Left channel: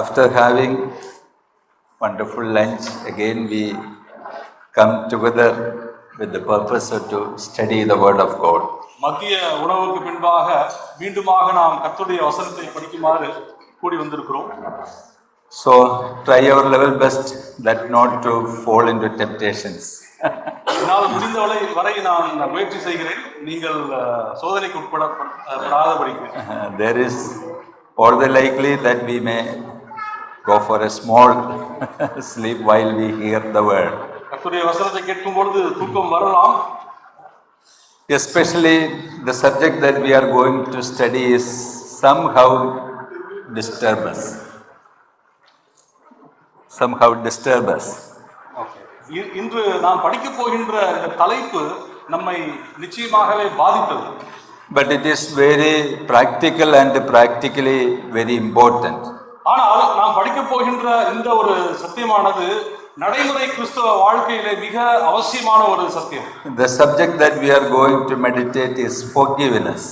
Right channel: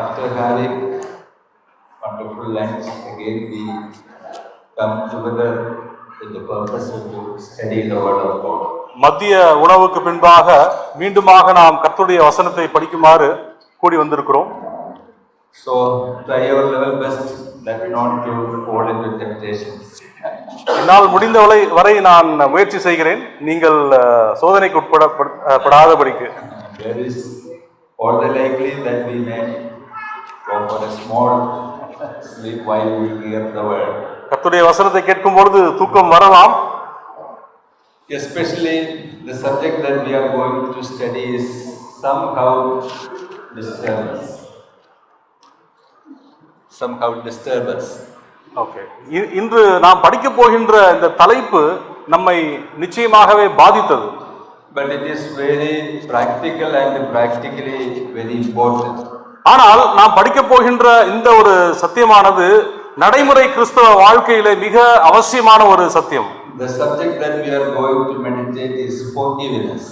after having wonderful lunch, again we come together with the purpose to study the word of God. மத்திய உணவுக்கு பின்பாக மீண்டுமாக நாம் கர்த்தருடைய வசனத்தை படிக்குமாறு கூடி வந்திருக்கிறோம். So try your level best that not to fall into temptations. என்னால் முடிந்த வரை நான் முயற்சி செய்கிறேன், நீங்கள் சோதனைக்கு உட்படாதபடிக்கு. There is all the likely that we may go for a small sleep while we hear the word. கர்த்தருடைய வசனத்தை கேட்கும் பொழுது தூக்கம் வரலாம். Especially the subject that we are going to study is somehow disturb us. Okay. இன்று நாம் படிக்க போகின்ற இந்த தலைப்பு நம்மை நிச்சயமாகவே பாதித்தது. But it is very practical and practically very important. ஆனால் நாம் படிக்க போகின்ற இந்த ஒரு சத்தியமானது நடைமுறை கிறிஸ்தவ வாழ்க்கையிலே மிக அவசியமான ஒரு சத்தியம். The subject that we are going to meditate is forgiveness.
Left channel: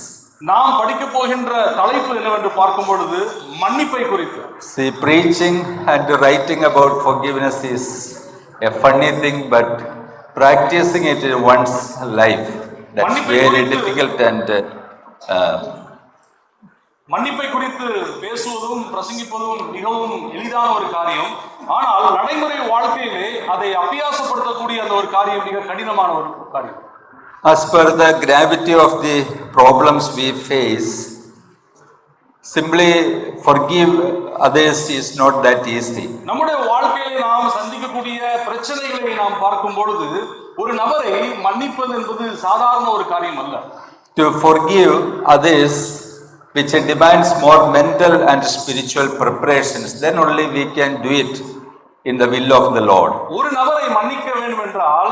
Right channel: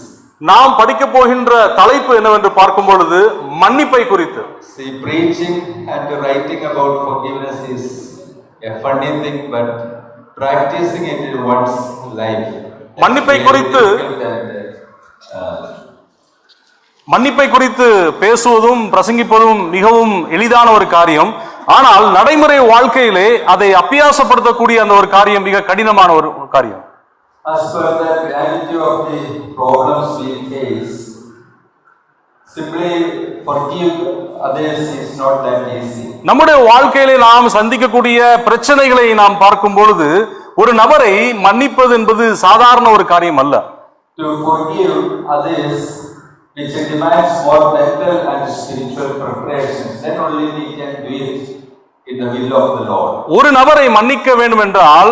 நாம் படிக்க போகின்ற தலைப்பு என்னவென்று பார்க்கும் பொழுது மன்னிப்பை குறித்து. See, preaching and writing about forgiveness is a funny thing, but practicing it in one's life, மன்னிப்பை குறித்து மன்னிப்பை குறித்து பேசுவதும் பிரசங்கிப்பதும் மிகவும் எளிதான ஒரு காரியம். ஆனால் நடைமுறை வாழ்க்கையிலே அதை அபியாசப்படுத்தக்கூடிய அந்த ஒரு காரியம் மிக கடினமான ஒரு காரியம். As per the gravity of the problems we face, simply forgive others is not that easy. நம்முடைய வாழ்க்கையிலே நாம் சந்திக்கக்கூடிய பிரச்சனைகளை நாம் பார்க்கும் பொழுது ஒரு நபரை மன்னிப்பது என்பது சாதாரண ஒரு காரியம் அல்ல. To forgive others, which demands more mental and spiritual preparations, then only we can do it in the will of the Lord. ஒரு நபரை மன்னிக்க வேண்டும் என்றால்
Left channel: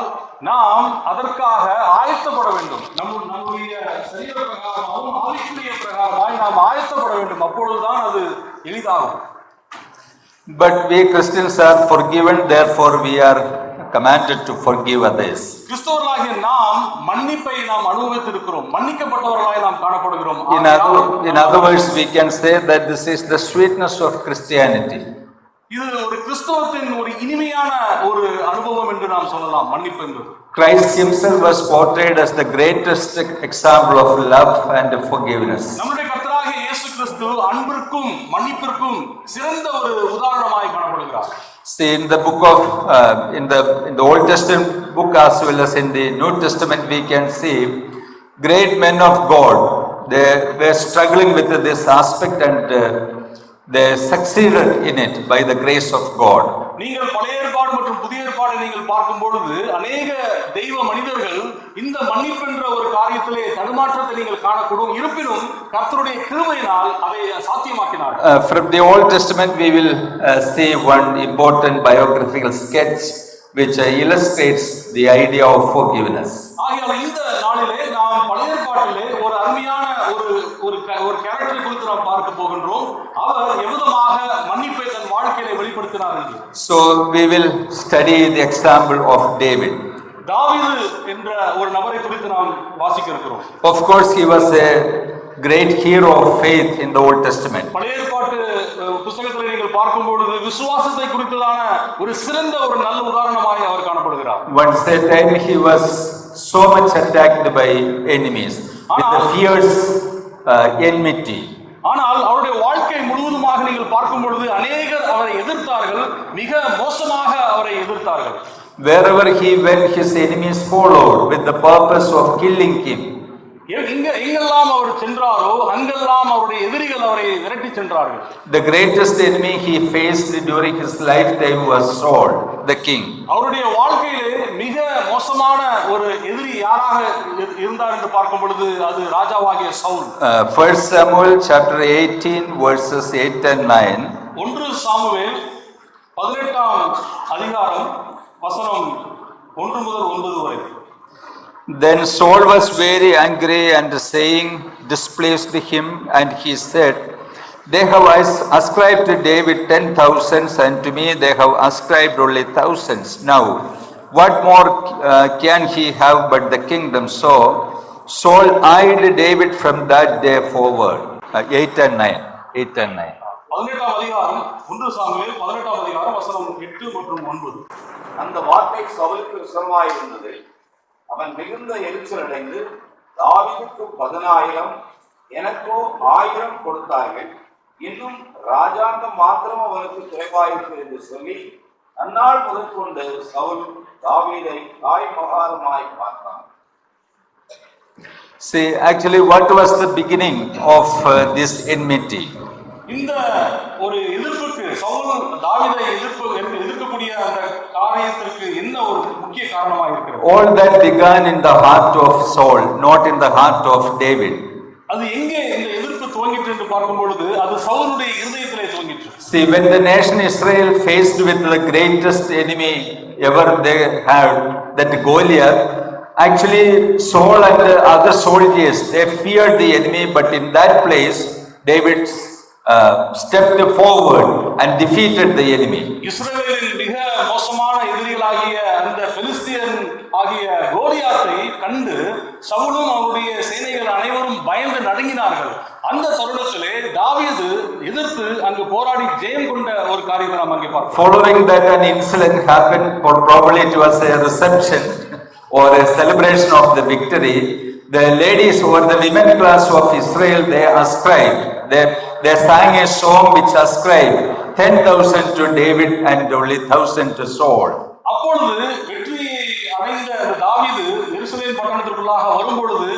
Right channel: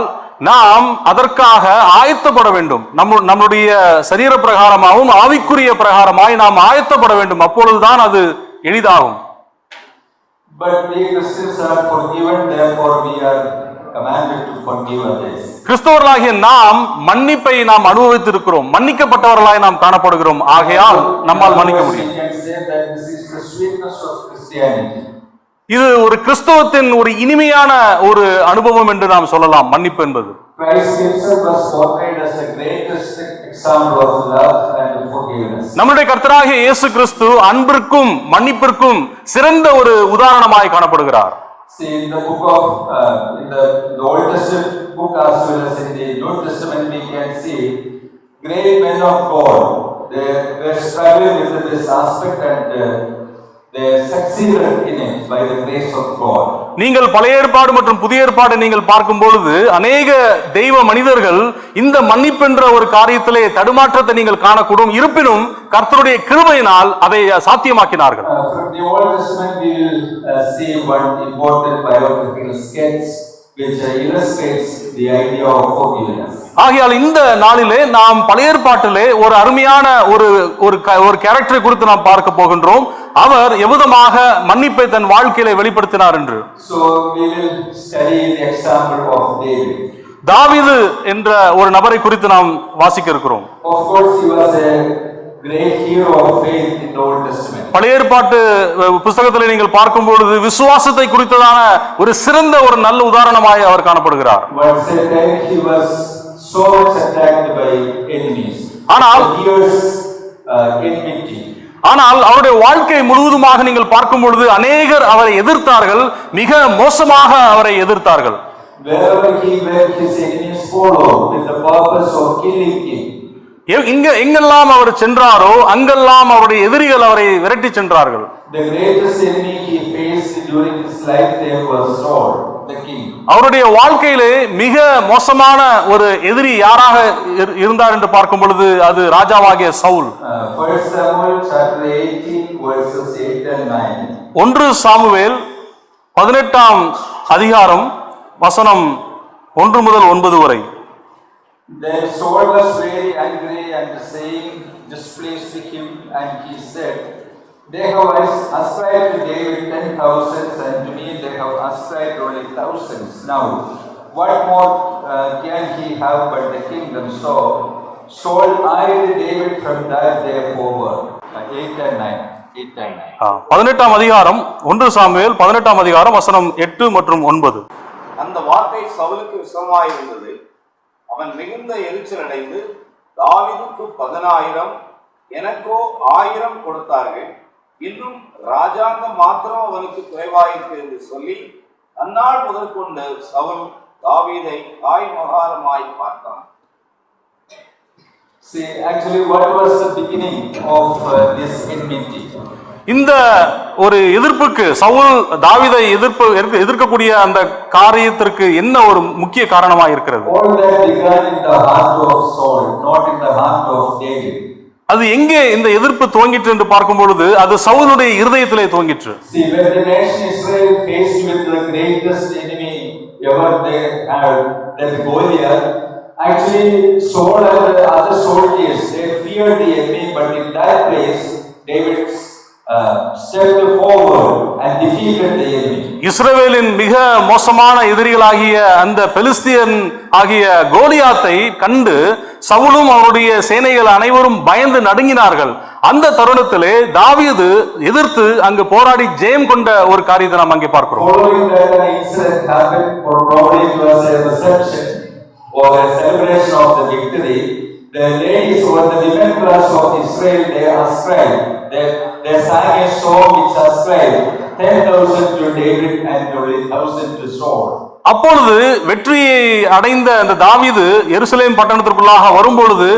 நாம் அதற்காக ஆயத்தப்பட வேண்டும். நம்முடைய சரீர பிரகாரமாகவும் ஆவிக்குரிய பிரகாரமாய் நாம் ஆயத்தப்பட வேண்டும். அப்பொழுதுதான் அது எளிதாகும். But we Christians are forgiven, therefore we are commanded to forgive others. கிறிஸ்தவர்களாகிய நாம் மன்னிப்பை நாம் அனுபவித்திருக்கிறோம், மன்னிக்கப்பட்டவர்களாய் நாம் காணப்படுகிறோம். ஆகையால் we can say that this is the sweetness of Christianity. இது ஒரு கிறிஸ்தவத்தின் ஒரு இனிமையான ஒரு அனுபவம் என்று நாம் சொல்லலாம். மன்னிப்பு என்பது Christ himself was portrayed as the greatest example of love and forgiveness. நம்முடைய கர்த்தராகிய இயேசு கிறிஸ்து அன்பிற்கும் மன்னிப்பிற்கும் சிறந்த ஒரு உதாரணமாய் காணப்படுகிறார். See, in the book of in the Old Testament book as well as in the New Testament, we can see great men of God. They were struggling with this aspect and they succeeded in it by the grace of God. நீங்கள் பழைய ஏற்பாடு மற்றும் புதிய ஏற்பாடு நீங்கள் பார்க்கும் பொழுது அநேக தெய்வ மனிதர்கள் இந்த மன்னிப்பு என்ற ஒரு காரியத்திலே தடுமாற்றத்தை நீங்கள் காணக்கூடும். இருப்பினும் கர்த்தருடைய கிருபையினால் அதை சாத்தியமாக்கினார்கள். From the Old Testament we will see one important biographical sketch which illustrates the idea of forgiveness. ஆகையால் இந்த நாளிலே நாம் பழைய ஏற்பாட்டிலே ஒரு அருமையான ஒரு கேரக்டரை குறித்து நாம் பார்க்க போகின்றோம். அவர் எவ்விதமாக மன்னிப்பை தன் வாழ்க்கையிலே வெளிப்படுத்தினார் என்று. So we will study the example of David. தாவீது என்ற ஒரு நபரை குறித்து நாம் வாசிக்க இருக்கிறோம். Of course he was a great hero of faith in the Old Testament. பழைய ஏற்பாட்டு புத்தகத்திலே நீங்கள் பார்க்கும் பொழுது விசுவாசத்தை குறித்ததான ஒரு சிறந்த ஒரு நல்ல உதாரணமாய் அவர் காணப்படுகிறார். Once a time he was so much attacked by enemies. ஆனால் fierce enmity. ஆனால் அவருடைய வாழ்க்கை முழுவதுமாக நீங்கள் பார்க்கும் பொழுது அநேகர் அவரை எதிர்த்தார்கள், மிக மோசமாக அவரை எதிர்த்தார்கள். Wherever he went, his enemies followed with the purpose of killing him. எங்கெல்லாம் அவர் சென்றாரோ அங்கெல்லாம் அவருடைய எதிரிகள் அவரை விரட்டி சென்றார்கள். The greatest enemy he faced during his life there was Saul, the king. அவருடைய வாழ்க்கையிலே மிக மோசமான ஒரு எதிரி யாராக இருந்தார் என்று பார்க்கும் பொழுது அது ராஜாவாகிய Saul. 1 Samuel chapter 18 verses 8 and 9. 1 Samuel 18ஆம் அதிகாரம் வசனம் 1 முதல் 9 வரை. Then Saul was very angry and saying displeased him, and he said, they have ascribed to David 10,000s, and to me they have ascribed only thousands. Now what more can he have but the kingdom? So Saul eyed David from that day forward. 8 and 9. 8 and 9. 18ஆம் அதிகாரம் 1 Samuel 18ஆம் அதிகாரம் வசனம் 8 மற்றும் 9. அந்த வார்த்தை சவுலுக்கு விசனமாயிருந்தது. அவன் மிகுந்த எரிச்சல் அடைந்து, தாவீதுக்கு 10,000 எனக்கோ 1000 கொடுத்தார்கள், இன்னும் ராஜாங்கம் மாத்திரம் அவனுக்கு குறைவாயிற்று என்று சொல்லி அந்நாள் முதல் கொண்டு சவுல் தாவீதை மகாரமாய் பார்த்தான். See, actually, what was the beginning of this enmity? இந்த ஒரு எதிர்ப்புக்கு சவுல் தாவீதை எதிர்க்கக்கூடிய அந்த காரியத்திற்கு என்ன ஒரு முக்கிய காரணமாக இருக்கிறது? All that began in the heart of Saul, not in the heart of David. அது எங்கே இந்த எதிர்ப்பு துவங்கிற்று என்று பார்க்கும் பொழுது அது சவுலுடைய இருதயத்திலே துவங்கிற்று. See, when the nation Israel faced with the greatest enemy ever they had, that Goliath, actually Saul and the other soldiers, they feared the enemy, but in that place David stepped forward and defeated the enemy. இஸ்ரவேலின் மிக மோசமான எதிரிகளாகிய அந்த பெலிஸ்தியன் ஆகிய கோலியாத்தை கண்டு சவுலும் அவருடைய சேனைகள் அனைவரும் பயந்து நடுங்கினார்கள். அந்த தருணத்திலே தாவீது எதிர்த்து அங்கு போராடி ஜெயம் கொண்ட ஒரு காரியத்தை நாம் அங்கே பார்க்கிறோம். Following that, an incident happened, probably it was a reception or a celebration of the victory. The ladies or the women class of Israel, they ascribed, they sang a song which ascribed 10,000 to David and only 1,000 to Saul. அப்பொழுது வெற்றியை அடைந்த அந்த தாவீது எருசலேம் பட்டணத்திற்குள்ளாக வரும்பொழுது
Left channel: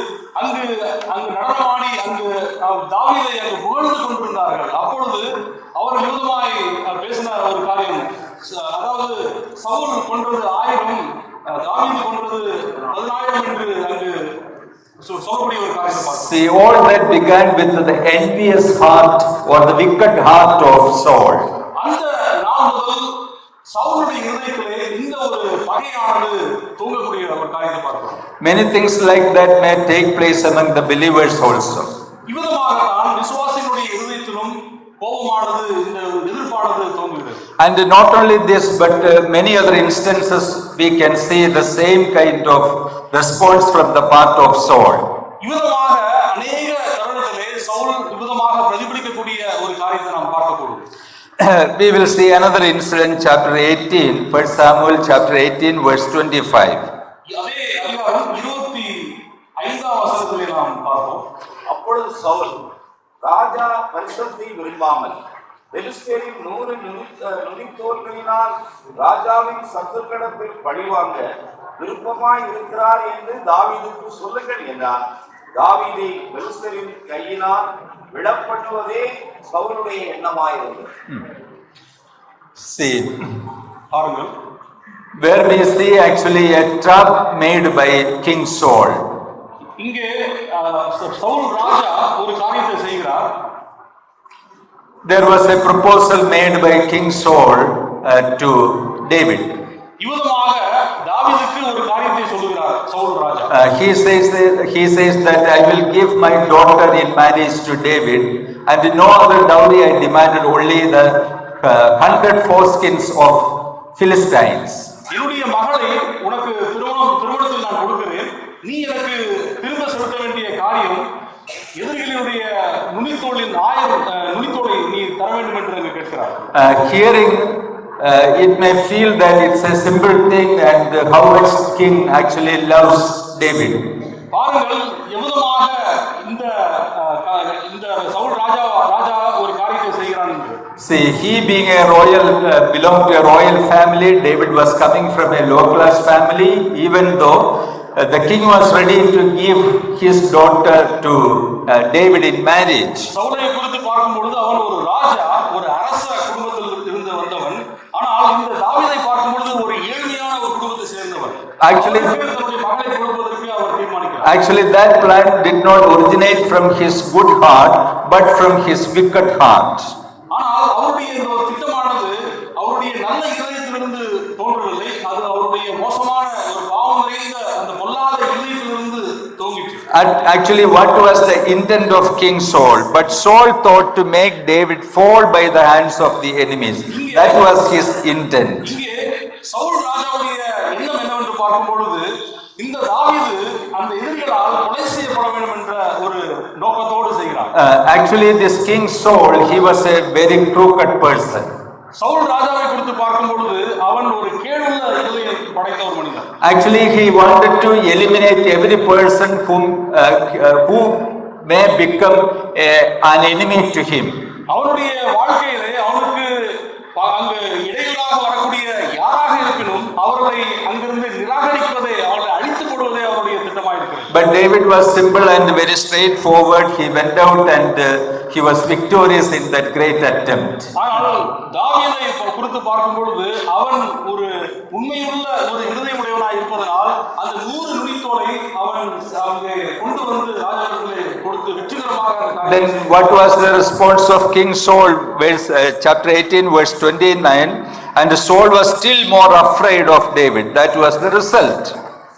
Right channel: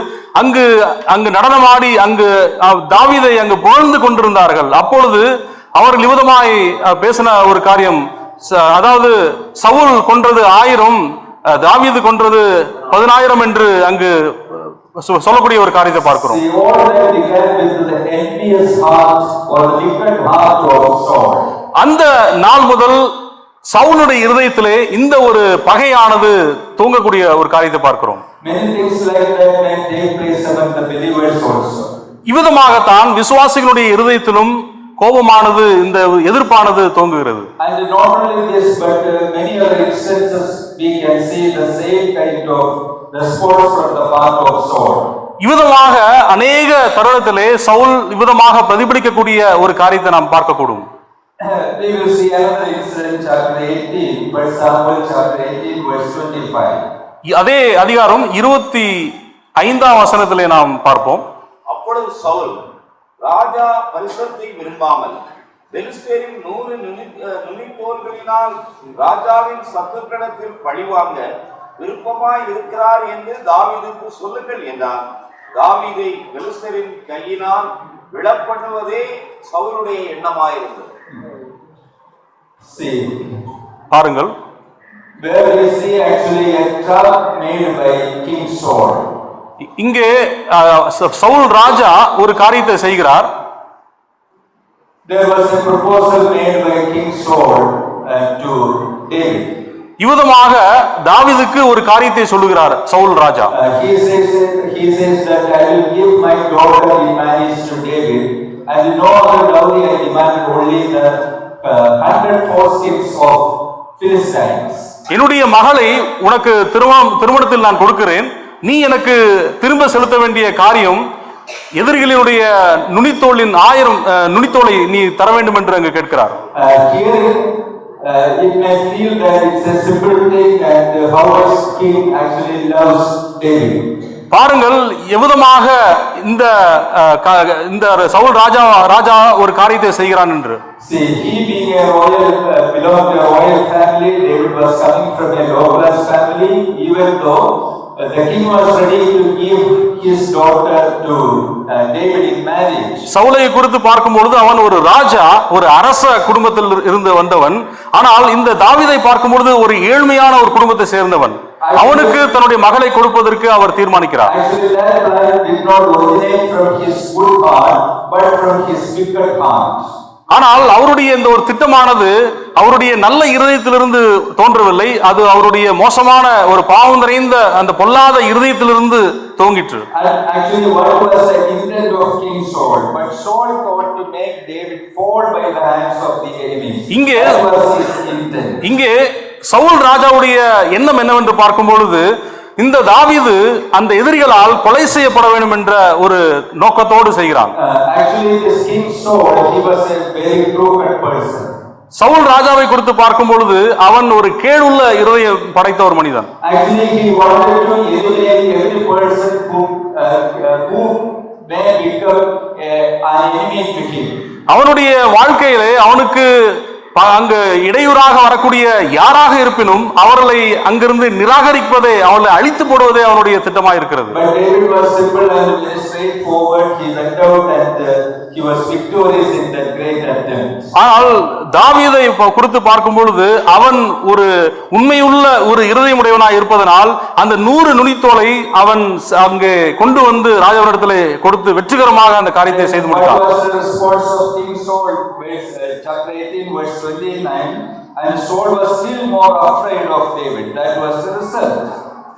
அங்கு நடனமாடி அங்கு தாவீதை அங்கு புகழ்ந்து கொண்டிருந்தார்கள். அப்பொழுது அவர்கள் விதமாய் பேசின ஒரு காரியம், அதாவது சவுல் கொன்றது 1000, தாவீது கொன்றது 10,000 என்று அங்கு சொல்லக்கூடிய ஒரு காரியத்தை பார்க்கிறோம். See, all that began with the envious heart or the wicked heart of Saul. அந்த நாள் முதல் சவுலுடைய இருதயத்திலே இந்த ஒரு பகையானது தூங்கக்கூடிய ஒரு காரியத்தை பார்க்கிறோம். Many things like that may take place among the believers also. இவ்விதமாகத்தான் விசுவாசிகளுடைய இருதயத்திலும் கோபமானது, இந்த எதிர்ப்பானது தோங்குகிறது. And not only this, but many other instances we can see the same kind of response from the part of Saul. இவ்விதமாக அநேக தருணத்திலே சவுல் இவ்விதமாக பிரதிபலிக்கக்கூடிய ஒரு காரியத்தை நாம் பார்க்கக்கூடும். We will see another incident, chapter 18, 1 Samuel chapter 18 verse 25. அதே அதிகாரம் 25ஆம் வசனத்திலே நாம் பார்ப்போம். அப்பொழுது சவுல் ராஜா பரிசுத்தை விரும்பாமல் பெலிஸ்தேரின் 100 நுனித்தோல்களினால் ராஜாவின் சத்துருக்களிடத்தில் பழிவாங்க விருப்பமாய் இருக்கிறார் என்று தாவீதுக்கு சொல்லுங்கள் என்றான். தாவீதை பெலிஸ்தரின் கையினால் விழப்பண்ணுவதே சவுலுடைய எண்ணமாயிருந்தது. See, பாருங்கள், where we see actually a trap made by King Saul. இங்கே சவுல் ராஜா ஒரு காரியத்தை செய்கிறார். There was a proposal made by King Saul to David. இவ்விதமாக தாவீதுக்கு ஒரு காரியத்தை சொல்லுகிறார் சவுல் ராஜா. He says that I will give my daughter in marriage to David, and no other dowry I demanded, only the 100 foreskins of Philistines. என்னுடைய மகளை உனக்கு திருமணத்தில் நான் கொடுக்கிறேன், நீ எனக்கு திரும்ப செலுத்த வேண்டிய காரியம் எதிரிகளுடைய நுனித்தோலின் 1000 நுனித்தோலை நீ தர வேண்டும் என்று அங்கு கேட்கிறார். Hearing it may feel that it's a simple thing, and how much king actually loves David. பாருங்கள் எவ்விதமாக இந்த சவுல் ராஜா ஒரு காரியத்தை செய்கிறான் என்று. See, he being a royal, belonged to a royal family, David was coming from a low class family. Even though the king was ready to give his daughter to David in marriage. சவுலை குறித்து பார்க்கும் பொழுது அவன் ஒரு ராஜா, ஒரு அரச குடும்பத்தில் இருந்து வந்தவன். ஆனால் இந்த தாவீதை பார்க்கும் பொழுது ஒரு ஏழ்மையான ஒரு குடும்பத்தை சேர்ந்தவன். அவனுக்கு தன்னுடைய மகளை கொடுப்பதற்கு அவர் தீர்மானிக்கிறார். Actually, that plan did not originate from his good heart, but from his wicked heart. ஆனால் அவருடைய இந்த ஒரு திட்டமானது அவருடைய நல்ல இருதயத்திலிருந்து தோன்றவில்லை, அது அவருடைய மோசமான ஒரு பாவம் நிறைந்த அந்த பொல்லாத இருதயத்திலிருந்து தோன்றிற்று. Actually, what was the intent of King Saul? But Saul thought to make David fall by the hands of the enemies. That was his intent. இங்கே சவுல் ராஜாவுடைய எண்ணம் என்னவென்று பார்க்கும் பொழுது இந்த தாவீது அந்த எதிரிகளால் கொலை செய்யப்பட வேண்டும் என்ற ஒரு நோக்கத்தோடு செய்கிறான். Actually, this King Saul, he was a very crooked person. Saul ராஜாவை குறித்து பார்க்கும் பொழுது அவன் ஒரு கேடுள்ள இருதயம் படைத்த ஒரு மனிதன். Actually, he wanted to eliminate every person who may become an enemy to him. அவனுடைய வாழ்க்கையிலே அவனுக்கு அங்கு இடையூறாக வரக்கூடிய யாராக இருப்பினும் அவர்களை அங்கிருந்து நிராகரிப்பதே, அவர்களை அழித்து போடுவதே அவனுடைய திட்டமாக இருக்கிறது. But David was simple and very straightforward. He went out and he was victorious in that great attempt. ஆனால் தாவீதை குறித்து பார்க்கும் பொழுது அவன் ஒரு உண்மையுள்ள ஒரு இருதயமுடையவனாய் இருப்பதனால் அந்த 100 நுனித்தோலை அவன் அங்கே கொண்டு வந்து ராஜாவிடத்திலே கொடுத்து வெற்றிகரமாக அந்த காரியத்தை செய்து. What was the response of King Saul? Chapter 18 verse 29, and Saul was still more afraid of David. That was the result.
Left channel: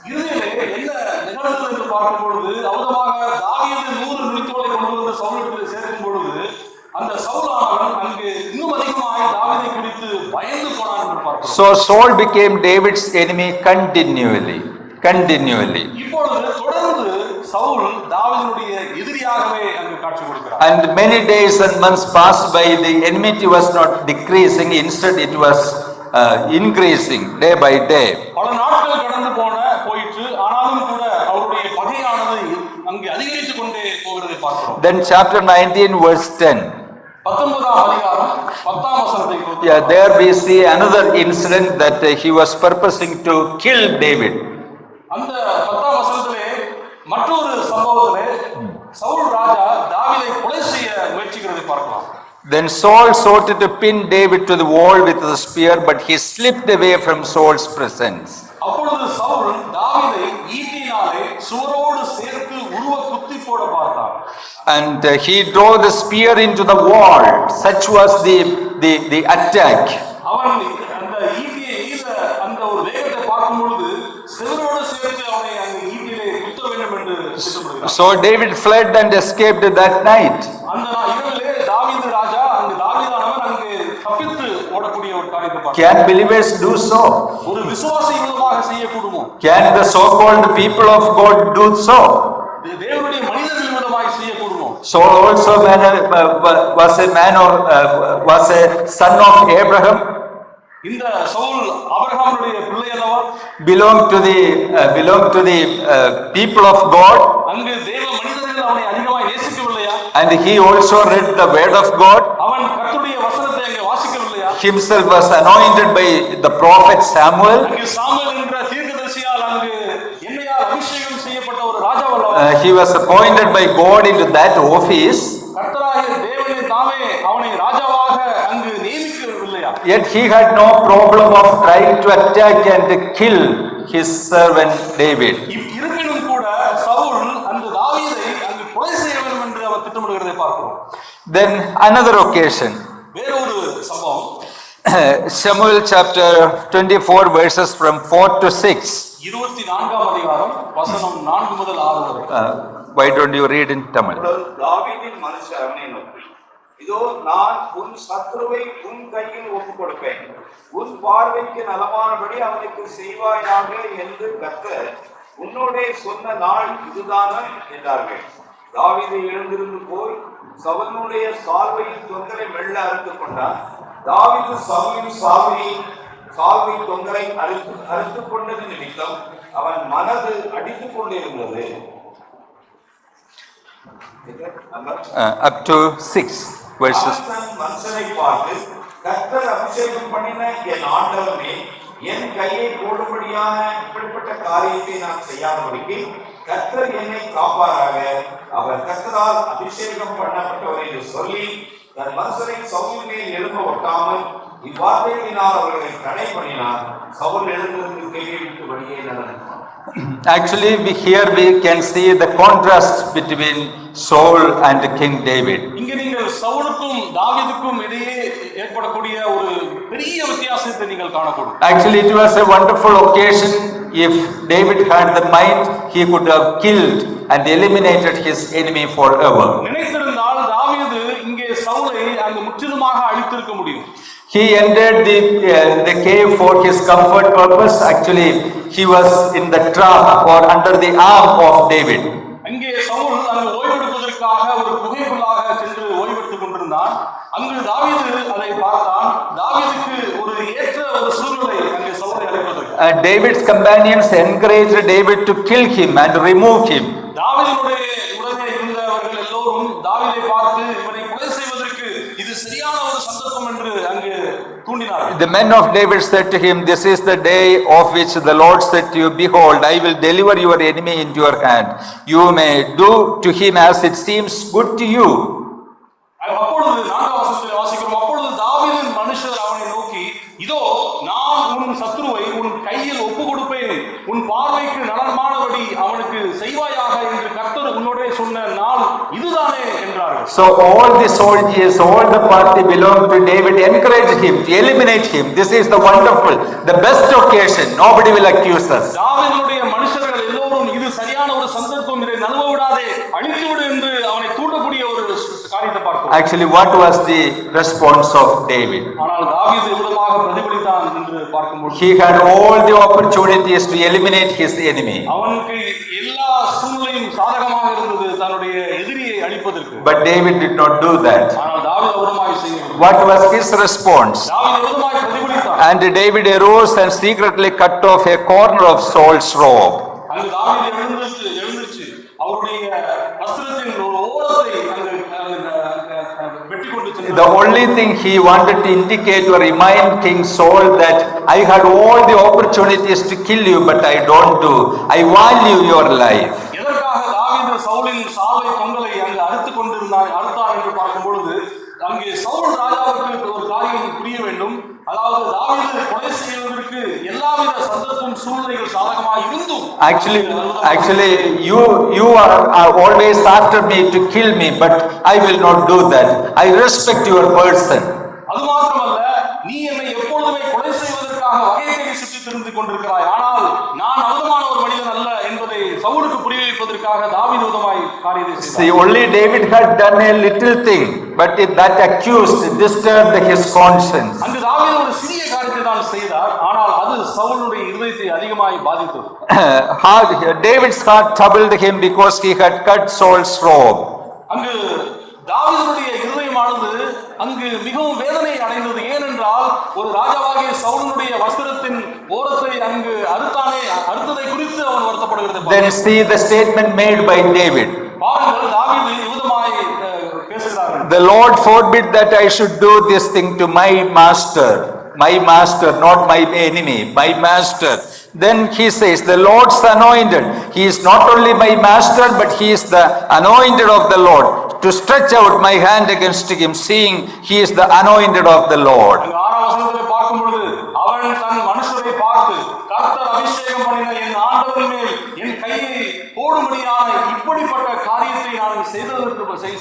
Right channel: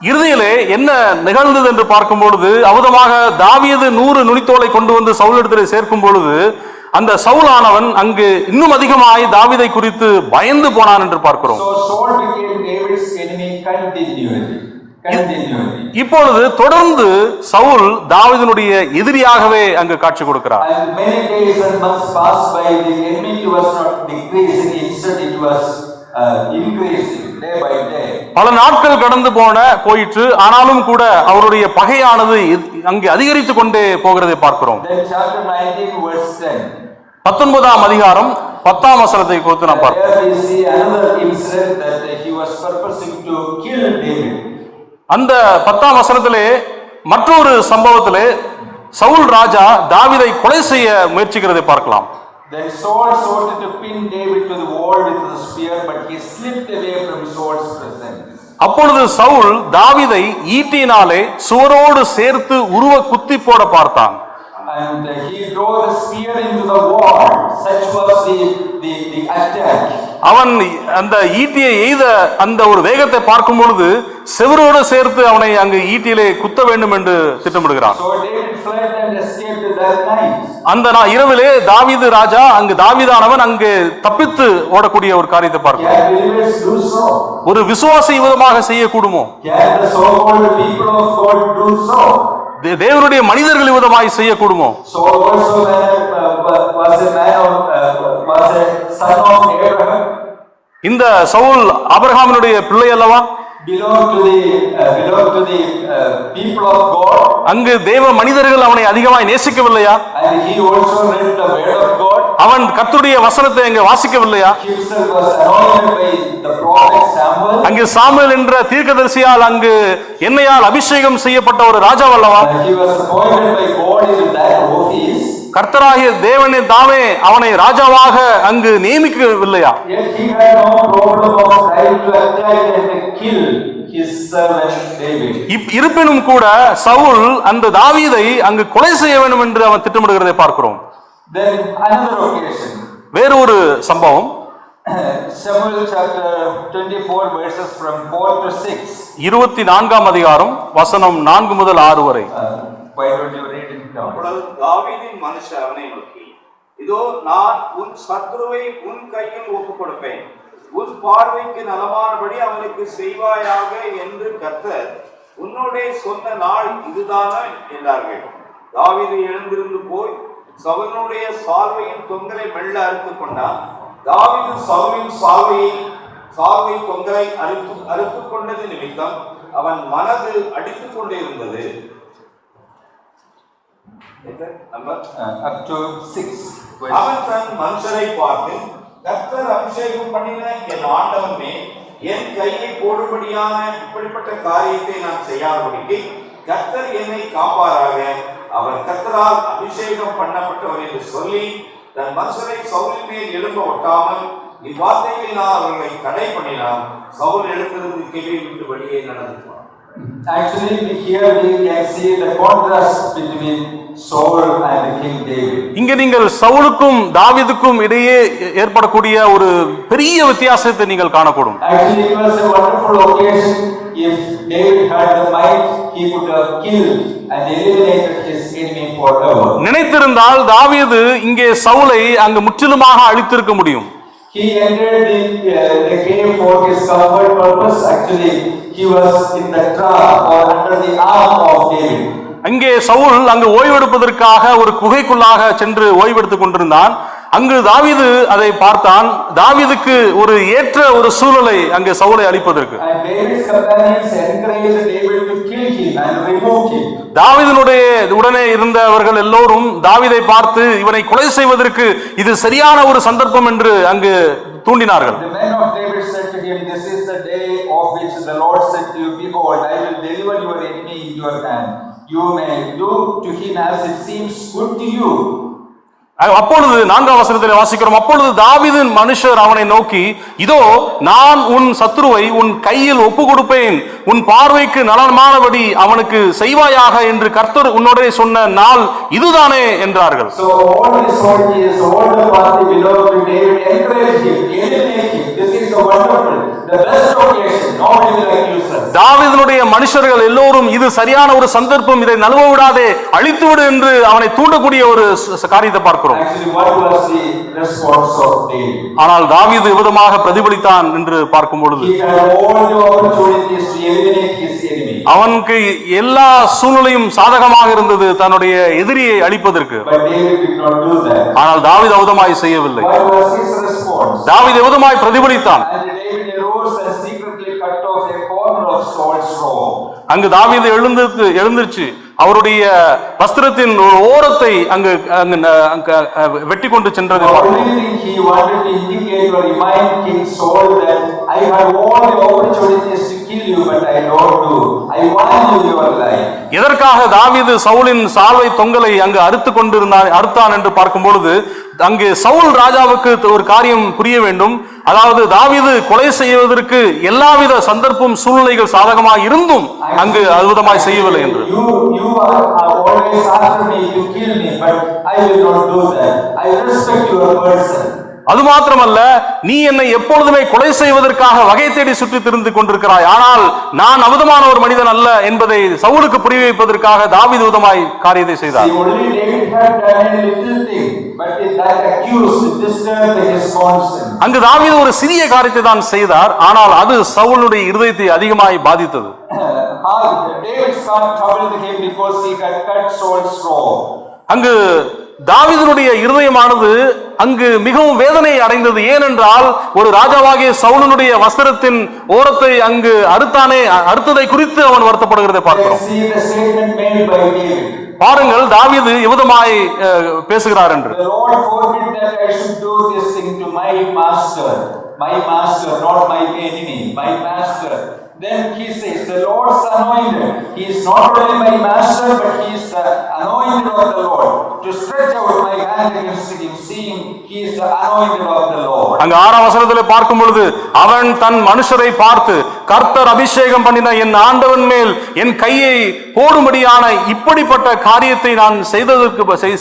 இறுதியிலே என்ன நிகழ்ந்தது என்று பார்க்கும் பொழுது அவதமாக தாவீது 100 நுனித்தோலை கொண்டு வந்து சவுலிடத்திலே சேர்க்கும் பொழுது அந்த சவுலானவன் அங்கு இன்னும் அதிகமாய் தாவீதை குறித்து பயந்து போனான் என்று பார்க்கிறோம். So Saul became David's enemy continually. இப்பொழுது தொடர்ந்து சவுல் தாவீதினுடைய எதிரியாகவே அங்கு காட்சி கொடுக்கிறார். And many days and months passed by, the enmity was not decreasing, instead it was increasing day by day. பல நாட்கள் கடந்து போயிற்று, ஆனாலும் கூட அவருடைய பகையானது அங்கே அதிகரித்து கொண்டே போகிறதை பார்க்கிறோம். Then chapter 19 verse 10, 19ஆம் அதிகாரம் 10ஆம் வசனத்தை குறித்து there we see another incident that he was purposing to kill David. அந்த 10ஆம் வசனத்திலே மற்றொரு சம்பவத்திலே சவுல் ராஜா தாவீதை கொலை செய்ய முயற்சிக்கிறதை பார்க்கலாம். Then Saul sought to pin David to the wall with the spear, but he slipped away from Saul's presence. அப்பொழுது சவுல் தாவீதை ஈட்டினாலே சுவரோடு சேர்த்து உருவ குத்தி போட பார்த்தான். And he drove the spear into the wall. Such was the attack. அவன் அந்த ஈட்டியை எய்த அந்த ஒரு வேகத்தை பார்க்கும் பொழுது செவரோடு சேர்த்து அவனை அங்கு ஈட்டியிலே குத்த வேண்டும் என்று திட்டமிடுகிறான். So David fled and escaped that night. அந்த இரவிலே தாவீது ராஜா அங்கு தாவீதானவன் அங்கு தப்பித்து ஓடக்கூடிய ஒரு காரியத்தை பார்க்கிறான். Can believers do so? ஒரு விசுவாசி விதமாக செய்யக்கூடுமோ? Can the so-called people of God do so? தேவனுடைய மனிதர்கள் விதமாய் செய்யக்கூடுமோ? Saul also was a son of Abraham. இந்த சவுல் ஆபிரகாமினுடைய பிள்ளை அல்லவா? belonged to the people of God. அங்கு தேவ மனிதர்கள் அவனை அதிகமாய் நேசிக்கவில்லையா? And he also read the word of God. அவன் கர்த்தருடைய வசனத்தை அங்கே வாசிக்கவில்லையா? Himself was anointed by the prophet Samuel. அங்கே சாமுவேல் என்ற தீர்க்கதரிசியால் அங்கு எண்ணெயால் அபிஷேகம் செய்யப்பட்ட ஒரு ராஜாவல்லவா? He was appointed by God into that office. கர்த்தராகிய தேவனே தாமே அவனை ராஜாவாக அங்கு நியமிக்கவில்லையா? Yet he had no problem of trying to attack and kill his servant David. இருப்பினும் கூட சவுல் அந்த தாவீதை அங்கு கொலை செய்ய வேண்டும் என்று அவன் திட்டமிடுகிறதை பார்க்கிறோம். Then another occasion, வேறொரு சம்பவம், Samuel chapter 24 verses from 4 to 6. 24ஆம் அதிகாரம் வசனம் 4 முதல் 6 வரை. Why don't you read in Tamil? தாவீதின் மனுஷர் அவனை நோக்கி, இதோ நான் உன் சத்ருவை உன் கையில் ஒப்புக் கொடுப்பேன், உன் பார்வைக்கு நலமானபடி அவனுக்கு செய்வாயாக என்று கர்த்தர் உன்னோடே சொன்ன நாள் இதுதானே என்றார்கள். தாவீது எழுந்திருந்து போய் சவுலுடைய சால்வையின் தொங்கலை மெல்ல அறுத்துக் கொண்டான். தாவீது சவுலின் சால்வை தொங்கலை அறுத்துக் கொண்டது நிமித்தம் அவன் மனது அடித்துக் கொண்டே இருந்தது. Up to 6 verses. மனுஷனை பார்த்து, கர்த்தர் அபிஷேகம் பண்ணின என் ஆண்டவனே, என் கையை போடும்படியான இப்படிப்பட்ட காரியத்தை நான் செய்யாதபடிக்கு கர்த்தர் என்னை காப்பாராக. அவர் கர்த்தரால் அபிஷேகம் பண்ணப்பட்டவர் என்று சொல்லி தன் மனுஷனை சவுலின் மேல் எழும்ப ஒட்டாமல் இவ்வார்த்தைகளினால் அவர்களை தடை பண்ணினான். சவுல் எழுந்திருந்து கேள்வி விட்டுபடியே நடந்துட்டான். Actually, here we can see the contrast between Saul and King David. இங்க நீங்கள் சவுலுக்கும் தாவீதுக்கும் இடையே ஏற்படக்கூடிய ஒரு பெரிய வித்தியாசத்தை நீங்கள் காணக்கூடும். Actually, it was a wonderful occasion. If David had the might, he could have killed and eliminated his enemy forever. நினைத்திருந்தால் தாவீது இங்கே சவுலை அங்கு முற்றிலுமாக அழித்திருக்க முடியும். He entered the cave for his comfort purpose. Actually, he was in the trap or under the arm of David. அங்கே சவுல் அங்கு ஓய்வெடுப்பதற்காக ஒரு குகைக்குள்ளாக சென்று ஓய்வெடுத்துக் கொண்டிருந்தான். அங்கு தாவீது அதை பார்த்தான். தாவீதுக்கு ஒரு ஏற்ற ஒரு சூழலை அங்கே சவுலை அழிப்பதற்கு David's companions encouraged David to kill him and remove him. தாவீதினுடைய உடனே இருந்தவர்கள் எல்லோரும் தாவீதை பார்த்து இவனை கொலை செய்வதற்கு இது சரியான ஒரு சந்தர்ப்பம் என்று அங்கு தூண்டினார்கள். The men of David said to him, "This is the day of which the Lord said to you, behold, I will deliver your enemy into your hand. You may do to him as it seems good to you." அப்பொழுது 4ஆம் வசனத்தில் வாசிக்கிறோம், அப்பொழுது தாவீதின் மனுஷர் அவனை நோக்கி, இதோ நான் உன் சத்துருவை உன் கையில் ஒப்பு கொடுப்பேன், உன் பார்வைக்கு நலமானபடி அவனுக்கு செய்வாயாக என்று கர்த்தர் உன்னோடே சொன்ன நாள் இதுதானே என்றார்கள். So all the soldiers, all the party belonged to David encouraged him to eliminate him. This is the wonderful, the best occasion. Nobody will accuse us. தாவீதினுடைய மனுஷர்கள் எல்லோரும் இது சரியான ஒரு சந்தர்ப்பம், இதை நழுவ விடாதே, அழித்து விடு என்று அவனை தூண்டக்கூடிய ஒரு காரியத்தை பார்க்கிறோம். Actually, what was the response of David? ஆனால் தாவீது விதமாக பிரதிபலித்தான் என்று பார்க்கும் பொழுது He had all the opportunities to eliminate his enemy. அவனுக்கு எல்லா சூழ்நிலையும் சாதகமாக இருந்தது தன்னுடைய எதிரியை அழிப்பதற்கு. But David did not do that. ஆனால் தாவீது விதமாய் செய்யவில்லை. What was his response? தாவீது விதமாய் பிரதிபலித்தான். And David arose and secretly cut off a corner of Saul's robe. அங்கு தாவீது எழுந்திருச்சு அவருடைய வஸ்திரத்தின் ஒரு ஓரத்தை அங்கு வெட்டி கொண்டு சென்றார். The only thing he wanted to indicate or remind King Saul that I had all the opportunities to kill you, but I don't do. I value your life. எதற்காக தாவீது சவுலின் சால்வை தொங்கலை அங்கு அறுத்தான் என்று பார்க்கும் பொழுது அங்கு சவுல் ராஜாவுக்கு ஒரு காரியம் புரிய வேண்டும். அதாவது தாவீது கொலை செய்வதற்கு எல்லாவித சந்தர்ப்பம் சூழ்நிலைகள் சாதகமாக இருந்தும் அங்கு அற்புதமாய் செய்யவில்லை. You are always after me to kill me, but I will not do that. I respect your person. அது மாத்திரமல்ல, நீ என்னை எப்பொழுதுமே கொலை செய்வதற்காக வகை தேடி சுற்றி திரிந்து கொண்டிருக்கிறாய், ஆனால் நான் அமுதமான ஒரு மனிதன் அல்ல என்பதை சவுலுக்கு புரிய வைப்பதற்காக தாவீது விதமாய் காரியத்தை செய்தார். See, only David had done a little thing, but if that accused disturbed his conscience. அங்கு தாவீது ஒரு சிறிய காரியத்தை தான் செய்தார், ஆனால் அது சவுலுடைய இருதயத்தை அதிகமாய் பாதித்தது. David's heart troubled him because he had cut Saul's robe. அங்கு தாவீதுடைய இருதயமானது அங்கு மிகவும் வேதனை அடைந்தது. ஏனென்றால் ஒரு ராஜாவாகிய சவுலுடைய வஸ்திரத்தின் ஓரத்தை அங்கு அறுத்ததை குறித்து அவன் வருத்தப்படுகிறதை பார்க்கிறோம். See the statement made by David. பாருங்கள் தாவீது இவ்விதமாய் பேசுகிறார் என்று. The Lord forbid that I should do this thing to my master, not my enemy, my master. Then he says, the Lord's anointed. He is not only my master, but he is the anointed of the Lord. To stretch out my hand against him, seeing he is the anointed of the Lord. அங்க 6ஆம் வசனத்திலே பார்க்கும் பொழுது அவன் தன் மனுஷரை பார்த்து, கர்த்தர் அபிஷேகம் பண்ணின என் ஆண்டவன் மேல் என் கையை போடும்படியான இப்படிப்பட்ட காரியத்தை நான்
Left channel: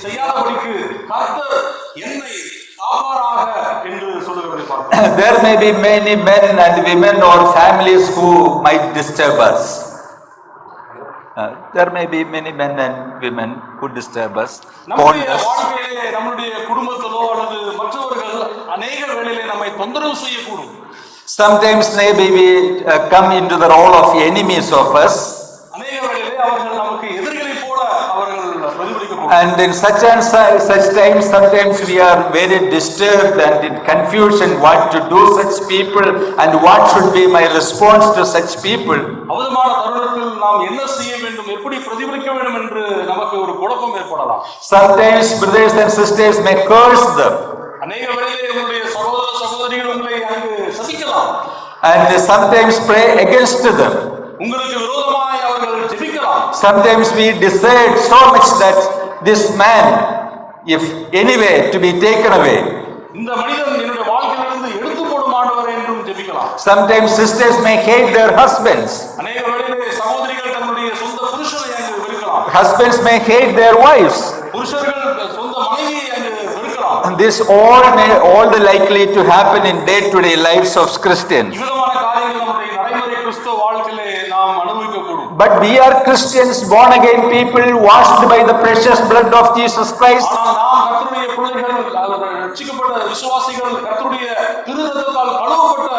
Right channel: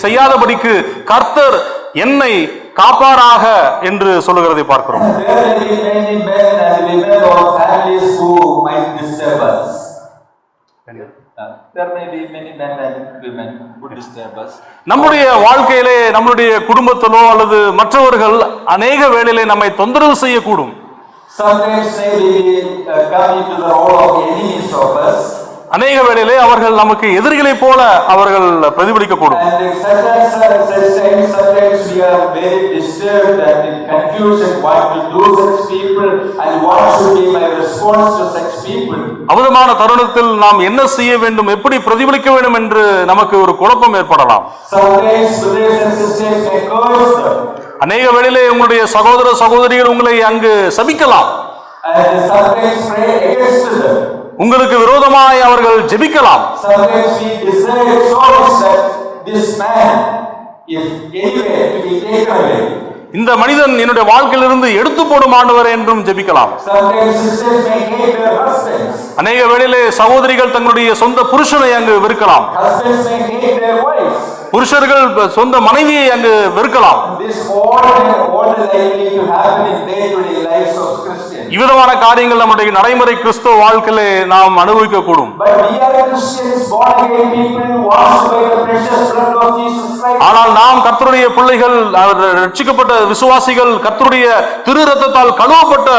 செய்யாதபடிக்கு கர்த்தர் என்னை காப்பாராக என்று சொல்லுகிறதை பார்க்கிறோம். There may be many men and women or families who might disturb us. There may be many men and women who disturb us. நம்முடைய வாழ்க்கையிலே நம்முடைய குடும்பத்திலோ அல்லது மற்றவர்கள் அநேக வேளையிலே நம்மை தொந்தரவு செய்யக்கூடும். Sometimes maybe we come into the role of enemies of us. அநேக வேளையிலே அவர்கள் நமக்கு எதிரிகளை போல அவர்கள் பிரதிபலிக்கக்கூடும். And in such times sometimes we are very disturbed and in confusion what to do such people and what should be my response to such people. அவதமான தருணத்தில் நாம் என்ன செய்ய வேண்டும், எப்படி பிரதிபலிக்க வேண்டும் என்று நமக்கு ஒரு குழப்பம் ஏற்படலாம். Sometimes brothers and sisters may curse them. அநேக வேளையிலே உங்களுடைய சகோதர சகோதரிகள் உங்களை அங்கு சபிக்கலாம். And sometimes pray against them. உங்களுக்கு விரோதமாய் அவர்கள் ஜெபிக்கலாம். Sometimes we decide so much that this man, if anyway to be taken away. இந்த மனிதன் என்னுடைய வாழ்க்கையிலிருந்து எடுத்து போடும் ஆண்டவர் என்றும் ஜெபிக்கலாம். Sometimes sisters may hate their husbands. அநேக வேளையிலே சகோதரிகள் தங்களுடைய சொந்த புருஷனை அங்கு வெறுக்கலாம். Husbands may hate their wives. புருஷர்கள் சொந்த மனைவியை அங்கு வெறுக்கலாம். This all the likely to happen in day-to-day lives of Christians. இவ்விதமான காரியங்கள் நம்முடைய நடைமுறை கிறிஸ்தவ வாழ்க்கையிலே நாம் அனுபவிக்க கூடும். But we are Christians, born again people, washed by the precious blood of Jesus Christ. ஆனால் நாம் கர்த்தருடைய பிள்ளைகள், ரட்சிக்கப்பட்ட விசுவாசிகள், கர்த்தருடைய திரு ரத்தத்தால் கழுவப்பட்ட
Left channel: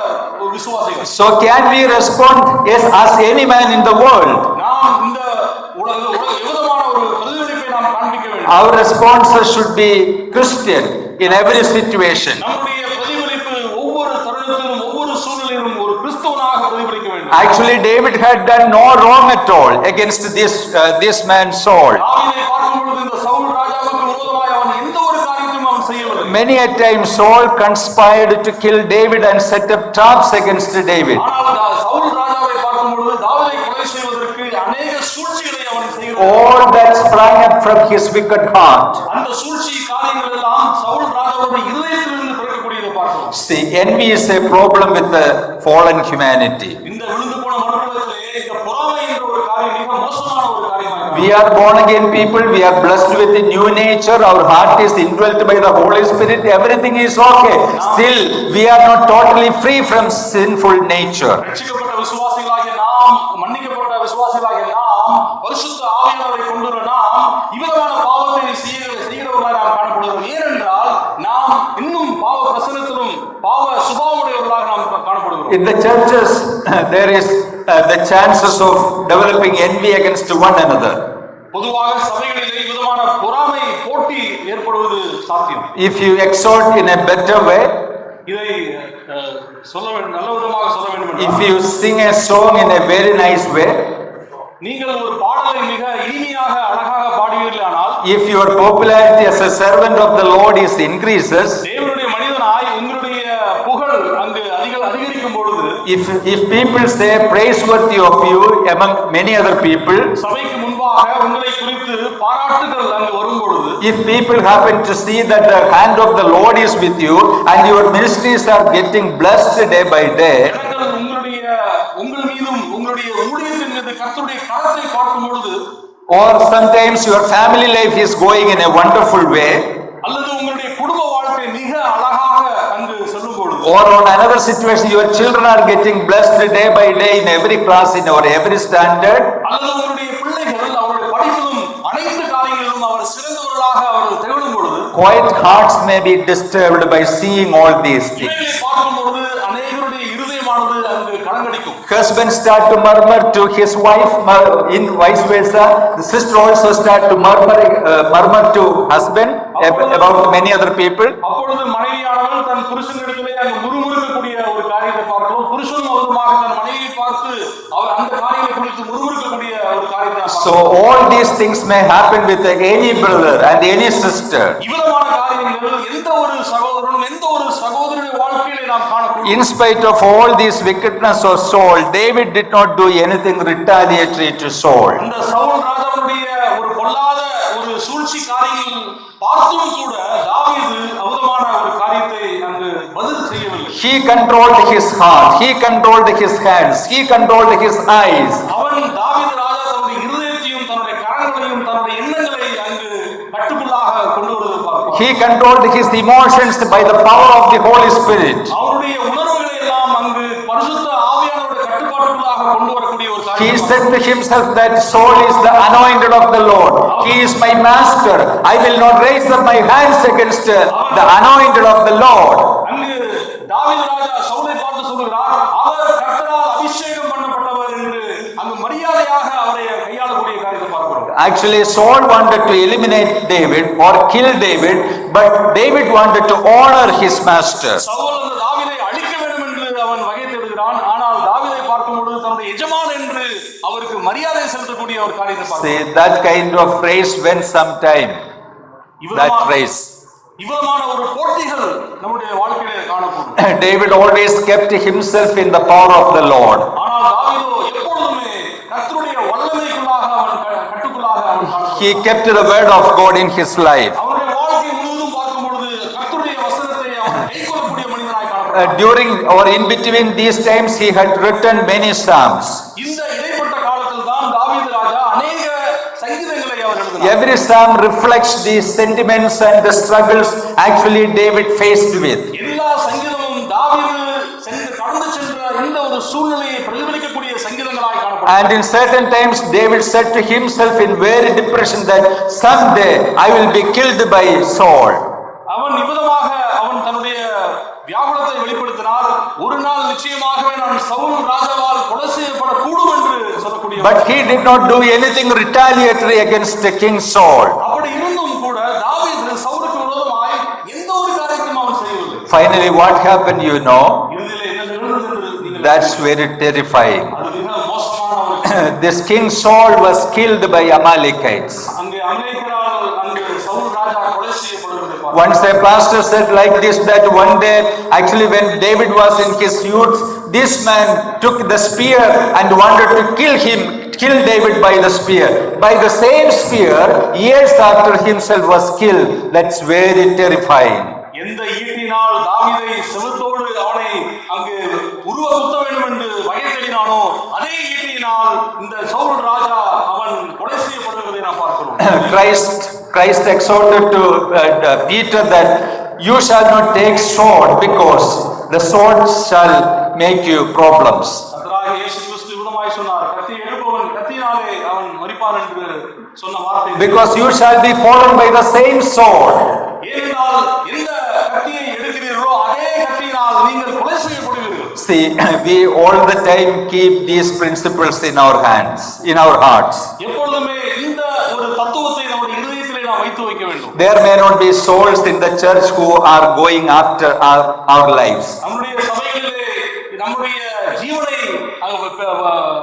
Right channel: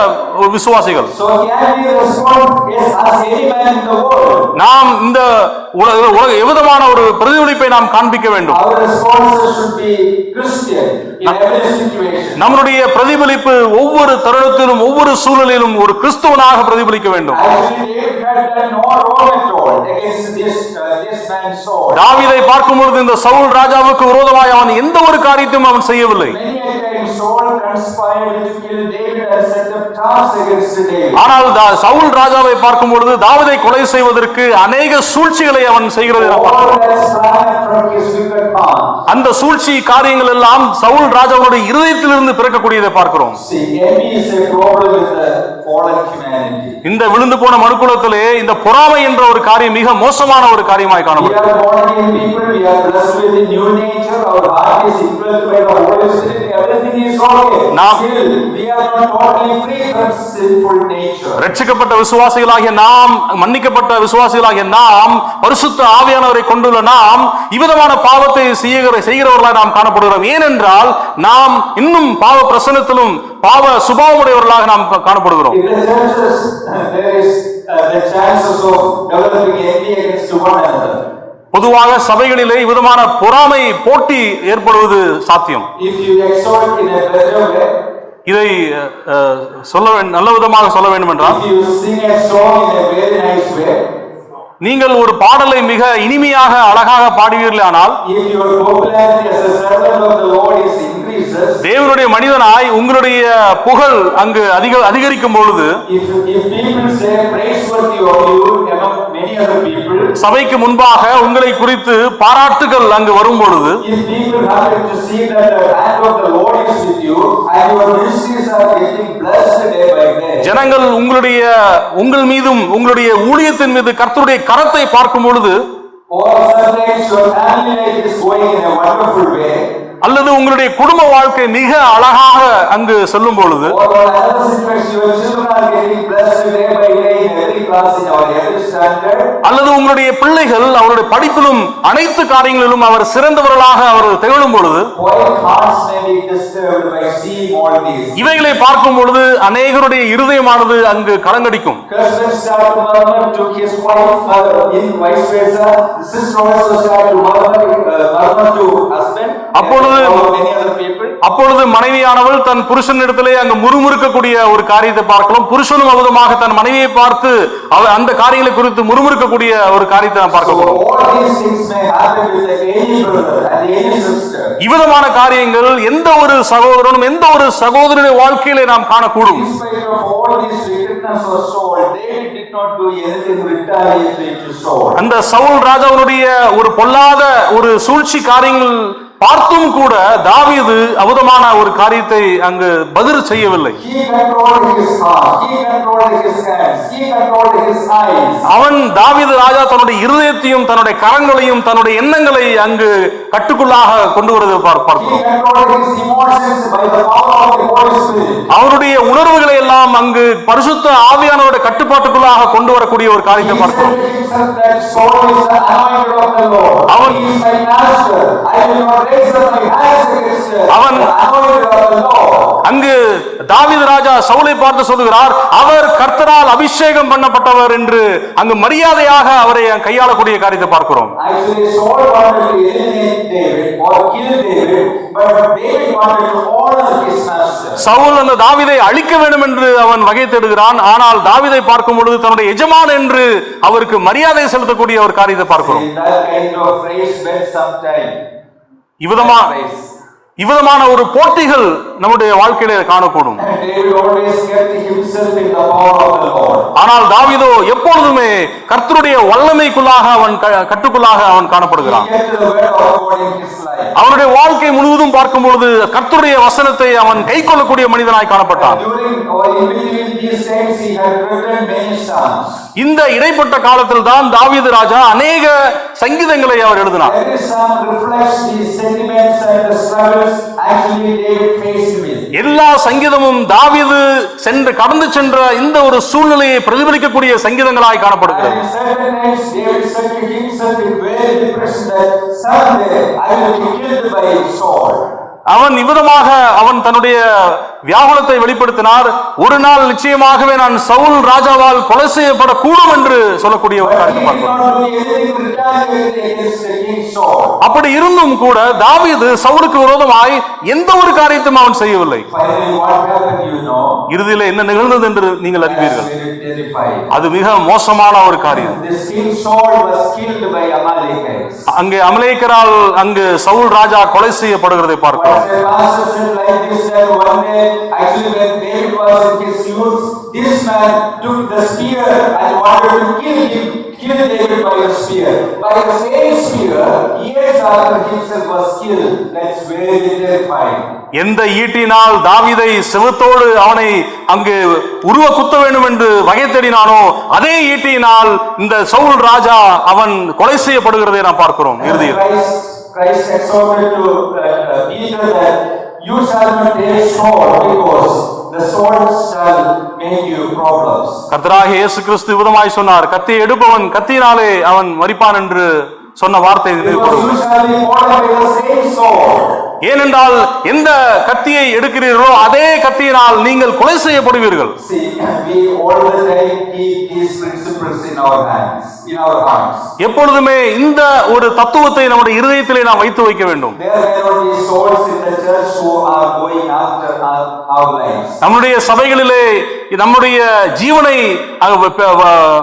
விசுவாசிகள். So can we respond as any man in the world? நாம் இந்த உலக எவ்விதமான ஒரு பிரதிபலிப்பை நாம் காண்பிக்க வேண்டும். Our responses should be Christian in every situation. நம்முடைய பிரதிபலிப்பு ஒவ்வொரு தருணத்திலும் ஒவ்வொரு சூழலிலும் ஒரு கிறிஸ்தவனாக பிரதிபலிக்க வேண்டும். Actually David had done no wrong at all against this man Saul. தாவீதை பார்க்கும்போது இந்த சவுல் ராஜாவுக்கு விரோதமாய் அவன் எந்த ஒரு காரியத்தையும் அவன் செய்யவில்லை. Many a time Saul conspired to kill David and set up traps against David. ஆனால் சவுல் ராஜாவை பார்க்கும்போது தாவீதை கொலை செய்வதற்கு अनेक சூழ்ச்சிகளை அவன் செய்கிறது. All that sprang up from his wicked heart. அந்த சூழ்ச்சி காரியங்கள் எல்லாம் சவுல் ராஜாவுடைய இருதயத்திலிருந்து பிறக்கக்கூடியதை பார்க்கிறோம். See, envy is a problem with the fallen humanity. இந்த விழுந்து போன மனுக்குலத்திலே இந்த பொறாமை என்ற ஒரு காரியம் மிக மோசமான ஒரு காரியமாய் காணப்படுகிறது. We are born again people, we are blessed with a new nature, our heart is indwelt by the Holy Spirit, everything is okay. Still we are not totally free from sinful nature. ரட்சிக்கப்பட்ட விசுவாசிகளாகிய நாம், மன்னிக்கப்பட்ட விசுவாசிகளாகிய நாம், பரிசுத்த ஆவியானவரை கொண்டுள்ள நாம் இவ்விதமான பாவத்தை செய்கிறவர்களாக நாம் காணப்படுகிறோம். ஏனென்றால் நாம் இன்னும் பாவ பிரசன்னத்திலும் பாவ சுபாவமுடையவர்களாக நாம் காணப்படுகிறோம். In the churches there is the chances of developing envy against one another. பொதுவாக சபைகளிலே இவ்விதமான பொறாமை போட்டி ஏற்படுவது சாத்தியம். If you exhort in a better way, இதை நல்ல விதமாக சொல்ல வேண்டும் என்றால், if you sing a song in a very nice way, நீங்கள் ஒரு பாடலை மிக இனிமையாக அழகாக பாடுவீர்களானால், if your popularity as a servant of the Lord is increases, தேவனுடைய மனிதனாய் உங்களுடைய புகழ் அங்கு அதிகரிக்கும் பொழுது, if people say praiseworthy of you among many other people, சபைக்கு முன்பாக உங்களை குறித்து பாராட்டுகள் அங்கு வரும் பொழுது, if people happen to see that the hand of the Lord is with you and your ministries are getting blessed day by day, ஜனங்கள் உங்கள் மீதும் உங்களுடைய ஊழியத்தின் மீது கர்த்தருடைய கரத்தை பார்க்கும் பொழுது, or sometimes your family life is going in a wonderful way, அல்லது உங்களுடைய குடும்ப வாழ்க்கை மிக அழகாக அங்கு செல்லும் பொழுது, or on another situation your children are getting blessed day by day in every class in or every standard, அல்லது உங்களுடைய பிள்ளைகள் அவருடைய படிப்பிலும் அனைத்து காரியங்களிலும் அவர் சிறந்தவர்களாக அவர் திகழும் பொழுது, quiet hearts may be disturbed by seeing all these. இவைகளை பார்க்கும் பொழுது அநேகருடைய இருதயமானது அங்கு கலங்கடிக்கும். Husband start to murmur to his wife, in vice versa the sister also start to murmur to husband, many other people. அப்பொழுது மனைவியானவள் தன் புருஷனிடத்திலே அங்கு முறுமுறுக்கக்கூடிய ஒரு காரியத்தை பார்க்கலாம். புருஷனும் அவதுமாக தன் மனைவியை பார்த்து அந்த காரியங்களை குறித்து முறுமுறுக்கக்கூடிய ஒரு காரியத்தை நாம் பார்க்கலாம். So all these things may happen with any brother and any sister. இவ்விதமான காரியங்கள் எந்த ஒரு சகோதரனும் எந்த ஒரு சகோதரனுடைய வாழ்க்கையிலே நாம் காணக்கூடும். In spite of all this wickedness of Saul, David did not do anything retaliatory to Saul. அந்த சவுல் ராஜாவுடைய ஒரு பொல்லாத ஒரு சூழ்ச்சி காரியங்கள் பார்த்தும் கூட தாவீது அவதமான ஒரு காரியத்தை அங்கு பதில் செய்யவில்லை. He controlled his heart, he controlled his hands, he controlled his eyes. அவன் தாவீது ராஜா தன்னுடைய இருதயத்தையும் தன்னுடைய கரங்களையும் தன்னுடைய எண்ணங்களை அங்கு கட்டுக்குள்ளாக கொண்டு வருவதை பார்ப்பார். He controlled his emotions by the power of the Holy Spirit. அவருடைய உணர்வுகளை எல்லாம் அங்கு பரிசுத்த ஆவியானவருடைய கட்டுப்பாட்டுக்குள்ளாக கொண்டு வரக்கூடிய ஒரு காரியம். He said to himself that Saul is the anointed of the Lord. He is my master. I will not raise up my hands against the anointed of the Lord. அங்கு தாவீது ராஜா சவுலை பார்த்து சொல்கிறார், அவர் கர்த்தரால் அபிஷேகம் பண்ணப்பட்டவர் என்று அங்கு மரியாதையாக அவரை கையாளக்கூடிய காரியத்தை பார்க்கிறோம். Actually Saul wanted to eliminate David or kill David, but David wanted to honor his master. Saul அந்த தாவீதை அழிக்க வேண்டும் என்று அவன் வகை தேடுகிறான். ஆனால் தாவீதை பார்க்கும் பொழுது தன்னுடைய எஜமான் என்று அவருக்கு மரியாதை செலுத்தக்கூடிய ஒரு காரியத்தை பார்க்கிறோம். That kind of phrase went some time. இவ்விதமான ஒரு போட்டிகள் நம்முடைய வாழ்க்கையில காணக்கூடும். David always kept himself in the power of the Lord. ஆனால் தாவீதோ எப்பொழுதுமே கர்த்தருடைய வல்லமைக்குள்ளாக அவன் கட்டுக்குள்ளாக அவன் He காணப்படுகிறான். kept the word of God in his life. அவனுடைய வாழ்க்கை முழுவதும் பார்க்கும்போது கர்த்தருடைய வசனத்தை அவன் கைக்கொள்ளக்கூடிய மனிதனாய் காணப்பட்டான். During or in between these times he had written many psalms. இந்த இடைப்பட்ட காலத்தில் தான் தாவீது ராஜா அநேக சங்கீதங்களை அவர் எழுதினார். Every psalm reflects the sentiments and the struggles actually David faced with. எல்லா சங்கீதமும் தாவீது கடந்து சென்ற இந்த ஒரு சூழ்நிலையை பிரதிபலிக்கக்கூடிய சங்கீதங்களாய் And காணப்படுகிறது. in certain times David said to himself in very depression that someday I will be killed by Saul. அவன் இவ்விதமாக அவன் தன்னுடைய வியாகுலத்தை வெளிப்படுத்தினார். ஒரு நாள் நிச்சயமாகவே நான் சவுல் ராஜாவால் கொலை செய்யப்படக்கூடும் என்று சொல்லக்கூடியவர். But he did not do anything retaliatory against the King Saul. அப்படி இருந்தும் கூட தாவீது சவுலுக்கு விரோதமாய் எந்த ஒரு காரியத்தையும் அவன் செய்யவில்லை. Finally what happened you know? இறுதியிலே என்ன நிகழ்ந்தது என்று நீங்கள் That's அறிவீர்கள். very terrifying. அது மிக மோசமான ஒரு காரியம். This King Saul was killed by Amalekites. அங்கே அமலேக்கரால் அங்கு சவுல் ராஜா கொலை செய்யப்படுகிறதை பார்க்கிறோம். Once a pastor said like this that one day actually when David was in his youth this man took the spear and wanted to kill David by the spear. By the same spear years after himself was killed. That's very terrifying. எந்த ஈட்டினால் தாவீதை செவுத்தோடு அவனை அங்கு உருவ குத்த வேண்டும் என்று வகை தேடினானோ அதே ஈட்டியினால் இந்த சவுல் ராஜா அவன் கொலை செய்யப்படுகிறதை நாம் பார்க்கிறோம். Christ exhorted to Peter that you shall not take sword because the sword shall make you problems. கர்த்தராகிய இயேசு கிறிஸ்து விதமாய் சொன்னார், கத்தியை எடுப்பவன் கத்தியினாலே அவன் மரிப்பான் என்று சொன்ன வார்த்தை. Because you shall be fallen by the same sword. ஏனென்றால் எந்த கத்தியை எடுக்கிறீர்களோ அதே கத்தியினால் நீங்கள் கொலை செய்யப்படுவீர்கள். See, we all the time keep these principles in our hands, in our hearts. எப்பொழுதுமே இந்த ஒரு தத்துவத்தை நம்முடைய இருதயத்திலே நாம் வைத்து வைக்க வேண்டும். There may not be souls in the church who are going after our lives. நம்முடைய சபைகளிலே நம்முடைய ஜீவனை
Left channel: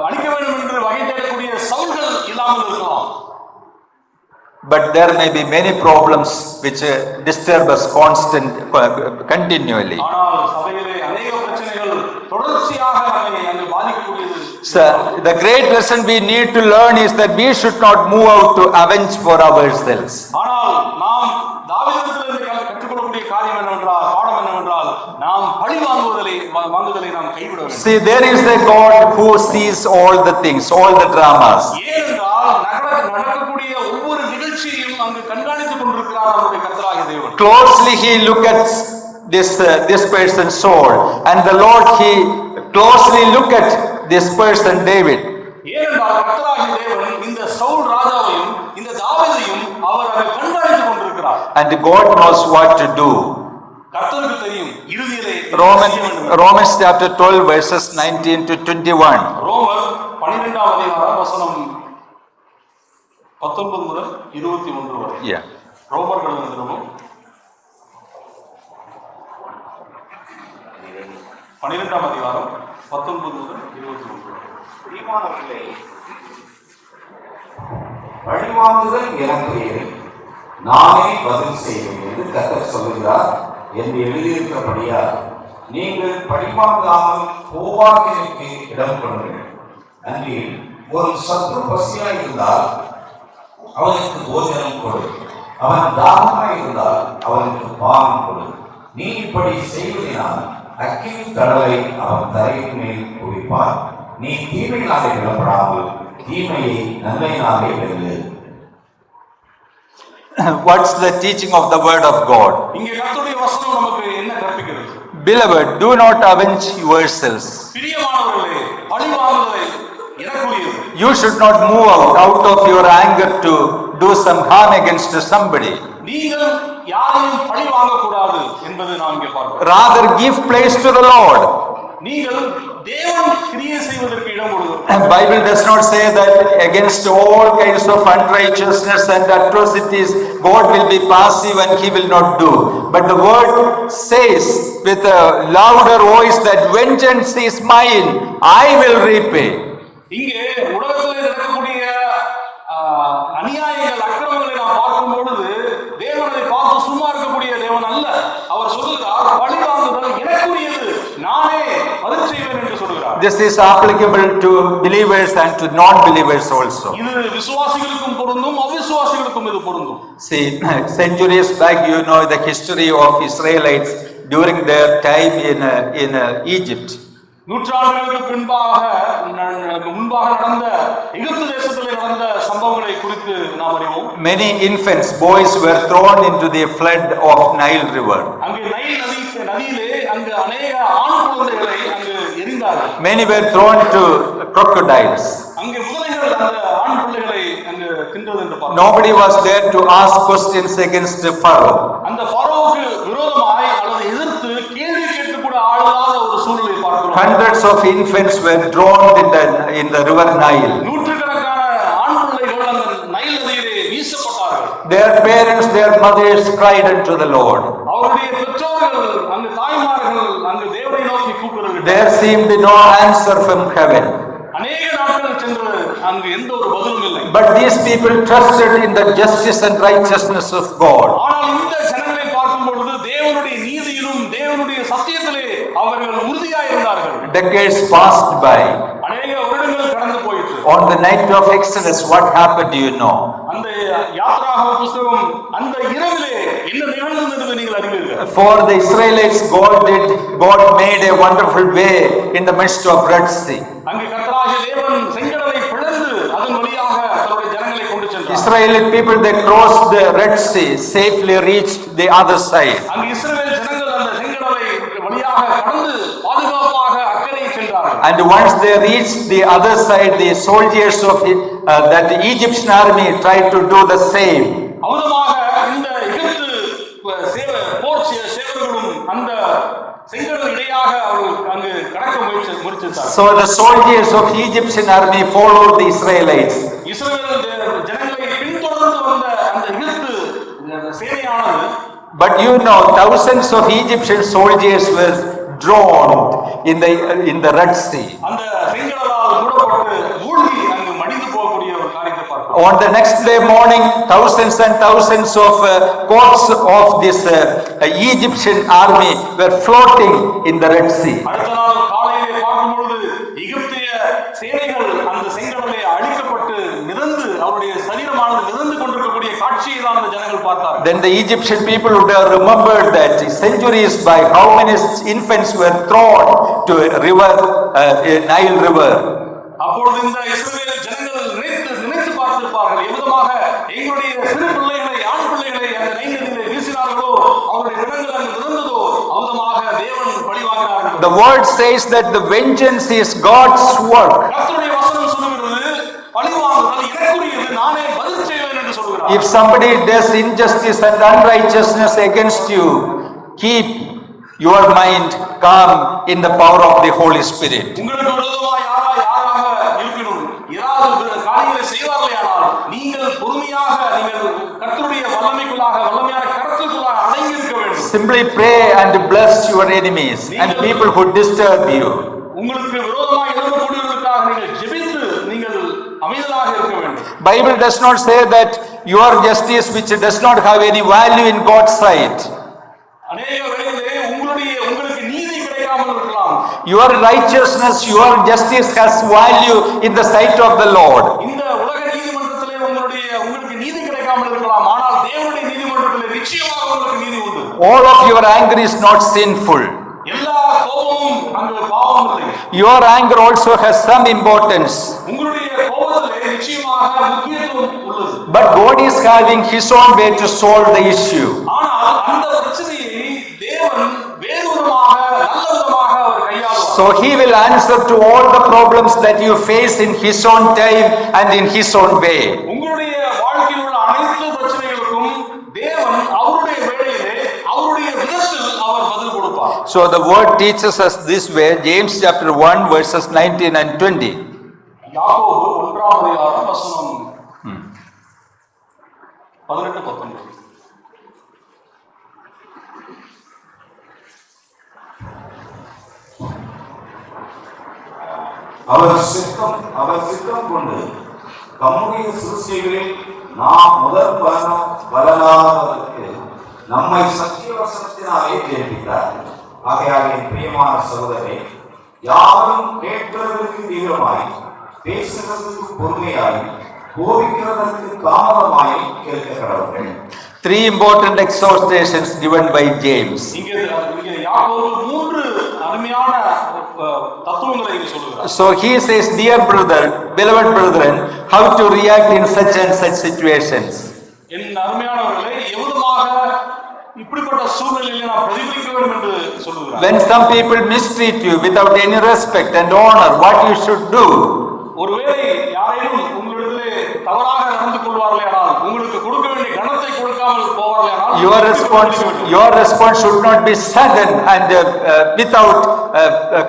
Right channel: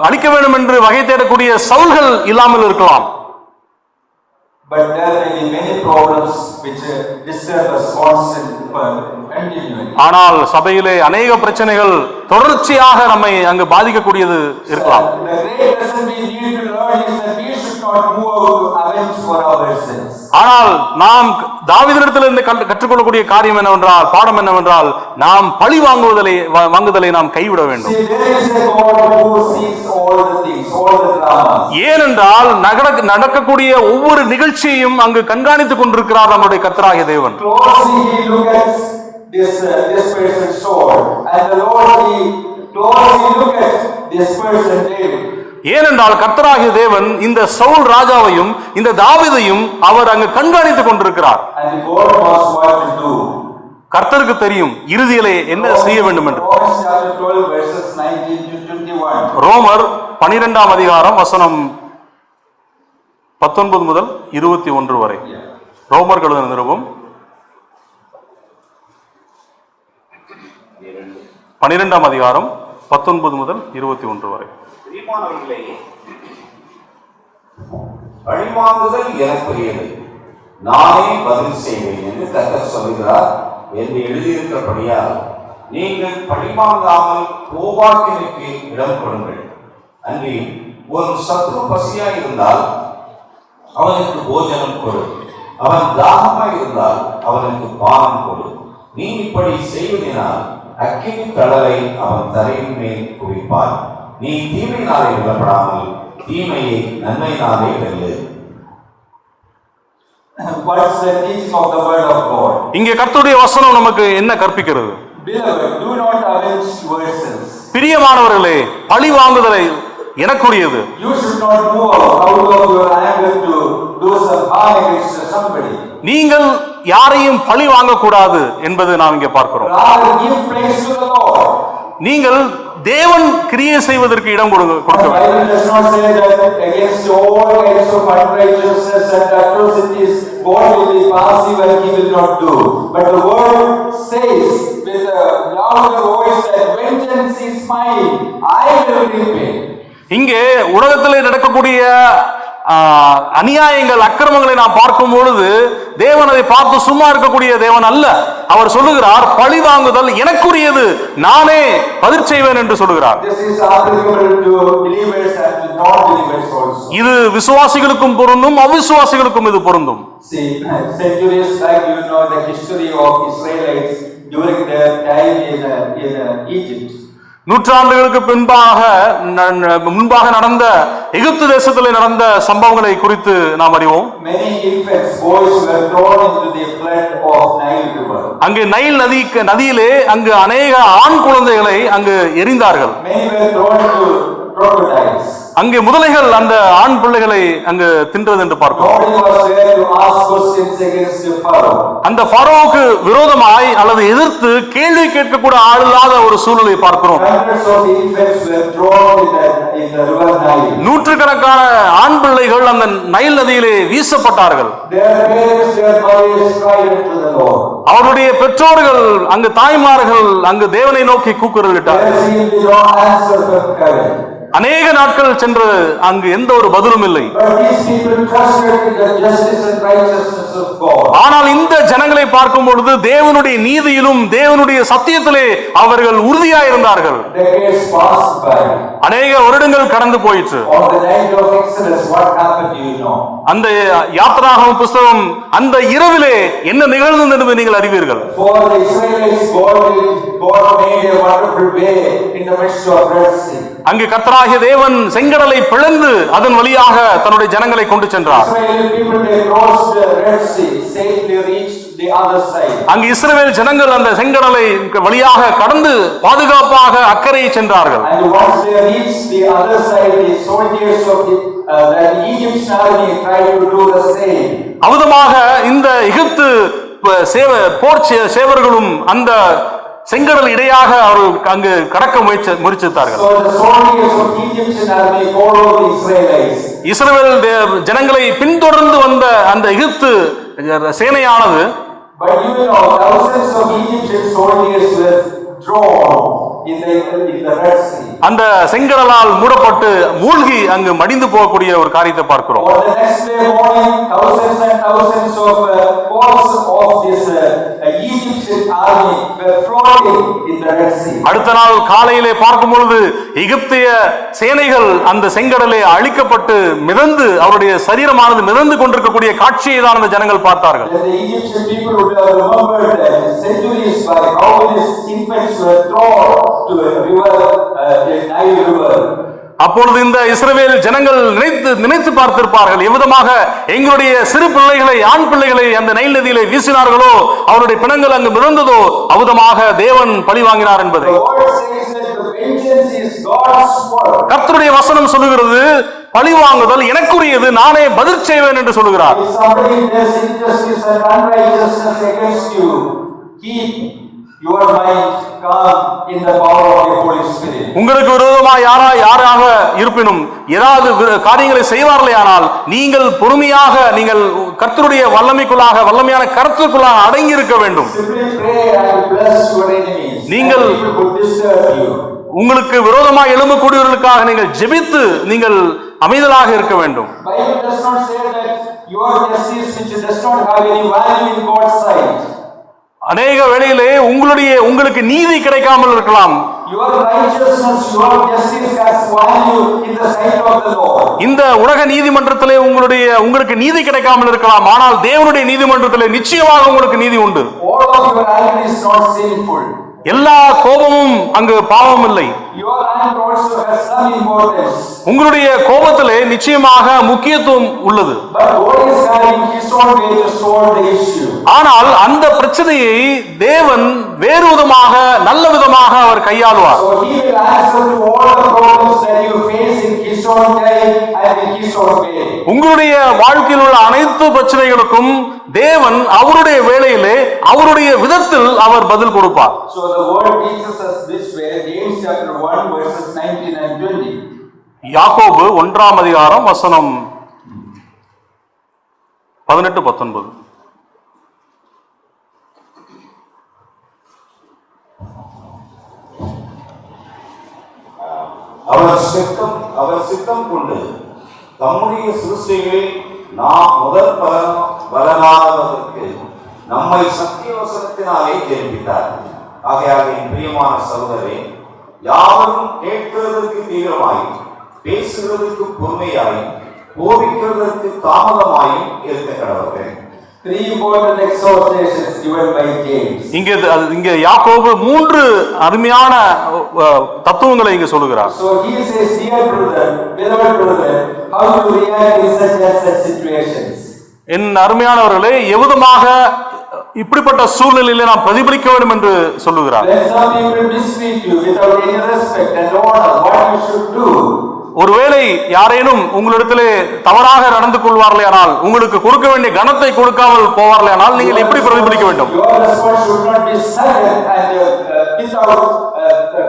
அழிக்க வேண்டும் என்று வகை தேடக்கூடிய சவுல்கள் இல்லாமல் இருக்கலாம். But there may be many problems which disturb us continually. ஆனால் சபையிலே अनेक பிரச்சனைகள் தொடர்ச்சியாக நம்மை அங்கு பாதிக்கக்கூடியது. The great lesson we need to learn is that we should not move out to avenge for ourselves. ஆனால் நாம் தாவீதிடத்திலிருந்து கற்றுக்கொள்ளக்கூடிய காரியம் என்னவென்றால் பாடம் என்னவென்றால் நாம் பழி வாங்குதலை நாம் கைவிட வேண்டும். See, there is a God who sees all the things, all the dramas. ஏனென்றால் நடக்கக்கூடிய ஒவ்வொரு நிகழ்ச்சியையும் அங்கு கண்காணித்துக் கொண்டிருக்கிறார் நம்முடைய கர்த்தராகிய தேவன். Closely he look at this person's soul, and the Lord he closely look at this person David. ஏனென்றால் கர்த்தராகிய தேவன் இந்த சவுல் ராஜாவையும் இந்த தாவீதையும் அவர் அங்கு கண்காணித்துக் கொண்டிருக்கிறார். And God knows what to do. கர்த்தருக்கு தெரியும் இறுதியிலே என்ன செய்ய வேண்டும் என்று. Romans chapter 12 verses 19 to 21. ரோமர் 12ஆம் அதிகாரம் வசனம் 19 முதல் 21 வரை. ரோமர் எழுதின நிருபம் 12ஆம் அதிகாரம் 19 முதல் 21 வரை. பிரியமானவர்களே, பழிவாங்குதல் எனக்குரியது, நானே பதில் செய்வேன் என்று கர்த்தர் சொல்கிறார் என்று எழுதியிருக்கிறபடியால் நீங்கள் பழிவாங்காமல் கோபாக்கிற்கு இடம் கொடுங்கள். அன்றில் ஒரு சத்ரு பசியாய் இருந்தால் அவனுக்கு போஜனம் கொடு, அவன் தாகமாய் இருந்தால் அவனுக்கு பானம் கொடு. நீ இப்படி செய்வதனால் அக்கினி தழலை அவன் தரையின் மேல் குவிப்பாய். நீ தீமையினாலே விடப்படாமல் தீமையை நன்மையினாலே வெல்லு. What's the teaching of the word of God? இங்கே கர்த்தருடைய வசனம் நமக்கு என்ன கற்பிக்கிறது? Beloved, do not avenge yourselves. பிரியமானவர்களே, பழி வாங்குதலை எனக்குரியது. You should not move out of your anger to do some harm against somebody. நீங்கள் யாரையும் பழி வாங்க கூடாது என்பது நாம் இங்கே பார்க்கிறோம். Rather give place to the Lord. நீங்கள் தேவன் கிரியை செய்வதற்கு இடம் கொடுங்க. The Bible does not say that against all kinds of unrighteousness and atrocities God will be passive and he will not do. But the word says with a louder voice that vengeance is mine, I will repay. இங்கே உலகத்திலே நடக்கக்கூடிய அநியாயங்கள் அக்கிரமங்களை நாம் பார்க்கும் பொழுது தேவன் அதை பார்த்து சும்மா இருக்கக்கூடிய தேவன் அல்ல. அவர் சொல்லுகிறார், பழிவாங்குதல் எனக்குரியது, நானே பதில் செய்வேன் என்று சொல்லுகிறார். This is applicable to believers and to non-believers also. இது விசுவாசிகளுக்கும் பொருந்தும், அவிசுவாசிகளுக்கும் இது பொருந்தும். See, centuries back, you know the history of Israelites during their time in Egypt. நூற்றாண்டுகளுக்கு முன்பாக நடந்த எகிப்து தேசத்தில் நடந்த சம்பவங்களை குறித்து நாம் அறிவோம். Many infants, boys were thrown into the flood of Nile river. அங்கு நைல் நதியிலே அங்கு அநேக ஆண் குழந்தைகளை அங்கு எறிந்தார்கள். Many were thrown to crocodiles. அங்கே முதலைகள் அந்த ஆண் பிள்ளைகளை அங்கு தின்றது என்று பார்த்தோம். Nobody was there to ask questions against the Pharaoh. அந்த ஃபரோவுக்கு விரோதமாய் அல்லது எதிர்த்து கேள்வி கேட்கக்கூட ஆளில்லாத ஒரு சூழ்நிலை பார்க்கிறோம். Hundreds of infants were drowned in the river Nile. நூற்றுக்கணக்கான ஆண் பிள்ளைகள் அந்த நைல் நதியிலே வீசப்பட்டார்கள். Their parents, their mothers cried unto the Lord. அவருடைய பெற்றோர்கள் அங்கு தாய்மார்கள் அங்கு தேவனை நோக்கி கூக்குரலிட்டார்கள். There seemed no answer from heaven. அநேக நாட்கள் சென்று அங்கு எந்த ஒரு பதிலும் இல்லை. But these people trusted in the justice and righteousness of God. ஆனால் இந்த ஜனங்களை பார்க்கும் பொழுது தேவனுடைய நீதியிலும் தேவனுடைய சத்தியத்திலே அவர்கள் உறுதியாய் இருந்தார்கள். Decades passed by. அநேக வருடங்கள் கடந்து போயிற்று. On the night of Exodus, what happened, do you know? அந்த யாத்திராகம புத்தகம் அந்த இரவிலே என்ன நிகழ்ந்தது என்று நீங்கள் அறிவீர்கள். For the Israelites, God made a wonderful way in the midst of Red Sea. அங்கு கர்த்தராகிய தேவன் செங்கடலை பிளந்து அதன் வழியாக தன்னுடைய ஜனங்களை கொண்டு சென்றார். Israeli people, they crossed the Red Sea, safely reached the other side. அங்கு இஸ்ரவேல் ஜனங்கள் அந்த செங்கடலை வழியாக கடந்து பாதுகாப்பாக அக்கறையை சென்றார்கள். And once they reached the other side, the soldiers of that Egyptian army tried to do the same. அவுதமாக இந்த எகிப்து போர் சேவர்களும் அந்த செங்கடல் இடையாக அவர் அங்கு கடக்க முயற்சித்தார்கள். So the soldiers of Egyptian army followed the Israelites. இஸ்ரவேல் ஜனங்களை பின்தொடர்ந்து வந்த அந்த எகிப்து சேனையானது, but you know, thousands of Egyptian soldiers were drowned in the Red Sea. அந்த செங்கடலால் மூடப்பட்டு மூழ்கி அங்கு மடிந்து போகக்கூடிய ஒரு காரியத்தை பார்க்கிறோம். On the next day morning, thousands and thousands of corpses of this Egyptian army were floating in the Red Sea. அடுத்த நாள் காலையிலே பார்க்கும் பொழுது எகிப்திய சேனைகள் அந்த செங்கடலே அழிக்கப்பட்டு மிதந்து அவருடைய சரீரமானது மிதந்து கொண்டிருக்கக்கூடிய காட்சியை தான் அந்த ஜனங்கள் பார்த்தார்கள். Then the Egyptian people would have remembered that centuries by how many infants were thrown to a river, a Nile river. அப்பொழுது இந்த இஸ்ரவேல் ஜனங்கள் நினைத்து பார்த்திருப்பார்கள், எவ்விதமாக எங்களுடைய சிறு பிள்ளைகளை, ஆண் பிள்ளைகளை அந்த நைல் நதியிலே வீசினார்களோ, அவருடைய பிணங்கள் அங்கு மிதந்ததோ, அவ்விதமாக தேவன் பழி வாங்கினார் என்பது. The word says that the vengeance is God's work. கர்த்தருடைய வசனம் சொல்லுகிறது, பழி வாங்குதல் எனக்குரியது, நானே பதில் செய்வேன் என்று சொல்லுகிறார். If somebody does injustice and unrighteousness against you, keep your mind calm in the power of the Holy Spirit. உங்களுக்கு விரோதமாக யாராக இருப்பினும் ஏதாவது காரியங்களை செய்வார்களே ஆனால் நீங்கள் பொறுமையாக நீங்கள் கர்த்தருடைய வல்லமையான கருத்துக்குள்ளாக அடங்கி இருக்க வேண்டும். Simply pray and bless your enemies and people who disturb you. உங்களுக்கு விரோதமாக எழும்பக்கூடியவர்களுக்காக நீங்கள் ஜெபித்து நீங்கள் அமைதலாக இருக்க வேண்டும். Bible does not say that your justice which does not have any value in God's sight. அநேக வேளையிலே உங்களுக்கு நீதி கிடைக்காமல் இருக்கலாம். Your righteousness, your justice has value in the sight of the Lord. இந்த உலக நீதிமன்றத்திலே உங்களுக்கு நீதி கிடைக்காமல் இருக்கலாம், ஆனால் தேவனுடைய நீதிமன்றத்திலே நிச்சயமாக உங்களுக்கு நீதி உண்டு. All of your anger is not sinful. எல்லா கோபமும் அங்கு பாவம் இல்லை. Your anger also has some importance. உங்களுடைய கோபத்திலே நிச்சயமாக முக்கியத்துவம் உள்ளது. But God is having his own way to solve the issue. ஆனால் அந்த பிரச்சனையை தேவன் வேறு விதமாக நல்ல விதமாக அவர் கையாளுவார். So he will answer to all the problems that you face in his own time and in his own way. உங்களுடைய வாழ்க்கையில் உள்ள அனைத்து பிரச்சனைகளுக்கும் தேவன் அவருடைய வேளையிலே அவருடைய விதத்தில் அவர் பதில் கொடுப்பார். So the word teaches us this way, James chapter 1 verses 19 and 20. யாக்கோபு 1ஆம் அதிகாரம் வசனம் 18-19. அவர் சித்தம் கொண்டு தம்முடைய சிருஷ்டிகளில் நாம் முதல் பலனாவதற்கு நம்மை சத்திய வசனத்தினாலே ஜெயித்தார். ஆகையாக என் பிரியமான சகோதரரே, யாவரும் கேட்கிறதற்கு தீவிரமாய், பேசுகிறதற்கு பொறுமையாய், போதிக்கிறதற்கு தாமதமாய் இருக்க கடவுள்கள். Three important exhortations given by James. இங்க யாக்கோபு மூன்று அருமையான தத்துவங்களை இங்க சொல்லுகிறார். So he says, dear brother, beloved brethren, how to react in such and such situations. என் அருமையானவர்களே, எவ்விதமாக இப்படிப்பட்ட சூழ்நிலையில நாம் பிரதிபலிக்க வேண்டும் என்று சொல்லுகிறார். When some people mistreat you without any respect and honor, what you should do? ஒருவேளை யாரேனும் உங்களிடத்திலே தவறாக நடந்து கொள்வார்களே ஆனால், உங்களுக்கு கொடுக்க வேண்டிய கனத்தை கொடுக்காமல் போவார்களே ஆனால், நீங்கள் எப்படி பிரதிபலிக்க வேண்டும்? Your response should not be sudden and without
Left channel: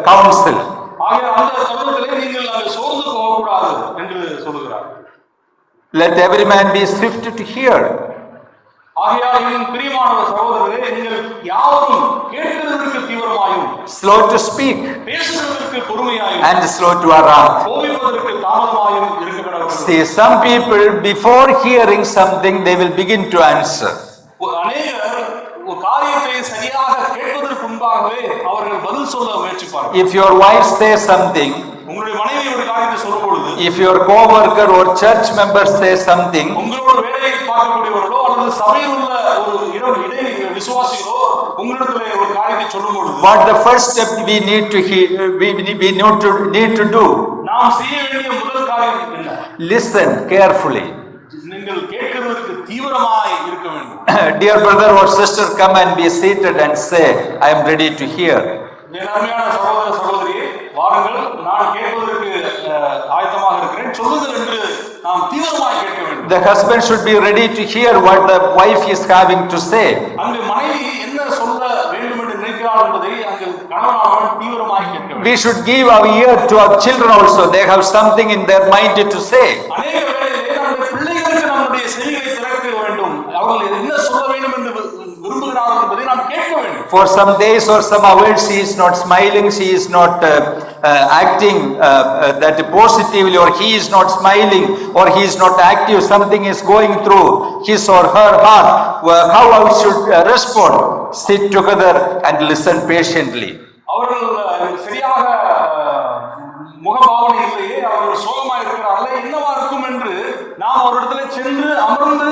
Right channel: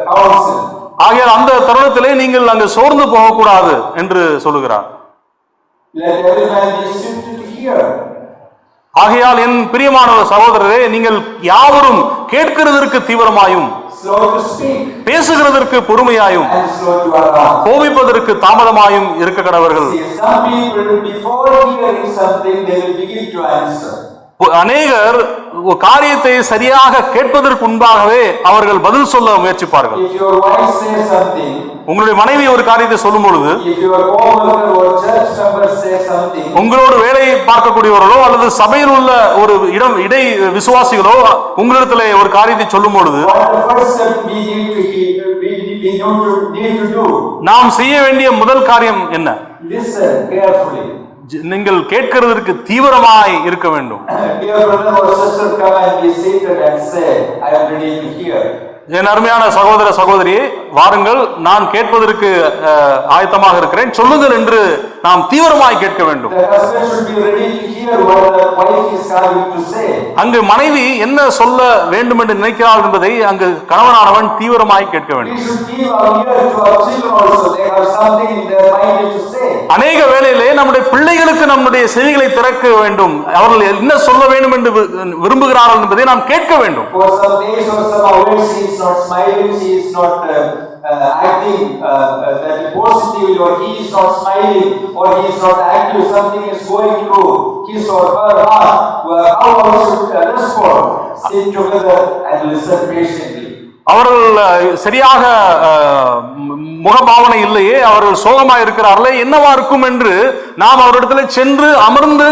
counsel. ஆகையால் அந்த தருணத்திலே நீங்கள் அங்கு சோர்ந்து போகக்கூடாது என்று சொல்லுகிறார். Let every man be swift to hear. ஆகையால் என் பிரியமான சகோதரரே, நீங்கள் யாவரும் கேட்கிறதற்கு தீவிரமாயும், slow to speak, பேசுகிறதற்கு பொறுமையாயும், and slow to arouse, கோபிப்பதற்கு தாமதமாயும் இருக்க கடவர்கள். See, some people before hearing something they will begin to answer. அநேகர் காரியத்தை சரியாக கேட்பதற்கு முன்பாகவே அவர்கள் பதில் சொல்ல முயற்சிப்பார்கள். If your wife says something, உங்களுடைய மனைவி ஒரு காரியத்தை சொல்லும் பொழுது, if your co-worker or church member says something, உங்களோட வேலையை பார்க்கக்கூடியவர்களோ அல்லது சபையில் உள்ள ஒரு இடை விசுவாசிகளோ உங்களிடத்திலே ஒரு காரியத்தை சொல்லும் பொழுது, what the first step we need to do? நாம் செய்ய வேண்டிய முதல் காரியம் என்ன? Listen carefully. நீங்கள் கேட்கிறதற்கு தீவிரமாய் இருக்க வேண்டும். Dear brother or sister, come and be seated and say, I am ready to hear. என் அருமையான சகோதர சகோதரியே, வாருங்கள், நான் கேட்பதற்கு ஆயத்தமாக இருக்கிறேன், சொல்லுங்கள் என்று நாம் தீவிரமாய் கேட்க வேண்டும். The husband should be ready to hear what the wife is having to say. அங்கு மனைவி என்ன சொல்ல வேண்டும் என்று நினைக்கிறாள் என்பதை அங்கு கணவனானவன் தீவிரமாய் கேட்க வேண்டும். We should give our ear to our children also. They have something in their mind to say. அநேக வேளையிலே நம்முடைய பிள்ளைகளுக்கு நம்முடைய செவிகளை திறக்க வேண்டும். அவர்கள் என்ன சொல்ல வேண்டும் என்று விரும்புகிறார்கள் என்பதை நாம் கேட்க வேண்டும். For some days or some hours she is not smiling, she is not acting that positively, or he is not smiling, or he is not active. Something is going through his or her heart. How we should respond? Sit together and listen patiently. அவர்கள் சரியாக முகபாவனை இல்லையே, அவர்கள் சோகமாக இருக்கிறார்களே, என்னவா இருக்கும் என்று நாம் அவரிடத்தில் சென்று அமர்ந்து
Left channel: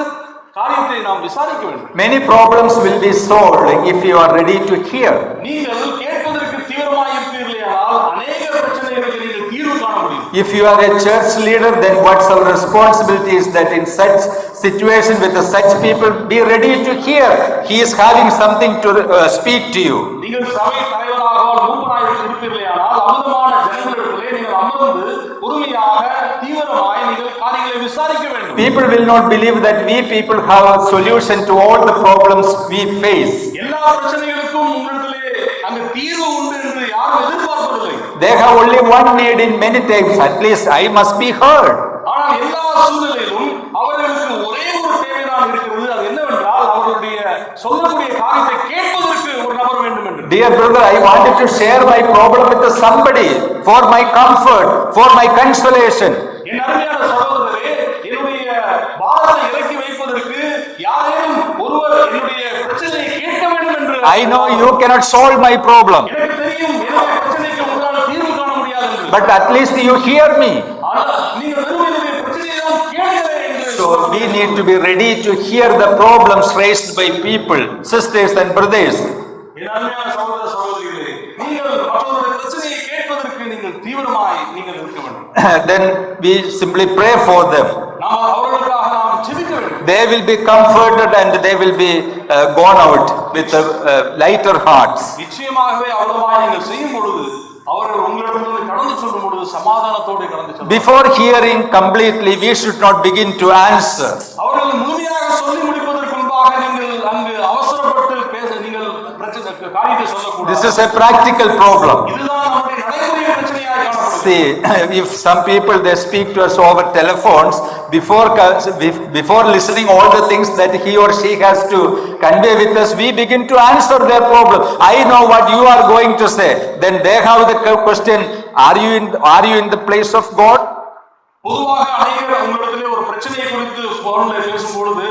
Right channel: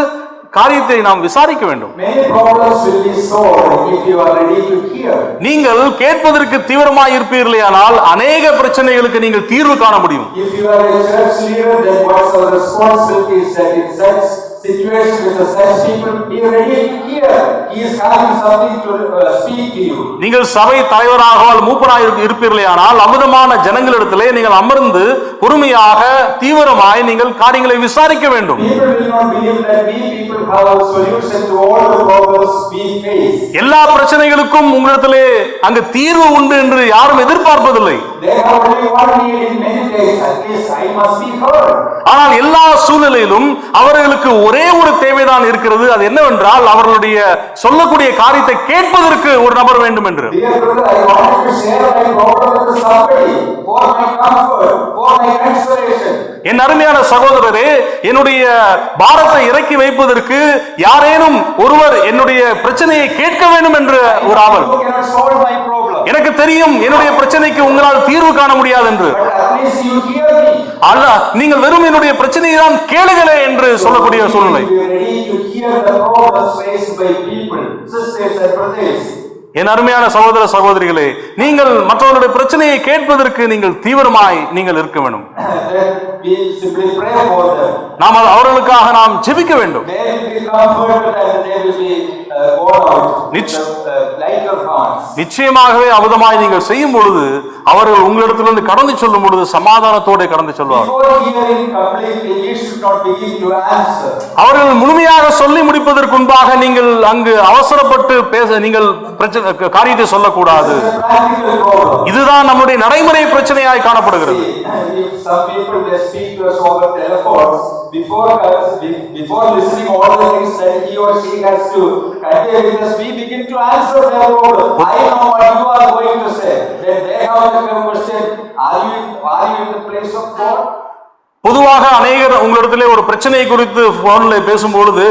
காரியத்தை நாம் விசாரிக்க வேண்டும். Many problems will be solved if you are ready to hear. நீங்கள் கேட்பதற்கு தீவிரமாய் இருப்பீர்களேயானால் அநேக பிரச்சனைகளுக்கு நீங்கள் தீர்வு காண முடியும். If you are a church leader, then what's our responsibility is that in such situation with such people, be ready to hear. He is having something to speak to you. நீங்கள் சபை தலைவராக மூப்பராக இருப்பீர்களேயானால் அமிதமான ஜனங்களிடத்திலே நீங்கள் அமர்ந்து பொறுமையாக தீவிரமாய் நீங்கள் காரியங்களை விசாரிக்க வேண்டும். People will not believe that we people have a solution to all the problems we face. எல்லா பிரச்சனைகளுக்கும் உங்களிடத்திலே அங்கு தீர்வு உண்டு என்று யாரும் எதிர்பார்ப்பதில்லை. They have only one need in many things. At least I must be heard. ஆனால் எல்லா சூழ்நிலையிலும் அவர்களுக்கு ஒரே ஒரு தேவைதான் இருக்கிறது. அது என்னவென்றால் அவர்களுடைய சொல்லக்கூடிய காரியத்தை கேட்பதற்கு ஒரு நபர் வேண்டும் என்று. Dear brother, I wanted to share my problem with somebody for my comfort, for my consolation. என் அருமையான சகோதரரே, என்னுடைய பாரத்தை இறக்கி வைப்பதற்கு யாரேனும் ஒருவர் என்னுடைய பிரச்சனையை கேட்க வேண்டும் என்று. I know you cannot solve my problem. எனக்கு தெரியும் என்னுடைய பிரச்சனைக்கு உங்களால் தீர்வு காண முடியாது என்று. But at least you hear me. நீங்கள் வெறும் என்னுடைய பிரச்சனையை தான் கேளுங்களே என்று சொல்லக்கூடிய சூழ்நிலை. Be ready to hear the problems raised by people, sisters and brothers. என் அருமையான சகோதர சகோதரிகளே, நீங்கள் மற்றவர்களுடைய பிரச்சனையை கேட்பதற்கு நீங்கள் தீவிரமாய் நீங்கள் இருக்க வேண்டும். Then we simply pray for them. நாம் அவர்களுக்காக நாம் ஜெபிக்க வேண்டும். They will be comforted and they will be gone out with lighter hearts. நிச்சயமாகவே அவதமாய் நீங்கள் செய்யும் பொழுது அவர்கள் உங்களிடத்திலிருந்து கடந்து செல்லும் பொழுது சமாதானத்தோடு கடந்து செல்வார்கள். Before hearing completely, we should not begin to answer. அவர்கள் முழுமையாக சொல்லி முடிப்பதற்கு முன்பாக நீங்கள் அங்கு அவசரப்பட்டு பேச நீங்கள் காரியத்தை சொல்லக்கூடாது. This is a practical problem. இதுதான் நம்முடைய நடைமுறை பிரச்சனையாய் காணப்படுகிறது. If some people they speak to us over telephones, before listening all the things that he or she has to convey with us, we begin to answer their problem. I know what you are going to say. Then they have the question, are you in the place of God? பொதுவாக அநேகர் உங்களிடத்திலே ஒரு பிரச்சனை குறித்து போனில் பேசும்பொழுது,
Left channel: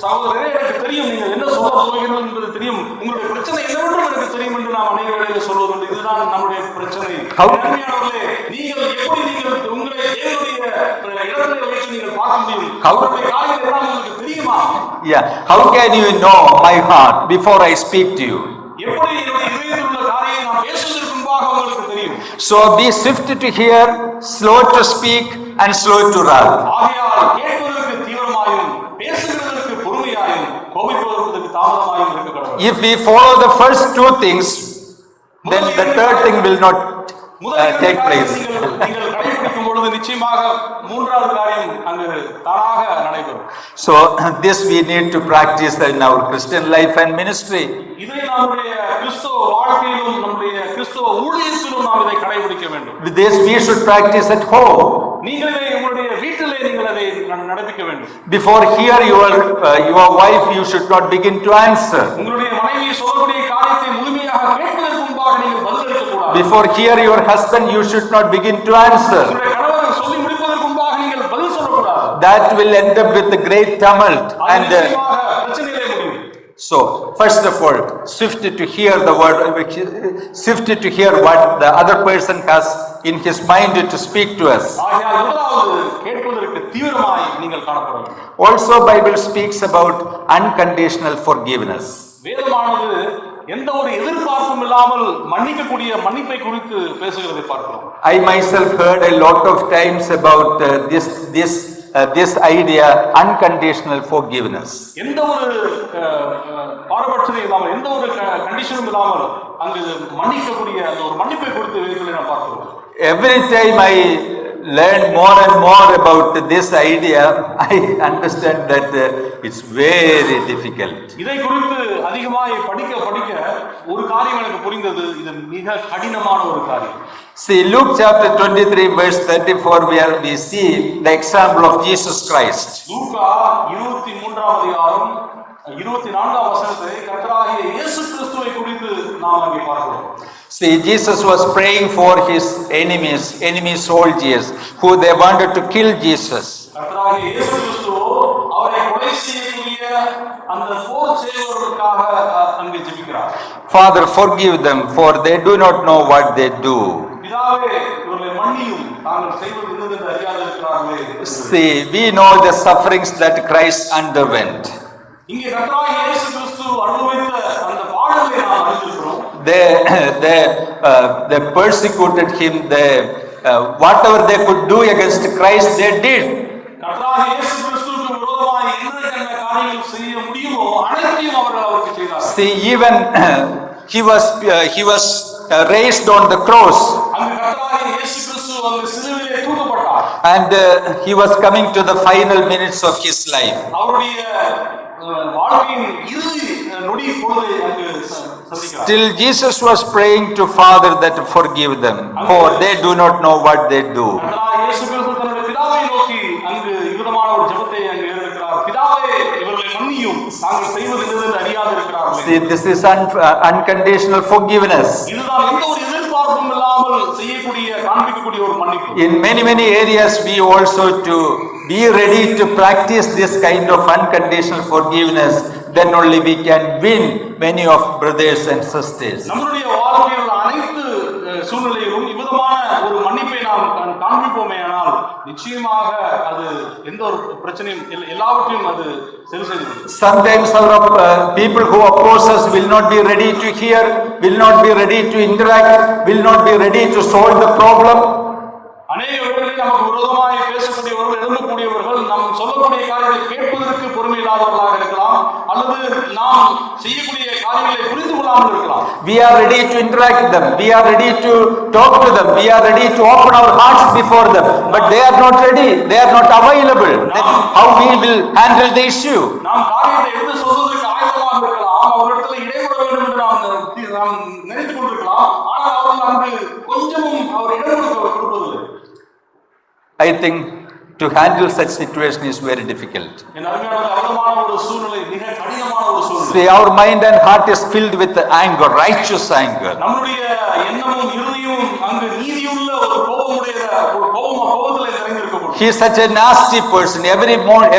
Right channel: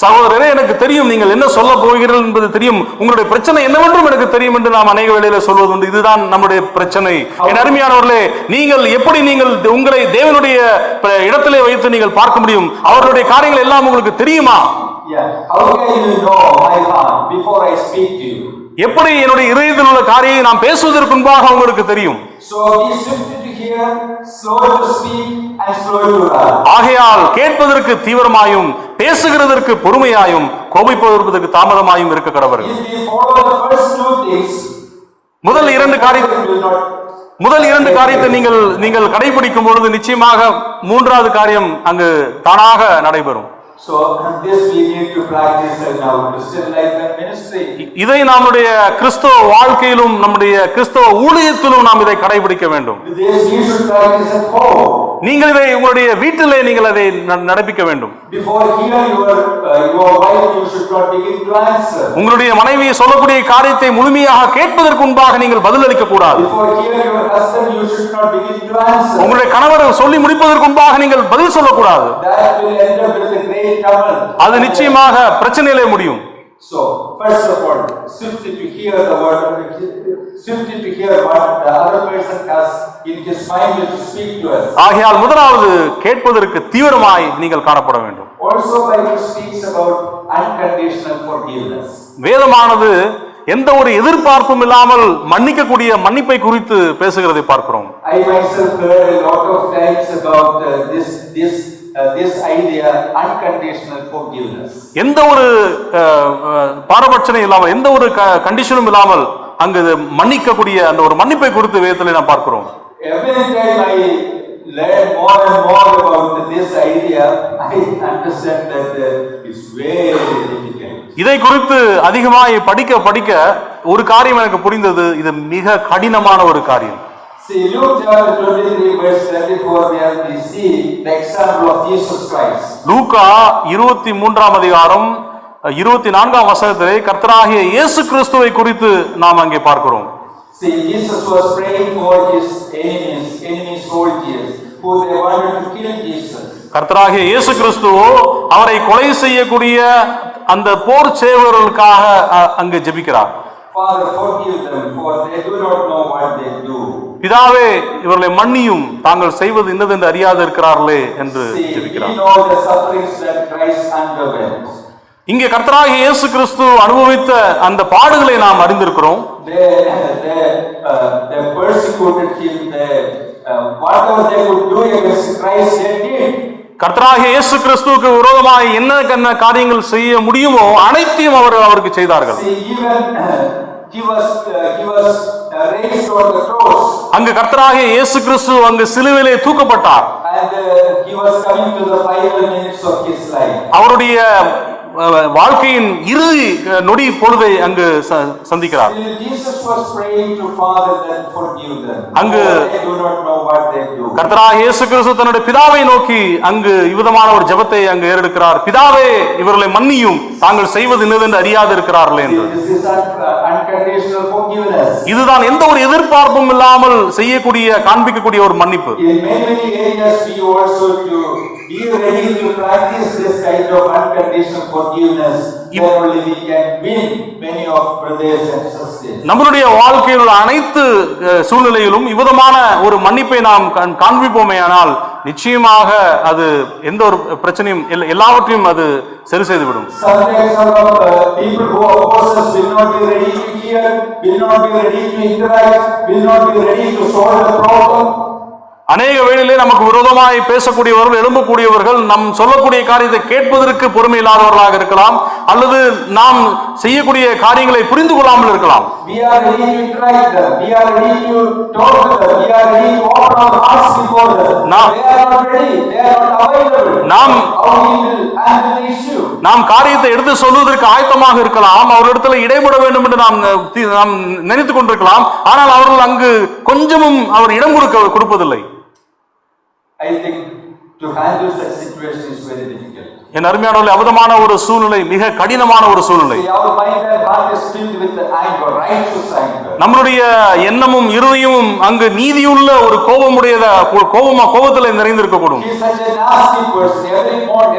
சகோதரரே எனக்கு தெரியும் நீங்கள் என்ன சொல்ல போகிறீர்கள் என்பது தெரியும், உங்களுடைய பிரச்சனை என்னவென்றும் எனக்கு தெரியும் என்று நாம் அநேக வேளையில சொல்வதுண்டு. இதுதான் நம்முடைய பிரச்சனை. அருமையானவர்களே, நீங்கள் எப்படி நீங்கள் உங்களை தேவனுடைய இடத்திலே வைத்து நீங்கள் பார்க்க முடியும்? அவருடைய காரியங்கள் எல்லாம் உங்களுக்கு தெரியுமா? How can you know my heart before I speak to you? எப்படி என்னுடைய இதயத்தில் உள்ள காரியத்தை நாம் பேசுவதற்கு முன்பாக உங்களுக்கு தெரியும். So be swift to hear, slow to speak and slow to wrath. ஆகையால் கேட்பதற்கு தீவிரமாயும் பேசுகிறதற்கு பொறுமையாயும் கோபிப்பதற்கு தாமதமாயும் இருக்க கடவர். If we follow the first two things, முதல் இரண்டு காரியங்கள் will not முதல் இரண்டு காரியத்தை நீங்கள் கடைபிடிக்கும் பொழுது நிச்சயமாக மூன்றாவது காரியம் அங்கு தானாக நடைபெறும். So this we need to practice in our Christian life and ministry. இதை நம்முடைய கிறிஸ்தவ வாழ்க்கையிலும் நம்முடைய கிறிஸ்தவ ஊழியத்திலும் நாம் இதை கடைபிடிக்க வேண்டும். This we should practice at home. நீங்கள் இதை உங்களுடைய வீட்டிலே நீங்கள் அதை நடப்பிக்க வேண்டும். Before hear your wife, you should not begin to answer. உங்களுடைய மனைவி சொல்லக்கூடிய காரியத்தை முழுமையாக கேட்பதற்கு முன்பாக நீங்கள் பதிலளிக்க கூடாது. Before hear your husband, you should not begin to answer. உங்களுடைய கணவர் சொல்லி முடிப்பதற்கு முன்பாக நீங்கள் பதில் சொல்லக்கூடாது. That will end up with a great tumult. அது நிச்சயமாக பிரச்சனையிலே முடியும். So first of all, swift to hear the word, swift to hear what the other person has in his mind to speak to us. ஆகையால் முதலாவது கேட்பதற்கு தீவிரமாய் நீங்கள் காணப்பட வேண்டும். Also Bible speaks about unconditional forgiveness. வேதமானது எந்த ஒரு எதிர்பார்ப்பும் இல்லாமல் மன்னிக்கக்கூடிய மன்னிப்பை குறித்து பேசுகிறதை பார்க்கிறோம். I myself heard a lot of times about this idea, unconditional forgiveness. எந்த ஒரு பாரபட்சமும் இல்லாமல் எந்த ஒரு கண்டிஷனும் இல்லாமல் அங்கு மன்னிக்கக்கூடிய அந்த ஒரு மன்னிப்பை குறித்து வேதத்திலே நாம் பார்க்கிறோம். Every time I learn more and more about this idea, I understand that it's very difficult. இதை குறித்து அதிகமாய் படிக்க ஒரு காரியம் எனக்கு புரிந்தது, இது மிக கடினமான ஒரு காரியம். See, Luke chapter 23 verse 34, where we see the example of Jesus Christ. லூக்கா 23ஆம் அதிகாரம் 24ஆம் வசனத்திலே கர்த்தராகிய இயேசு கிறிஸ்துவை குறித்து நாம் அங்கே பார்க்கிறோம். See, Jesus was praying for his enemy soldiers who they wanted to kill Jesus. கர்த்தராகிய இயேசு கிறிஸ்துவோ அவரை கொலை செய்யக்கூடிய அந்த போர் சேவகர்களுக்காக அங்கு ஜெபிக்கிறார். Father, forgive them, for they do not know what they do. பிதாவே இவர்களை மன்னியும், தாங்கள் செய்வது இன்னதென்று அறியாது இருக்கிறார்களே என்று. See, we know the sufferings that Christ underwent. இங்கே கர்த்தராகிய இயேசு கிறிஸ்து அனுபவித்த அந்த பாடுகளை நாம் அறிந்திருக்கிறோம். They persecuted him. Whatever they could do against Christ, they did. கர்த்தராகிய இயேசு கிறிஸ்துவுக்கு விரோதமாய் என்ன காரியங்கள் செய்ய முடியுமோ அனைத்தையும் அவருக்கு செய்தார்கள். See, even he was raised on the cross. அங்கு கர்த்தராகிய இயேசு கிறிஸ்து அங்கு சிலுவையிலே தூக்கப்பட்டார். And he was coming to the final minutes of his life. அவருடைய வாழ்க்கையின் இறுதி நொடி பொழுதை அங்கு சந்திக்கிறார். Still Jesus was praying to Father that forgive them, for they do not know what they do. கர்த்தராகிய இயேசு கிறிஸ்து தன்னுடைய பிதாவை நோக்கி அங்கு இவ்விதமான ஒரு ஜெபத்தை அங்கு ஏறெடுக்கிறார். பிதாவே இவர்களை மன்னியும், தாங்கள் செய்வது இன்னதென்று அறியாது இருக்கிறார்களே. This is unconditional forgiveness. இதுதான் எந்த ஒரு எதிர்பார்ப்பும் இல்லாமல் செய்யக்கூடிய காண்பிக்கக்கூடிய ஒரு மன்னிப்பு. In many areas we also to be ready to practice this kind of unconditional forgiveness, then only we can win many of brothers and sisters. நம்மளுடைய வாழ்க்கையில் உள்ள அனைத்து சூழ்நிலையிலும் இவ்விதமான ஒரு மன்னிப்பை நாம் காண்பிப்போமேயானால் நிச்சயமாக அது எந்த ஒரு பிரச்சனையும் எல்லாவற்றையும் அது சரி செய்துவிடும். Sometimes some people who oppose us will not be ready to hear, will not be ready to interact, will not be ready to solve the problem. அநேக வேளையிலே நமக்கு விரோதமாய் பேசக்கூடியவர்கள், எழும்பக்கூடியவர்கள் நம் சொல்லக்கூடிய காரியத்தை கேட்பதற்கு பொறுமை இல்லாதவர்களாக இருக்கலாம், அல்லது நாம் செய்யக்கூடிய காரியங்களை புரிந்து கொள்ளாமல் இருக்கலாம். We are ready to interact with them, we are ready to talk to them, we are ready to open our hearts before them. They are not ready, they are not available. How we will handle the issue? நாம் காரியத்தை எடுத்து சொல்வதற்கு ஆயத்தமாக இருக்கலாம், அவர்களிடத்தில் இடைபட வேண்டும் என்று நாம் நினைத்துக் கொண்டிருக்கலாம், ஆனால் அவர்கள் அங்கு கொஞ்சமும் அவர் இடம் கொடுப்பதில்லை. I think to handle such situation is very difficult. என் அருமையானவர்களே, அவதமான ஒரு சூழ்நிலை, மிக கடினமான ஒரு சூழ்நிலை. See, our mind and heart is filled with anger, righteous anger. நம்மளுடைய எண்ணமும் இருதயமும் அங்கு நீதியுள்ள ஒரு கோபத்திலே நிறைந்திருக்க கூடும். He is such a nasty person.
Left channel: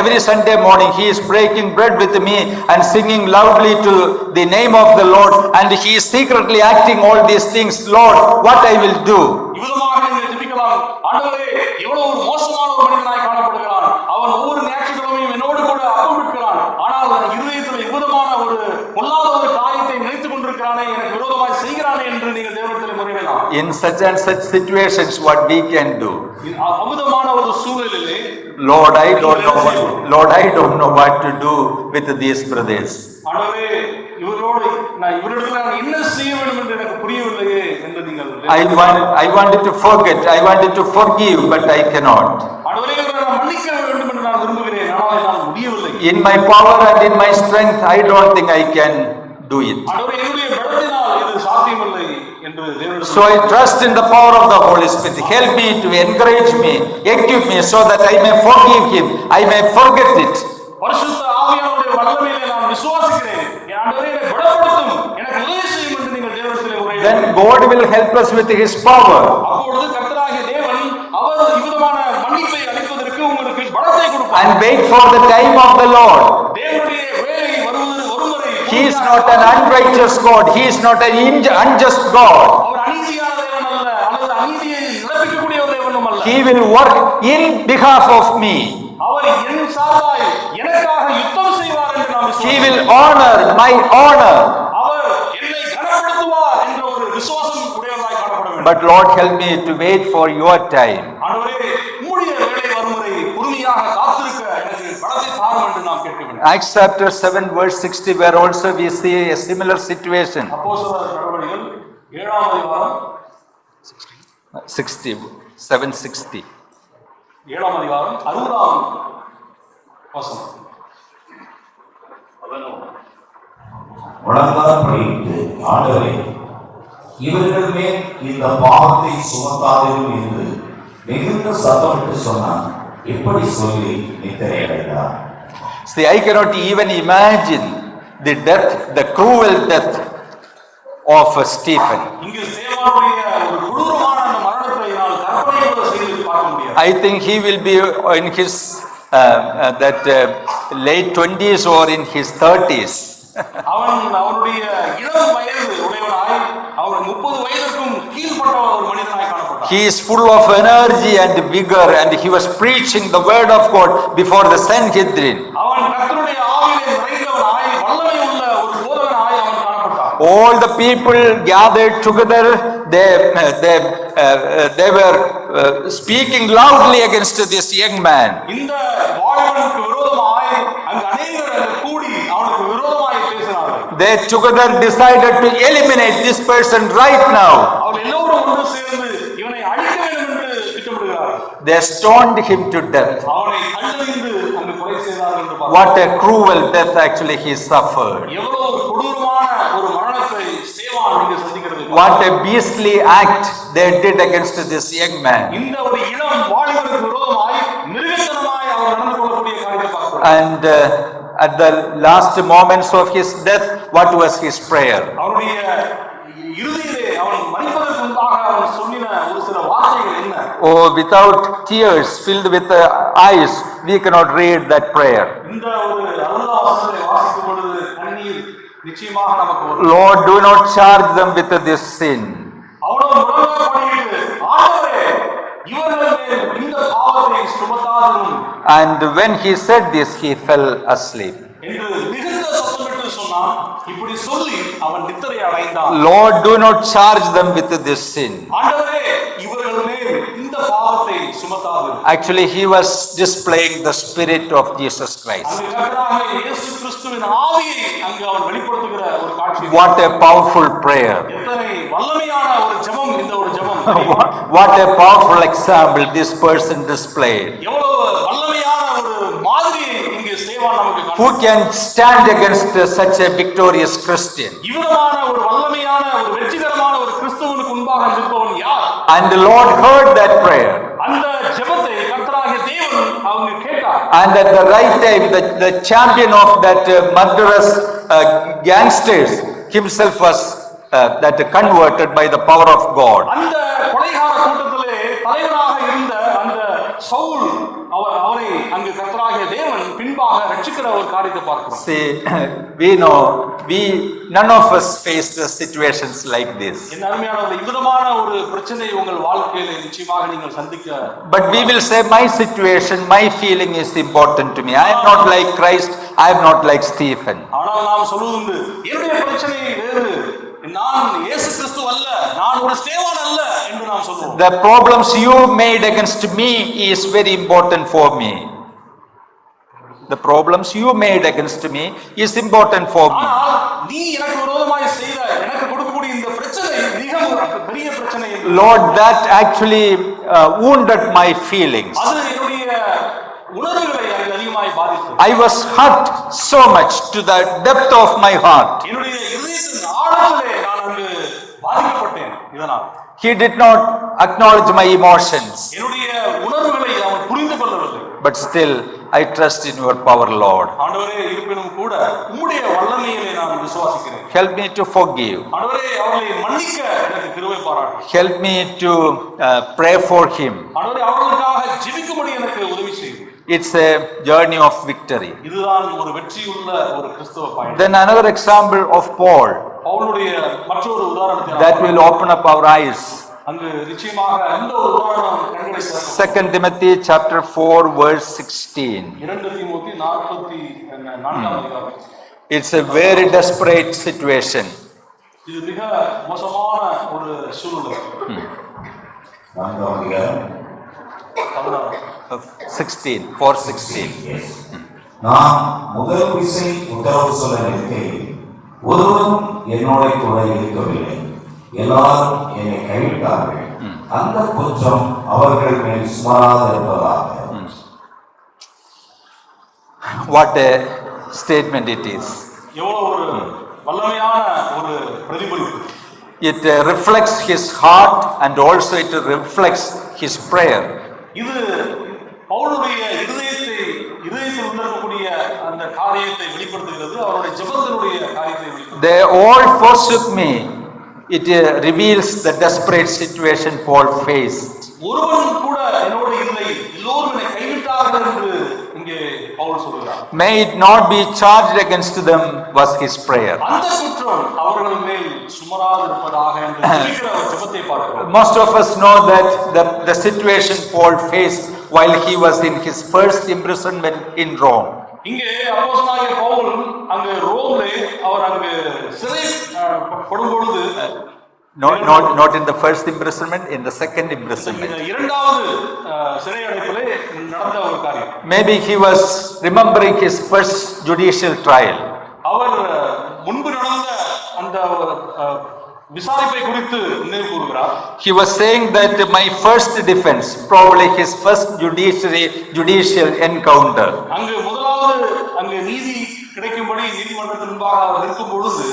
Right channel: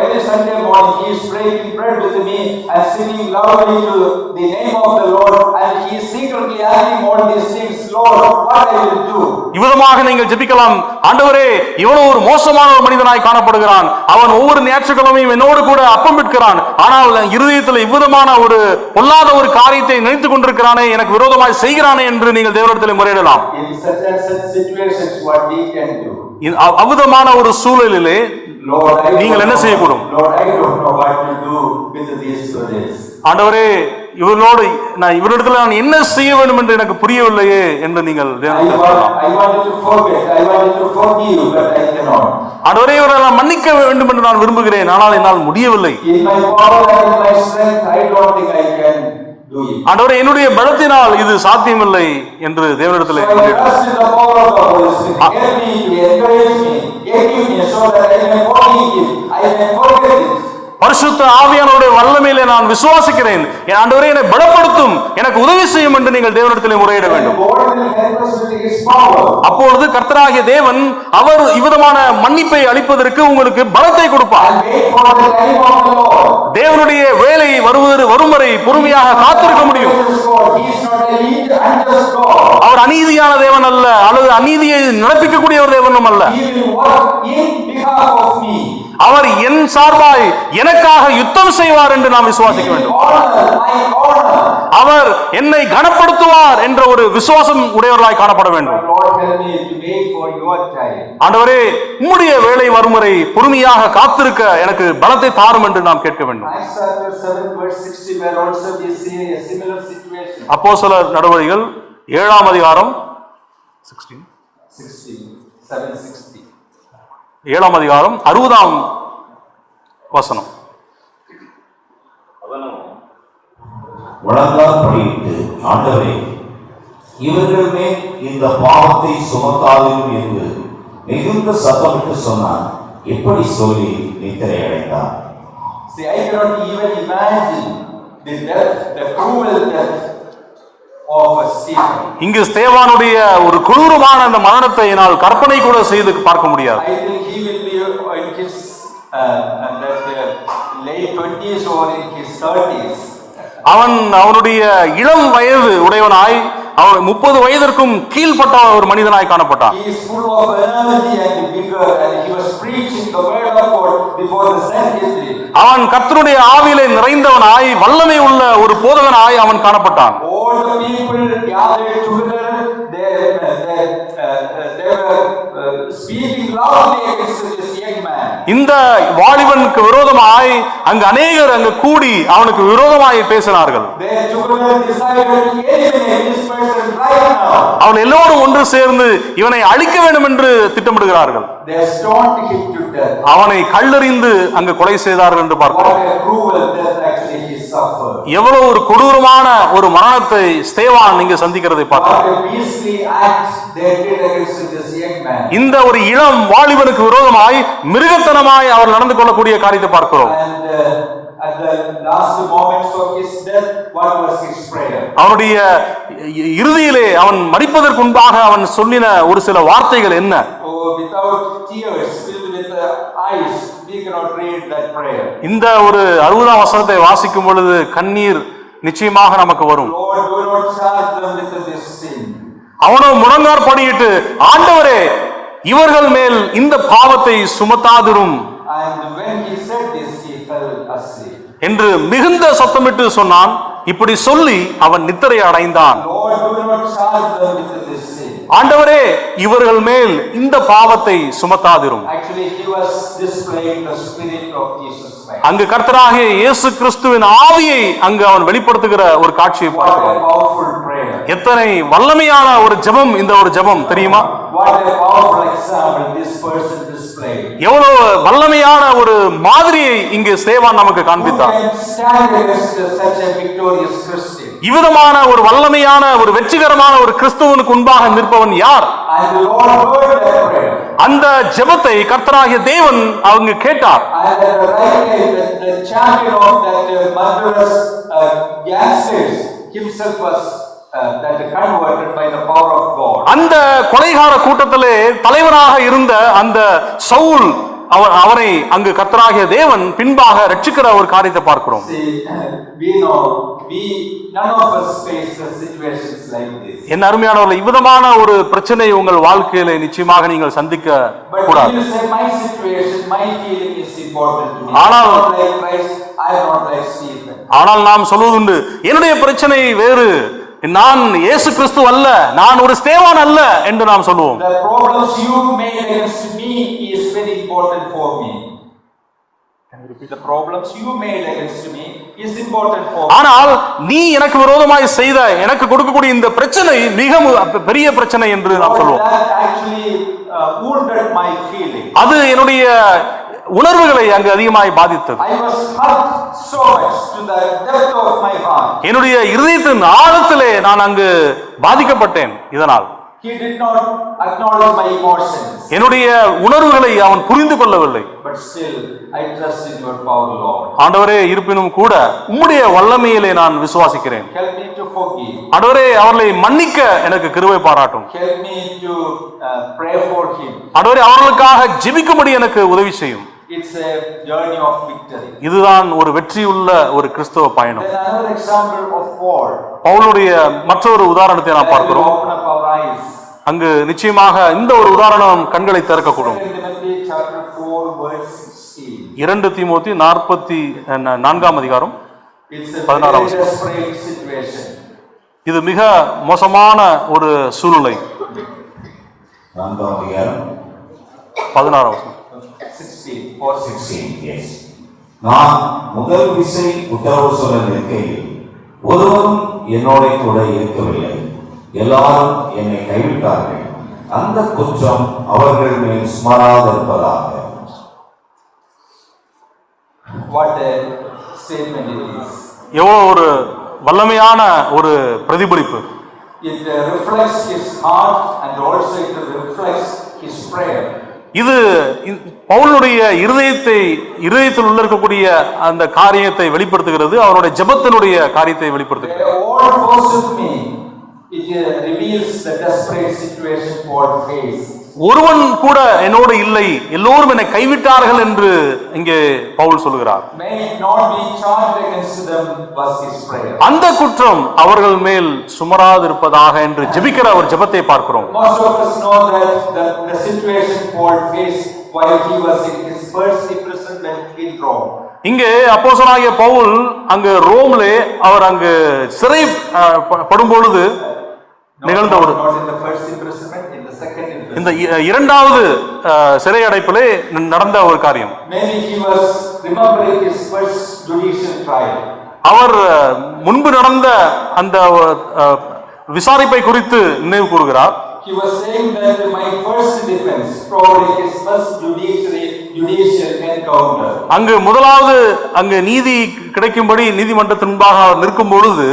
Every Sunday morning he is breaking bread with me and singing loudly to the name of the Lord, and he is secretly acting all these things. Lord, what I will do? இவ்விதமாக நீங்கள் ஜெபிக்கலாம். ஆண்டவரே, இவ்வளவு ஒரு மோசமான ஒரு மனிதனாய் காணப்படுகிறான், அவன் ஒவ்வொரு ஞாயிற்றுக்கிழமையும் என்னோடு கூட அப்பம் விற்கிறான், ஆனால் இருதயத்தில் இவ்விதமான ஒரு பொல்லாத ஒரு காரியத்தை நினைத்துக் கொண்டிருக்கிறானே, எனக்கு விரோதமாய் செய்கிறானே என்று நீங்கள் தேவனிடத்தில் முறையிடலாம். In such and such situations what we can do? அவ்விதமான ஒரு சூழலிலே Lord, நீங்கள் என்ன செய்யக்கூடும்? Lord, I don't know what to do with these brothers. ஆண்டவரே, இவரிடத்தில் நான் என்ன செய்ய வேண்டும் என்று எனக்கு புரியவில்லையே என்று நீங்கள் I wanted to forget, I wanted to forgive, but I cannot. ஆண்டவரே, இவரை நான் மன்னிக்க வேண்டும் என்று நான் விரும்புகிறேன், ஆனால் என்னால் முடியவில்லை. In my power and in my strength, I don't think I can do it. ஆண்டவரே, என்னுடைய பலத்தினால் இது சாத்தியமில்லை என்று தேவனிடத்தில். So I trust in the power of the Holy Spirit. Help me, to encourage me, equip me so that I may forgive him, I may forget it. பரிசுத்த ஆவியானவருடைய வல்லமையிலே நான் விசுவாசிக்கிறேன். என் ஆண்டவரே, என்னை பலப்படுத்தும், எனக்கு உதவி செய்யும் என்று நீங்கள் தேவனிடத்திலே முறையிட வேண்டும். God will help us with his power. அப்பொழுது கர்த்தராகிய தேவன் அவர் இவ்விதமான மன்னிப்பை அளிப்பதற்கு உங்களுக்கு பலத்தை கொடுப்பார். And wait for the time of the Lord. தேவனுடைய வேலை வரும் வரை பொறுமையாக காத்திருக்க முடியும். He is not an unjust God. அவர் அநீதியான தேவன் அல்ல, அல்லது அநீதியை நடப்பிக்கக்கூடிய ஒரு தேவனும் அல்ல. He will work in behalf of me. அவர் என் சார்பாய் எனக்காக யுத்தம் செய்வார் என்று நாம் விசுவாசிக்கிறோம். He will honor my honor. அவர் என்னை கனப்படுத்துவார் என்ற ஒரு விசுவாசம் உடையவர்களாய் காணப்பட வேண்டும். But Lord, help me to wait for your time. ஆண்டவரே, உம்முடைய வேலை வரும் வரை பொறுமையாக காத்திருக்க எனக்கு பலத்தை தாரும் என்று நாம் கேட்க வேண்டும். Acts chapter 7 verse 60, where also we see a similar situation. அப்போஸ்தலர் நடவடிக்கைகள் 7ஆம் அதிகாரம் 7:60 7ஆம் அதிகாரம் 60ஆம் வசனம். அவனும் முழங்காற்படியிட்டு, ஆண்டவரே, இவர்கள் மேல் இந்த பாவத்தை சுமத்தாதீரும் என்று மிகுந்த சத்தமிட்டு சொன்னான். இப்படி சொல்லி நித்திரை அடைந்தார். See, I cannot even imagine the death, the cruel death of Stephen. இங்கு ஸ்தேவானுடைய ஒரு கொடூரமான அந்த மரணத்தை என்னால் கற்பனை கூட செய்து பார்க்க முடியாது. I think he will be in his late 20s or in his 30s. அவனுடைய இளம் வயது உடையவனாய், அவன் 30 வயதிற்கும் கீழ்பட்ட ஒரு மனிதனாய் காணப்பட்டான். He is full of energy and vigor, and he was preaching the word of God before the Sanhedrin. அவன் கர்த்தருடைய ஆவியிலே நிறைந்தவனாய், வல்லமை உள்ள ஒரு போதகனாய் அவன் காணப்பட்டான். All the people gathered together, they were speaking loudly against this young man. இந்த வாலிபனுக்கு விரோதமாய் அங்கு அநேகர் அங்கு கூடி அவனுக்கு விரோதமாய் பேசினார்கள். They together decided to eliminate this person right now. அவர்கள் எல்லோரும் ஒன்று சேர்ந்து இவனை அழிக்க வேண்டும் என்று திட்டமிடுகிறார்கள். They stoned him to death. அவனை கல்லெறிந்து அங்கு கொலை செய்தார்கள் என்று பார்க்கிறோம். What a cruel death actually he suffered. எவ்வளவு ஒரு கொடூரமான ஒரு மரணத்தை ஸ்தேவான் இங்கு சந்திக்கிறதை பார்க்கிறோம். What a beastly act they did against this young man. இந்த ஒரு இளம் வாலிபனுக்கு விரோதமாய் மிருகத்தனமாய் அவர் நடந்து கொள்ளக்கூடிய காரியத்தை பார்க்கிறோம். And at the last moments of his death, what was his prayer? அவனுடைய இறுதியிலே அவன் மரிப்பதற்கு முன்பாக அவன் சொல்லின ஒரு சில வார்த்தைகள் என்ன? Oh, without tears, filled with eyes, we cannot read that prayer. இந்த ஒரு 60ஆம் வசனத்தை வாசிக்கும் பொழுது கண்ணீர் நிச்சயமாக நமக்கு வரும். Lord, do not charge them with this sin. அவனோ முழங்காற்படியிட்டு, ஆண்டவரே, இவர்கள் மேல் இந்த பாவத்தை சுமத்தாதிரும். And when he said this, he fell asleep. என்று மிகுந்த சத்தமிட்டு சொன்னான். இப்படி சொல்லி அவன் நித்திரை அடைந்தான். Lord, do not charge them with this sin. ஆண்டவரே, இவர்கள் மேல் இந்த பாவத்தை சுமத்தாதிரும். Actually, he was displaying the spirit of Jesus Christ. அங்கு கர்த்தராகிய இயேசு கிறிஸ்துவின் ஆவியை அங்கு அவன் வெளிப்படுத்துகிற ஒரு காட்சி. What a powerful prayer. எத்தனை வல்லமையான ஒரு ஜெபம் இந்த ஒரு ஜெபம் தெரியுமா? What a powerful example this person displayed. எவ்வளவு வல்லமையான ஒரு மாதிரியை இங்கு ஸ்தேவான் நமக்கு Who காண்பித்தார். can stand against such a victorious Christian? இவ்விதமான ஒரு வல்லமையான ஒரு வெற்றிகரமான ஒரு கிறிஸ்துவனுக்கு முன்பாக நிற்பவன் யார்? And the Lord heard that prayer. அந்த ஜெபத்தை கர்த்தராகிய தேவன் அவங்க கேட்டார். And at the right time, the champion of that murderous gangsters himself was that converted by the power of God. அந்த கொலைகார கூட்டத்திலே தலைவராக இருந்த அந்த சவுல் அவரை அங்கு கர்த்தராகிய தேவன் பின்பாக ரட்சிக்கிற ஒரு காரியத்தை பார்க்கிறோம். See, we know none of us face the situations like this. என்ன அருமையானவர்களே, இவ்விதமான ஒரு பிரச்சனை உங்கள் வாழ்க்கையில நிச்சயமாக நீங்கள் சந்திக்க. But we will say my situation, my feeling is important to me. I am not like Christ, I am not like Stephen. ஆனால் நாம் சொல்வதுண்டு, என்னுடைய பிரச்சனை வேறு, நான் இயேசு கிறிஸ்து அல்ல, நான் ஒரு ஸ்தேவான் அல்ல என்று நாம் சொல்லுவோம். The problems you made against me is very important for me. The problems you made against me is important for me. ஆனால் நீ எனக்கு விரோதமாய் செய்த எனக்கு கொடுக்கக்கூடிய இந்த பிரச்சனை மிக பெரிய பிரச்சனை என்று Lord, that actually wounded my feelings. அது என்னுடைய உணர்வுகளை அங்கு அதிகமாய் பாதித்தது. I was hurt so much to the depth of my heart. என்னுடைய இதயத்தின் ஆழத்திலே நான் அங்கு பாதிக்கப்பட்டேன். இதனால் He did not acknowledge my emotions. என்னுடைய உணர்வுகளை அவன் புரிந்து கொள்ளவில்லை. But still I trust in your power, Lord. ஆண்டவரே, இருப்பினும் கூட உம்முடைய வல்லமையிலே நான் விசுவாசிக்கிறேன். Help me to forgive. ஆண்டவரே, அவர்களை மன்னிக்க எனக்கு கிருபை பாராட்டும். Help me to pray for him. ஆண்டவரே, அவர்களுக்காக ஜெபிக்கும்படி எனக்கு உதவி செய்யும். It's a journey of victory. இதுதான் ஒரு வெற்றியுள்ள ஒரு கிறிஸ்தவ பயணம். Then another example of Paul. பவுலுடைய மற்றொரு உதாரணத்தை நாம் That will பார்க்கிறோம். open up our eyes. அங்கு நிச்சயமாக இந்த ஒரு உதாரணம் கண்களை திறக்கும். 2 Timothy chapter 4 verse 16. 2 தீமோத்தி 4 அதிகாரம். It's a very desperate situation. இது மிக மோசமான ஒரு சூழ்நிலை. 4 அதிகாரம் 16 16 4:16. Yes. நான் முதல் விசை உத்தரவு சொல்ல நிற்கையில் ஒருவரும் என்னோட கூட இருக்கவில்லை, எல்லாரும் என்னை கைவிட்டார்கள். அந்த குற்றம் அவர்கள் மேல் சுமராதிருப்பதாக. What a statement it is. எவ்வளவு ஒரு வல்லமையான ஒரு பிரதிபலிப்பு. It reflects his heart and also it reflects his prayer. இது பவுலுடைய இருதயத்தில் உள்ள இருக்கக்கூடிய அந்த காரியத்தை வெளிப்படுத்துகிறது. அவருடைய ஜெபத்தினுடைய காரியத்தை வெளிப்படுத்துகிறது. They all forsook me. It reveals the desperate situation Paul faced. ஒருவன் கூட என்னோடு இல்லை, எல்லோரும் என்னை கைவிட்டார்கள் என்று இங்கே பவுல் சொல்கிறார். May it not be charged against them was his prayer. அந்த குற்றம் அவர்கள் மேல் சுமராதிருப்பதாக என்று ஜெபிக்கிற ஒரு ஜெபத்தை பார்க்கிறோம். Most of us know that the situation Paul faced while he was in his first imprisonment in Rome. இங்கே அப்போஸ்தலனாகிய பவுல் அங்கு ரோம்லே அவர் அங்கு சிறை படும் பொழுது, not in the first imprisonment, in the second imprisonment. இந்த இரண்டாவது சிறை அடைப்பிலே நடந்த ஒரு காரியம். Maybe he was remembering his first judicial trial. அவர் முன்பு நடந்த அந்த விசாரிப்பை குறித்து நினைவு கூறுகிறார். He was saying that my first defense, probably his first judicial encounter. அங்கு முதலாவது அங்கு நீதி கிடைக்கும்படி நீதிமன்றத்தின் முன்பாக அவர் நிற்கும் பொழுது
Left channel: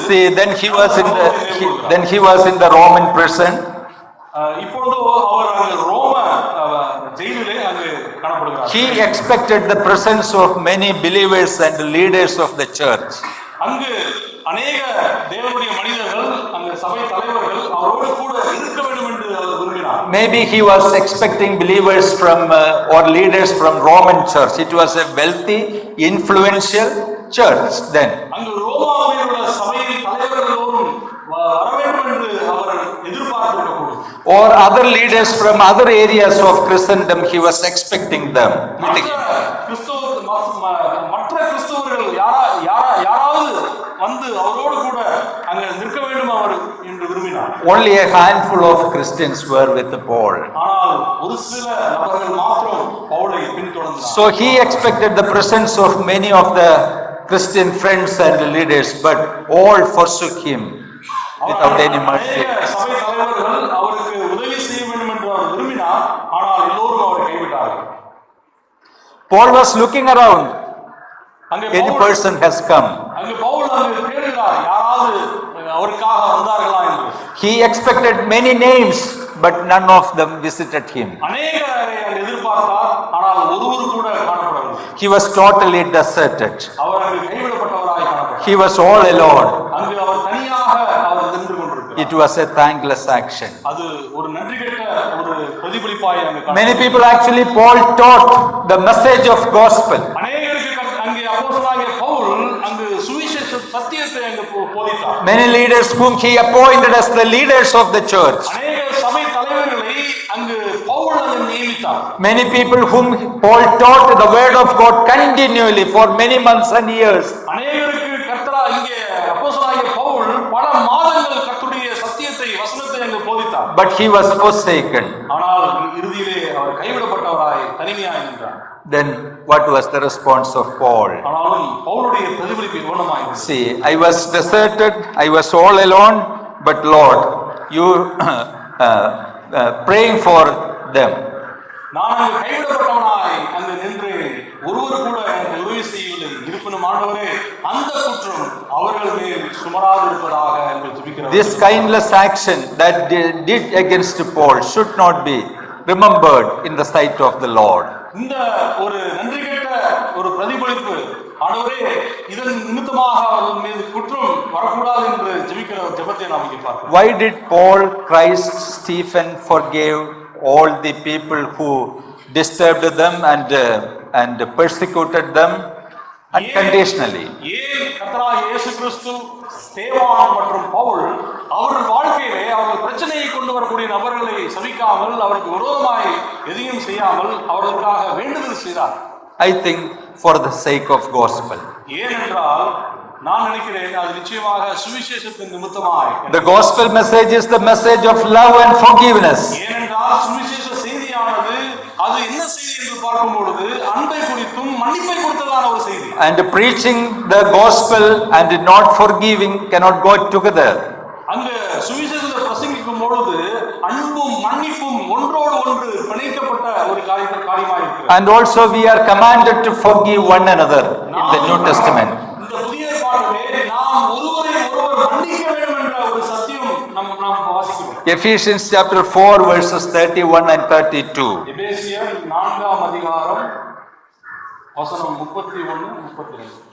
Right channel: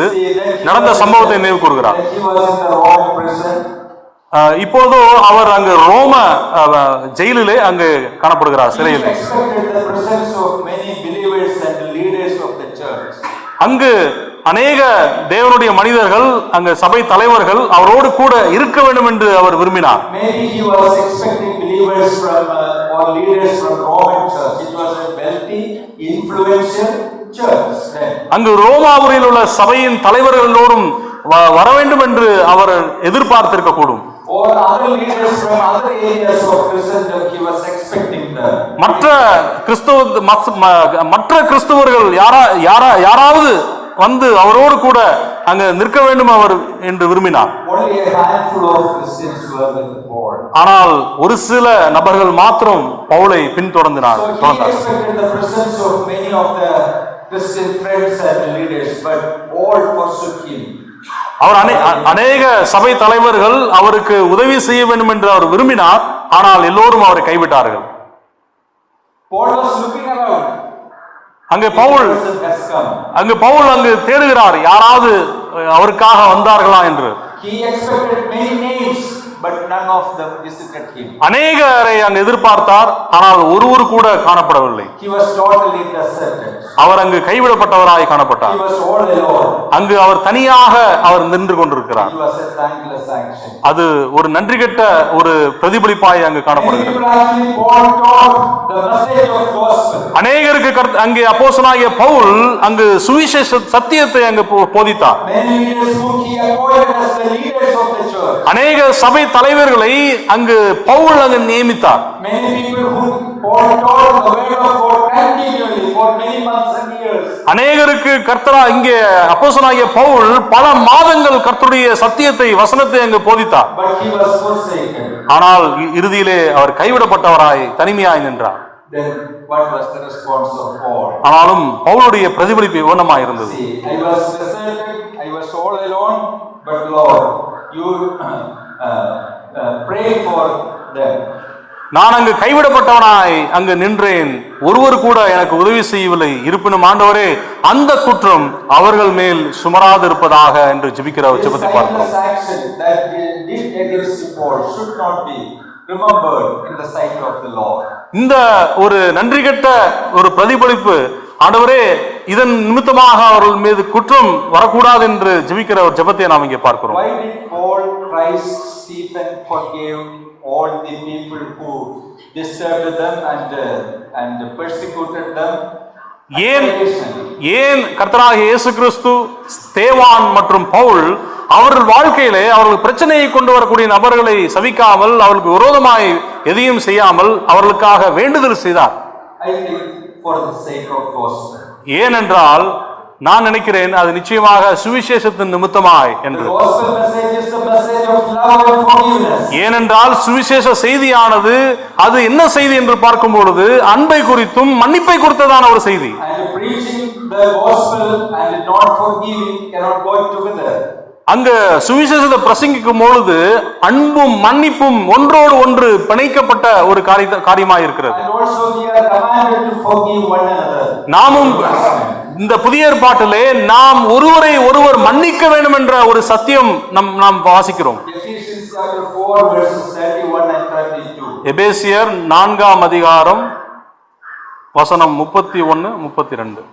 நடந்த சம்பவத்தை நினைவு கூறுகிறார். Then he was in the Roman prison. இப்போது அவர் அங்கு ரோம ஜெயிலிலே அங்கு காணப்படுகிறார். He expected the presence of many believers and leaders of the church. அங்கு அநேக தேவனுடைய மனிதர்கள், அங்கு சபை தலைவர்கள் அவரோடு கூட இருக்க வேண்டும் என்று அவர் விரும்பினார். Maybe he was expecting believers from or leaders from Roman church. It was a wealthy, influential church then. அங்கு ரோமாபுரியில் உள்ள சபையின் தலைவர்களோடும் வர வேண்டும் என்று அவர் எதிர்பார்த்திருக்க கூடும். Or other leaders from other areas of Christendom, he was expecting them. மற்ற கிறிஸ்தவர்கள் யாராவது வந்து அவரோடு கூட அங்க நிற்க வேண்டும் அவர் என்று விரும்பினார். Only a handful of Christians were with Paul. ஆனால் ஒரு சில நபர்கள் மாத்திரம் பவுலை பின்தொடர்ந்தனர். So he expected the presence of many of the Christian friends and leaders, but all forsook him. அவர் அநேக சபை தலைவர்கள் அவருக்கு உதவி செய்ய வேண்டும் என்று அவர் விரும்பினார். ஆனால் எல்லோரும் அவரை கைவிட்டார்கள். Paul was looking around. அங்கே பவுல் அங்கு தேடுகிறார், யாராவது அவருக்காக வந்தார்களா என்று. He expected many names but none of them visited him. அநேகரை அங்கு எதிர்பார்த்தார், ஆனால் ஒருவர் கூட காணப்படவில்லை. He was totally deserted. அவர் அங்கு கைவிடப்பட்டவராய் காணப்பட்டார். He was all alone. அங்கு அவர் தனியாக அவர் நின்று கொண்டிருக்கிறார். It was a thankless action. அது ஒரு நன்றி கெட்ட ஒரு பிரதிபலிப்பாய் அங்கு Many காணப்பட்டது. people actually Paul taught the message of gospel. அநேகருக்கு அங்கே அப்போஸ்தலனாகிய பவுல் அங்கு சுவிசேஷ சத்தியத்தை அங்கு போதித்தார். Many leaders whom he appointed as the leaders of the church. அநேக சபை தலைவர்களை அங்கு பவுல் அங்கு நியமித்தார். Many people whom Paul taught the word of God continually for many months and years. அநேகருக்கு இங்கே அப்போஸ்தலனாகிய பவுல் பல மாதங்கள் கர்த்தருடைய சத்தியத்தை வசனத்தை அங்கு போதித்தார். But he was forsaken. ஆனால் இறுதியிலே அவர் கைவிடப்பட்டவராய் தனிமையாய் நின்றார். Then what was the response of Paul? ஆனாலும் பவுலுடைய பிரதிபலிப்பு விவனமாய் இருந்தது. See, I was deserted, I was all alone, but Lord, you praying for them. நான் அங்கு கைவிடப்பட்டவனாய் அங்கு நின்றேன், ஒருவர் கூட எனக்கு உதவி செய்யவில்லை. இருப்பினும் ஆண்டவரே, அந்த குற்றம் அவர்கள் மேல் சுமராது இருப்பதாக என்று ஜெபிக்கிறார். This kindness action that did against Paul should not be remembered in the sight of the Lord. இந்த ஒரு நன்றி கெட்ட ஒரு பிரதிபலிப்பு, ஆண்டவரே இதன் நிமித்தமாக அவர்கள் மீது குற்றம் வரக்கூடாது என்று ஜெபிக்கிற ஒரு ஜெபத்தை நாம் இங்கே பார்க்கிறோம். Why did Paul, Christ, Stephen forgive all the people who disturbed them and persecuted them unconditionally? ஏன் கர்த்தராகிய இயேசு கிறிஸ்து, ஸ்தேவான் மற்றும் பவுல் அவர்கள் வாழ்க்கையிலே அவர்கள் பிரச்சனையை கொண்டு வரக்கூடிய நபர்களை சபிக்காமல், அவர்களுக்கு விரோதமாய் எதையும் செய்யாமல் அவர்களுக்காக வேண்டுதல் செய்தார்? I think for the sake of gospel. ஏனென்றால் நான் நினைக்கிறேன் அது நிச்சயமாக சுவிசேஷத்தின் நிமித்தமாய். The gospel message is the message of love and forgiveness. ஏனென்றால் சுவிசேஷ செய்தியானது அது என்ன செய்தி என்று பார்க்கும் பொழுது அன்பை குறித்தும் மன்னிப்பை குறித்ததான ஒரு செய்தி. And preaching the gospel and not forgiving cannot go together. அங்க சுவிசேஷத்தை பிரசங்கிக்கும் பொழுது அன்பும் மன்னிப்பும் ஒன்றோடு ஒன்று பிணைக்கப்பட்ட ஒரு காரியமாக இருக்கிறது. And also we are commanded to forgive one another. நாமும் New Testament. இந்த புதிய ஏற்பாட்டிலே நாம் ஒருவரை ஒருவர் மன்னிக்க வேண்டும் என்ற ஒரு சத்தியம் நாம் வாசிக்கிறோம். Ephesians chapter 4 verses 31 and 32. எபேசியர் 4ஆம் அதிகாரம் வசனம் 31 32.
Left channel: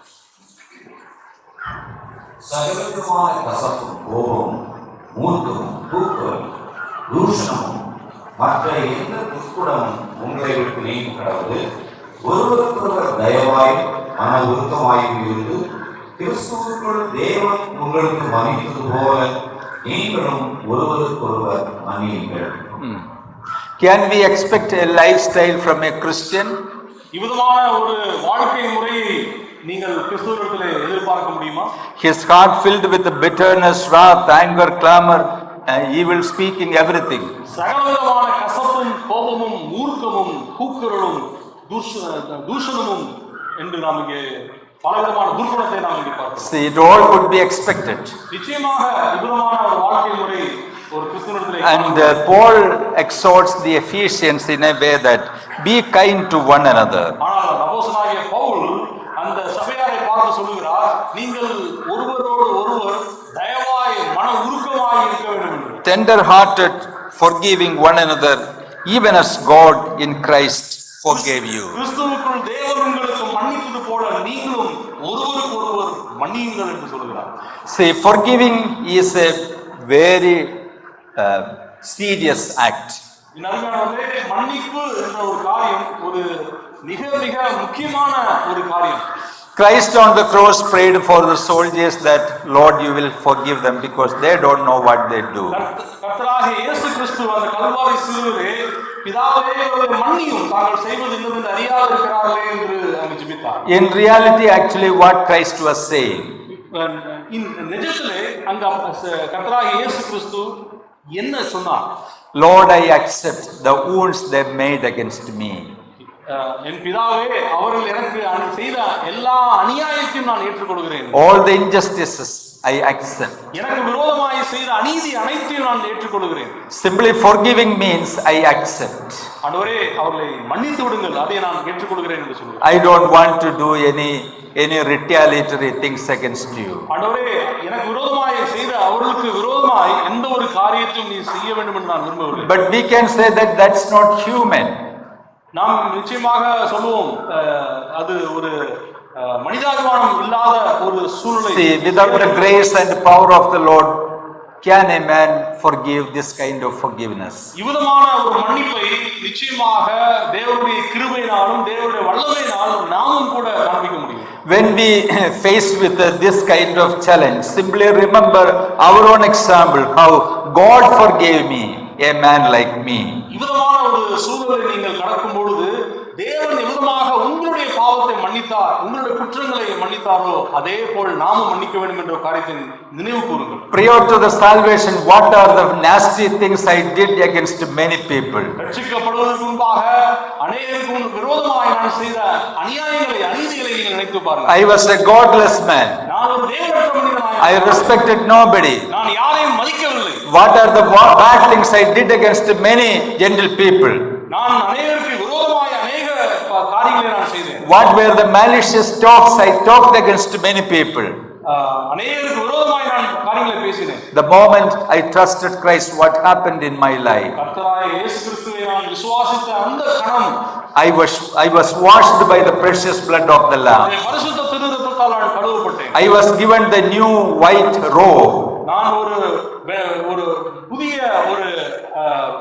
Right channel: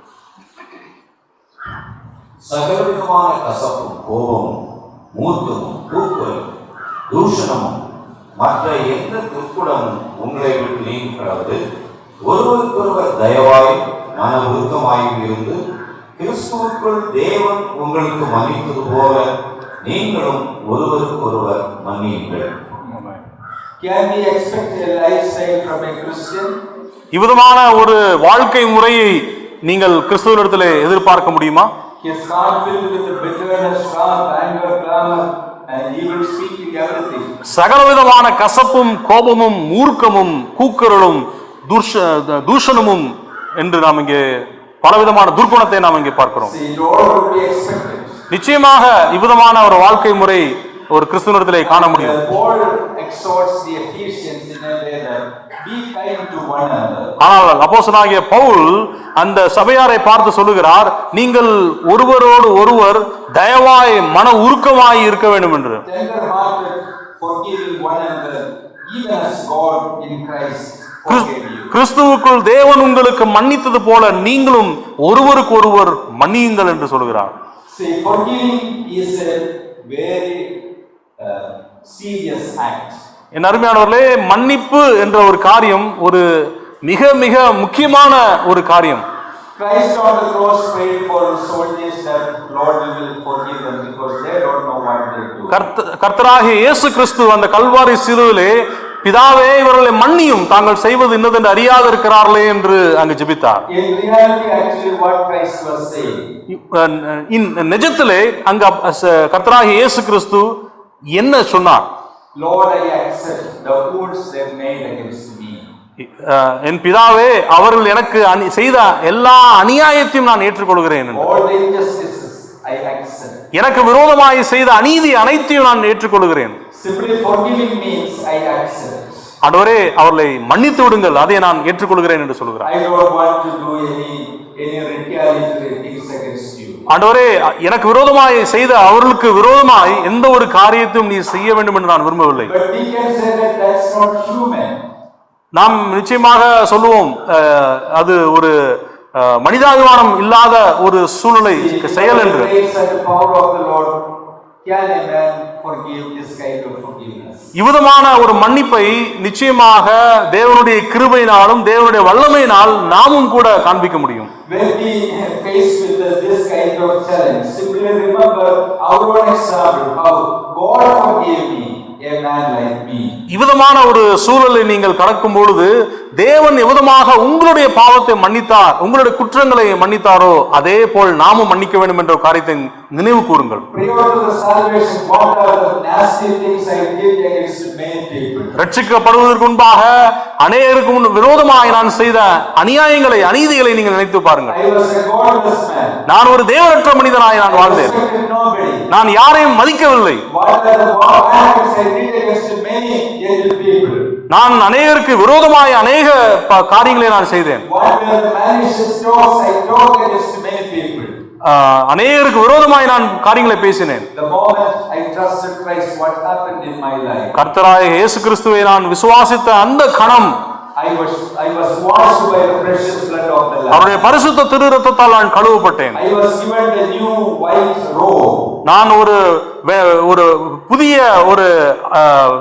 சகலவிதமான கசப்பும் கோபமும் மூர்க்கமும் தூக்குறலும் தூஷணமும் மற்ற எந்த துர்க்குணமும் உங்களை விட்டு நீங்க கடந்து ஒருவருக்கொருவர் தயவாயும் மன உருக்கமாயும் இருந்து கிறிஸ்துவுக்குள் தேவன் உங்களுக்கு மன்னித்தது போல நீங்களும் ஒருவருக்கொருவர் மன்னியுங்கள். Can we expect a lifestyle from a Christian? இவ்விதமான ஒரு வாழ்க்கை முறையை நீங்கள் கிறிஸ்துவினிடத்திலே எதிர்பார்க்க முடியுமா? His heart filled with the bitterness, wrath, anger, clamor, evil speaking, everything. சகலவிதமான கசப்பும் கோபமும் மூர்க்கமும் கூக்குரலும் தூஷணமும் என்று நாம் இங்கே பலவிதமான துர்க்குணத்தை நாம் இங்கே பார்க்கிறோம். See, it all would be expected. நிச்சயமாக இவ்விதமான ஒரு வாழ்க்கை முறை ஒரு கிறிஸ்துவினிடத்திலே காண முடியும். Paul exhorts the Ephesians in a way that be kind to one another. ஆனால் அப்போஸ்தலனாகிய பவுல் அந்த சபையாரை பார்த்து சொல்லுகிறார், நீங்கள் ஒருவரோடு ஒருவர் தயவாய் மன உருக்கமாய் இருக்க வேண்டும் என்று. Tender hearted, forgiving one another, even as God in Christ forgave you. கிறிஸ்துவுக்குள் தேவன் உங்களுக்கு மன்னித்தது போல நீங்களும் ஒருவருக்கு ஒருவர் மன்னியுங்கள் என்று சொல்கிறார். See, forgiving is a very serious act. என் அருமையானவர்களே, மன்னிப்பு என்ற ஒரு காரியம் ஒரு மிக மிக முக்கியமான ஒரு காரியம். Christ on the cross prayed for the soldiers that Lord you will forgive them because they don't know what they do. கர்த்தராகிய இயேசு கிறிஸ்து அந்த கல்வாரி சிலுவையிலே பிதாவே இவர்களை மன்னியும், தாங்கள் செய்வது இன்னதென்று அறியாது இருக்கிறார்களே என்று அங்கு ஜெபித்தார். In reality, actually what Christ was saying, நிஜத்திலே அங்க கர்த்தராகிய இயேசு கிறிஸ்து என்ன சொன்னார்? Lord, I accept the wounds they made against me. என் பிதாவே அவர்கள் எனக்கு செய்த எல்லா அநியாயத்தையும் நான் ஏற்றுக்கொள்கிறேன். All the injustices, I accept. எனக்கு விரோதமாய் செய்த அநீதி அனைத்தையும் நான் ஏற்றுக்கொள்கிறேன். Simply forgiving means I accept. ஆண்டவரே அவர்களை மன்னித்து விடுங்கள், அதை நான் ஏற்றுக்கொள்கிறேன் என்று சொல்கிறார். I don't want to do any retaliatory things against you. ஆண்டவரே எனக்கு விரோதமாய் செய்த அவர்களுக்கு விரோதமாய் எந்த ஒரு காரியத்தையும் நீ செய்ய வேண்டும் என்று நான் விரும்பவில்லை. But we can say that that's not human. நாம் நிச்சயமாக சொல்லுவோம் அது ஒரு மனிதாபிமானம் இல்லாத ஒரு சூழ்நிலை. Without the grace and power of the Lord, can a man forgive this kind of forgiveness? இவ்விதமான ஒரு மன்னிப்பை நிச்சயமாக தேவனுடைய கிருபையினாலும் தேவனுடைய வல்லமையினால் நாமும் கூட காண்பிக்க முடியும். When we face with this kind of challenge, simply remember our own example, how God forgave me, a man like me. இவ்விதமான ஒரு சூழலை நீங்கள் கடக்கும் பொழுது தேவன் எவ்விதமாக உங்களுடைய பாவத்தை மன்னித்தார், உங்களுடைய குற்றங்களை மன்னித்தாரோ அதே போல் நாமும் மன்னிக்க வேண்டும் என்ற காரியத்தை நினைவு கூறுங்கள். Prior to the salvation, what are the nasty things I did against many people? ரட்சிக்கப்படுவதற்கு முன்பாக அநேகருக்கு விரோதமாக நான் செய்த அநியாயங்களை அநீதிகளை நீங்கள் நினைத்து பாருங்கள். I was a godless man. நான் ஒரு தேவனற்ற மனிதனாய் I respected nobody. நான் யாரையும் மதிக்கவில்லை. What are the bad things I did against many gentle people? நான் அநேகருக்கு விரோதமாய் அநேக காரியங்களை நான் செய்தேன். What were the malicious talks I talked against many people? அநேகருக்கு விரோதமாய் நான் காரியங்களை பேசினேன். The moment I trusted Christ, what happened in my life? கர்த்தராகிய இயேசு கிறிஸ்துவை நான் விசுவாசித்த அந்த கணம் I was washed by the precious blood of the Lamb. அவருடைய பரிசுத்த திரு இரத்தத்தால் நான் கழுவப்பட்டேன். I was given the new white robe. நான் ஒரு புதிய ஒரு